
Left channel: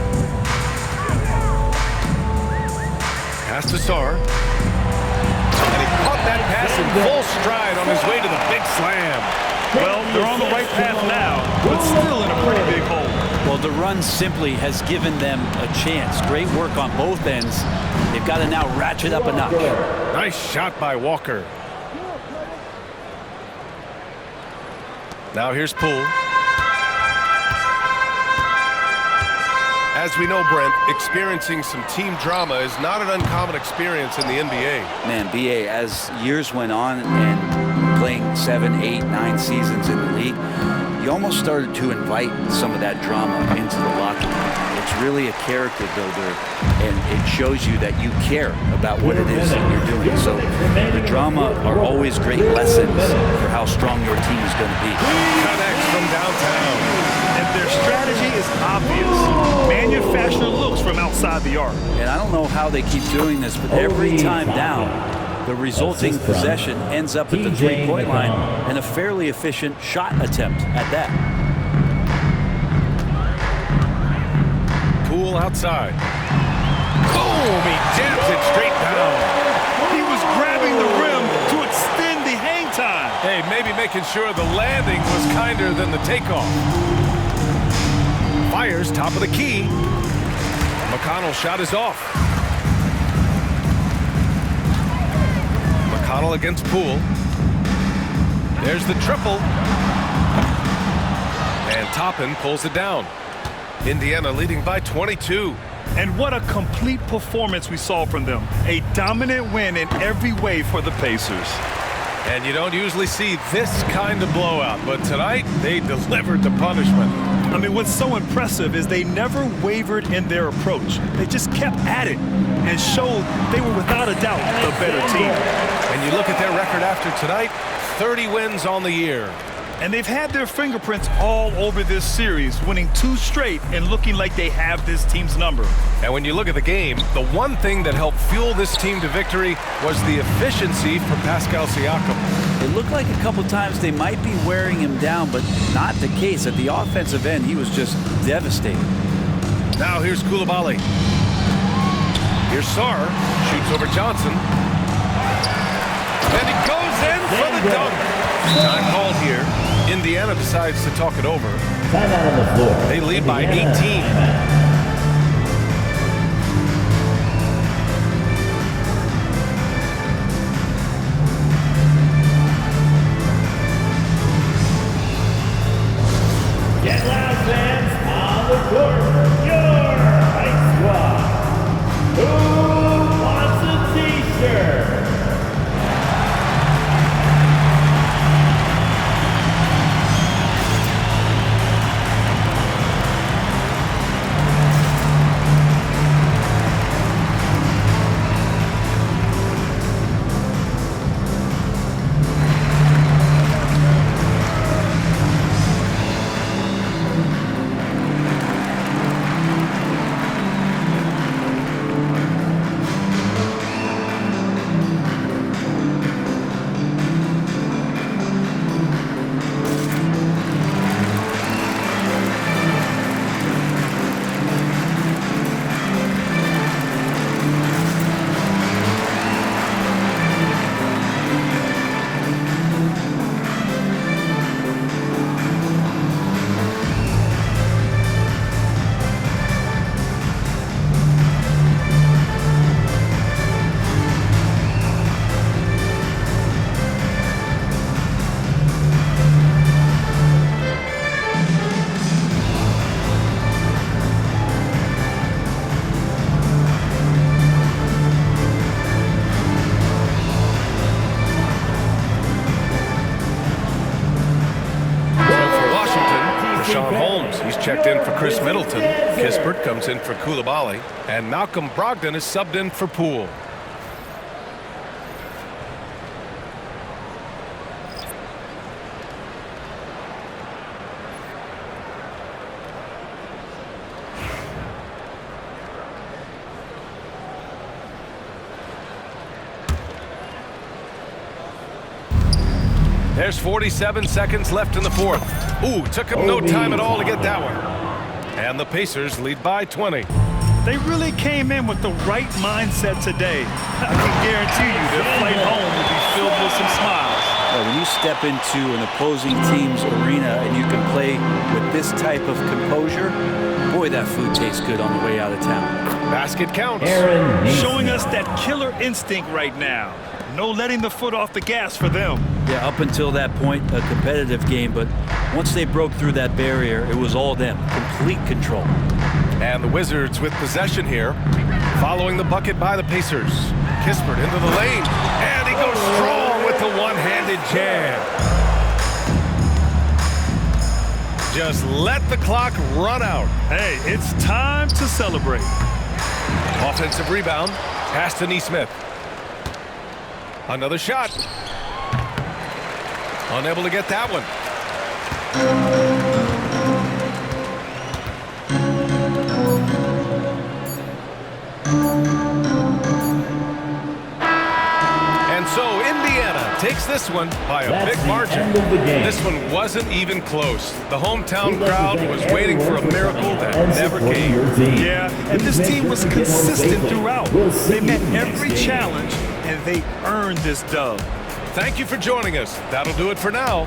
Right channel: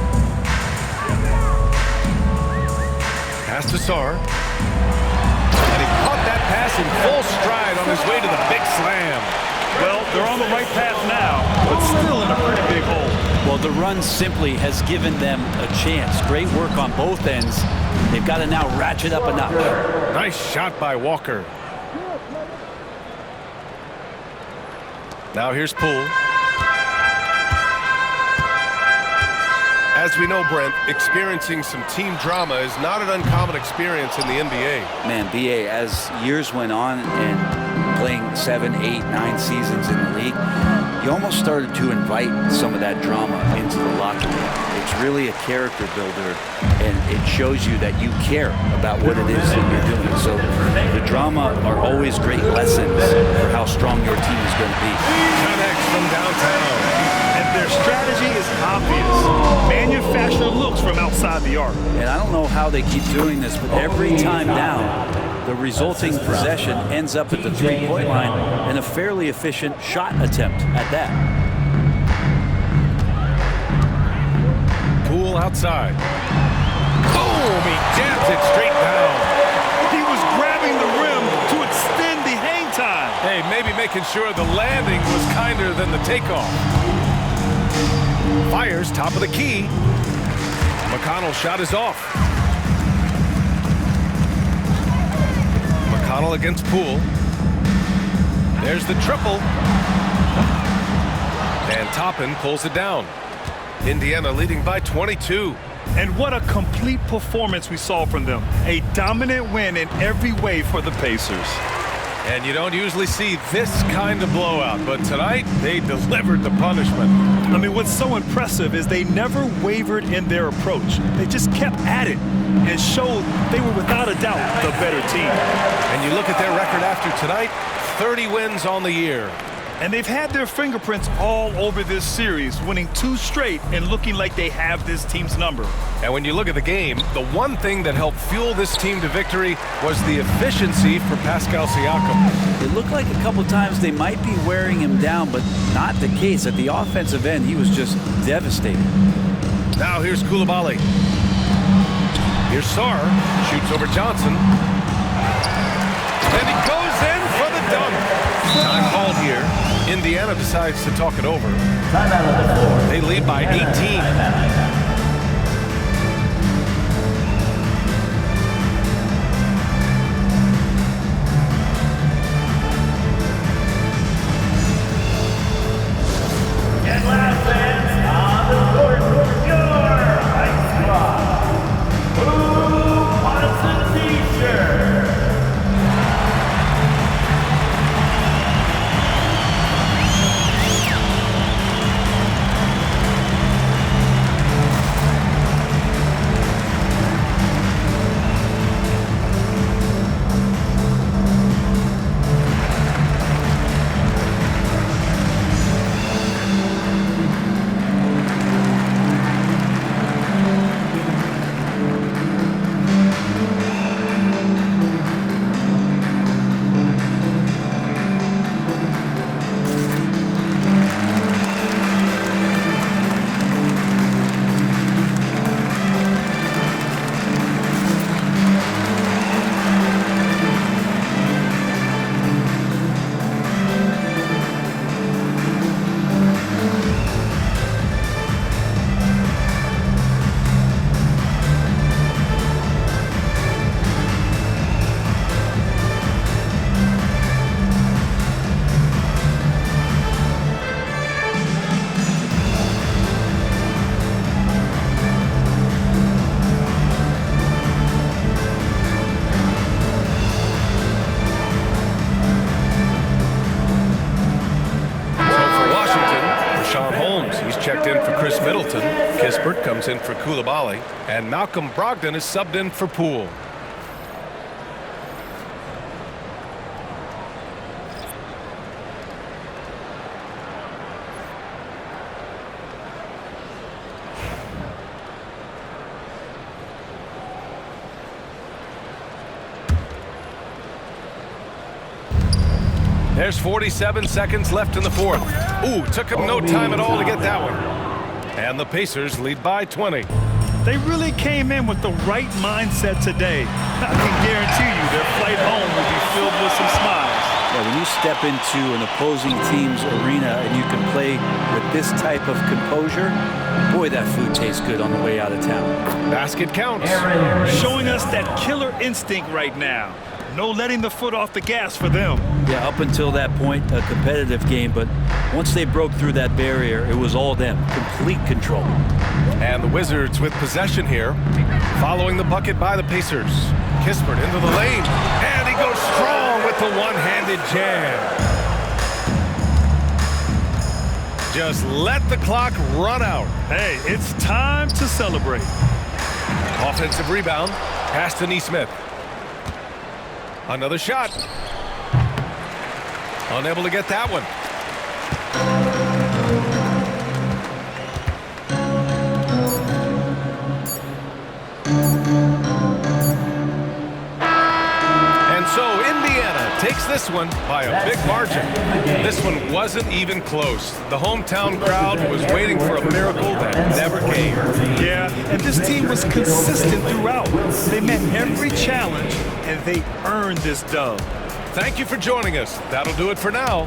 Pass to Sarr. And he caught that pass in full stride on his way to the big slam. Well, they're on the right path now, but still in a pretty big hole. Well, the run simply has given them a chance. Great work on both ends. They've got to now ratchet up a notch. Nice shot by Walker. Now here's Poole. As we know, Brent, experiencing some team drama is not an uncommon experience in the NBA. Man, BA, as years went on and playing 7, 8, 9 seasons in the league, you almost started to invite some of that drama into the locker room. It's really a character builder, and it shows you that you care about what it is that you're doing. So the drama are always great lessons for how strong your team is going to be. Connects from downtown. And their strategy is obvious. Manufacture looks from outside the arc. And I don't know how they keep doing this, but every time down, the resulting possession ends up at the three-point line and a fairly efficient shot attempt at that. Poole outside. Boom! He jams it straight down. He was grabbing the rim to extend the hang time. Hey, maybe making sure the landing was kinder than the takeoff. Fires top of the key. McConnell's shot is off. O'Connell against Poole. There's the triple. And Toppin pulls it down. Indiana leading by 22. And what a complete performance we saw from them. A dominant win in every way for the Pacers. And you don't usually see this kind of blowout, but tonight they delivered the punishment. I mean, what's so impressive is they never wavered in their approach. They just kept at it and showed they were without a doubt the better team. And you look at their record after tonight, 30 wins on the year. And they've had their fingerprints all over this series, winning 2 straight and looking like they have this team's number. And when you look at the game, the one thing that helped fuel this team to victory was the efficiency for Pascal Siakam. It looked like a couple times they might be wearing him down, but not the case. At the offensive end, he was just devastating. Now here's Koulibaly. Here's Sarr, shoots over Johnson. And he goes in for the dunk. Time called here. Indiana decides to talk it over. They lead by 18. He's checked in for Chris Middleton. Kispert comes in for Koulibaly. And Malcolm Brogdon is subbed in for Poole. There's 47 seconds left in the fourth. Ooh, took him no time at all to get that one. And the Pacers lead by 20. They really came in with the right mindset today. I can guarantee you their flight home will be filled with some smiles. Yeah, when you step into an opposing team's arena and you can play with this type of composure, boy, that food tastes good on the way out of town. Basket counts. Showing us that killer instinct right now. No letting the foot off the gas for them. Yeah, up until that point, a competitive game, but once they broke through that barrier, it was all them. Complete control. And the Wizards with possession here, following the bucket by the Pacers. Kispert into the lane, and he goes strong with the one-handed jam. Just let the clock run out. Hey, it's time to celebrate. Offensive rebound, pass to Nesmith. Another shot. Unable to get that one. And so Indiana takes this one by a big margin. This one wasn't even close. The hometown crowd was waiting for a miracle that never came. Yeah, and this team was consistent throughout. They met every challenge, and they earned this dub. Thank you for joining us. That'll do it for now.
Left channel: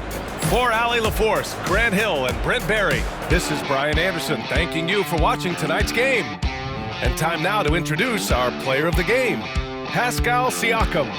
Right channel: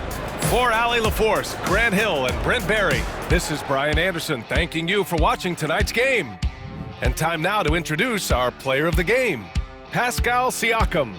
For Allie LaForce, Grant Hill, and Brent Barry, this is Brian Anderson thanking you for watching tonight's game. And time now to introduce our player of the game, Pascal Siakam.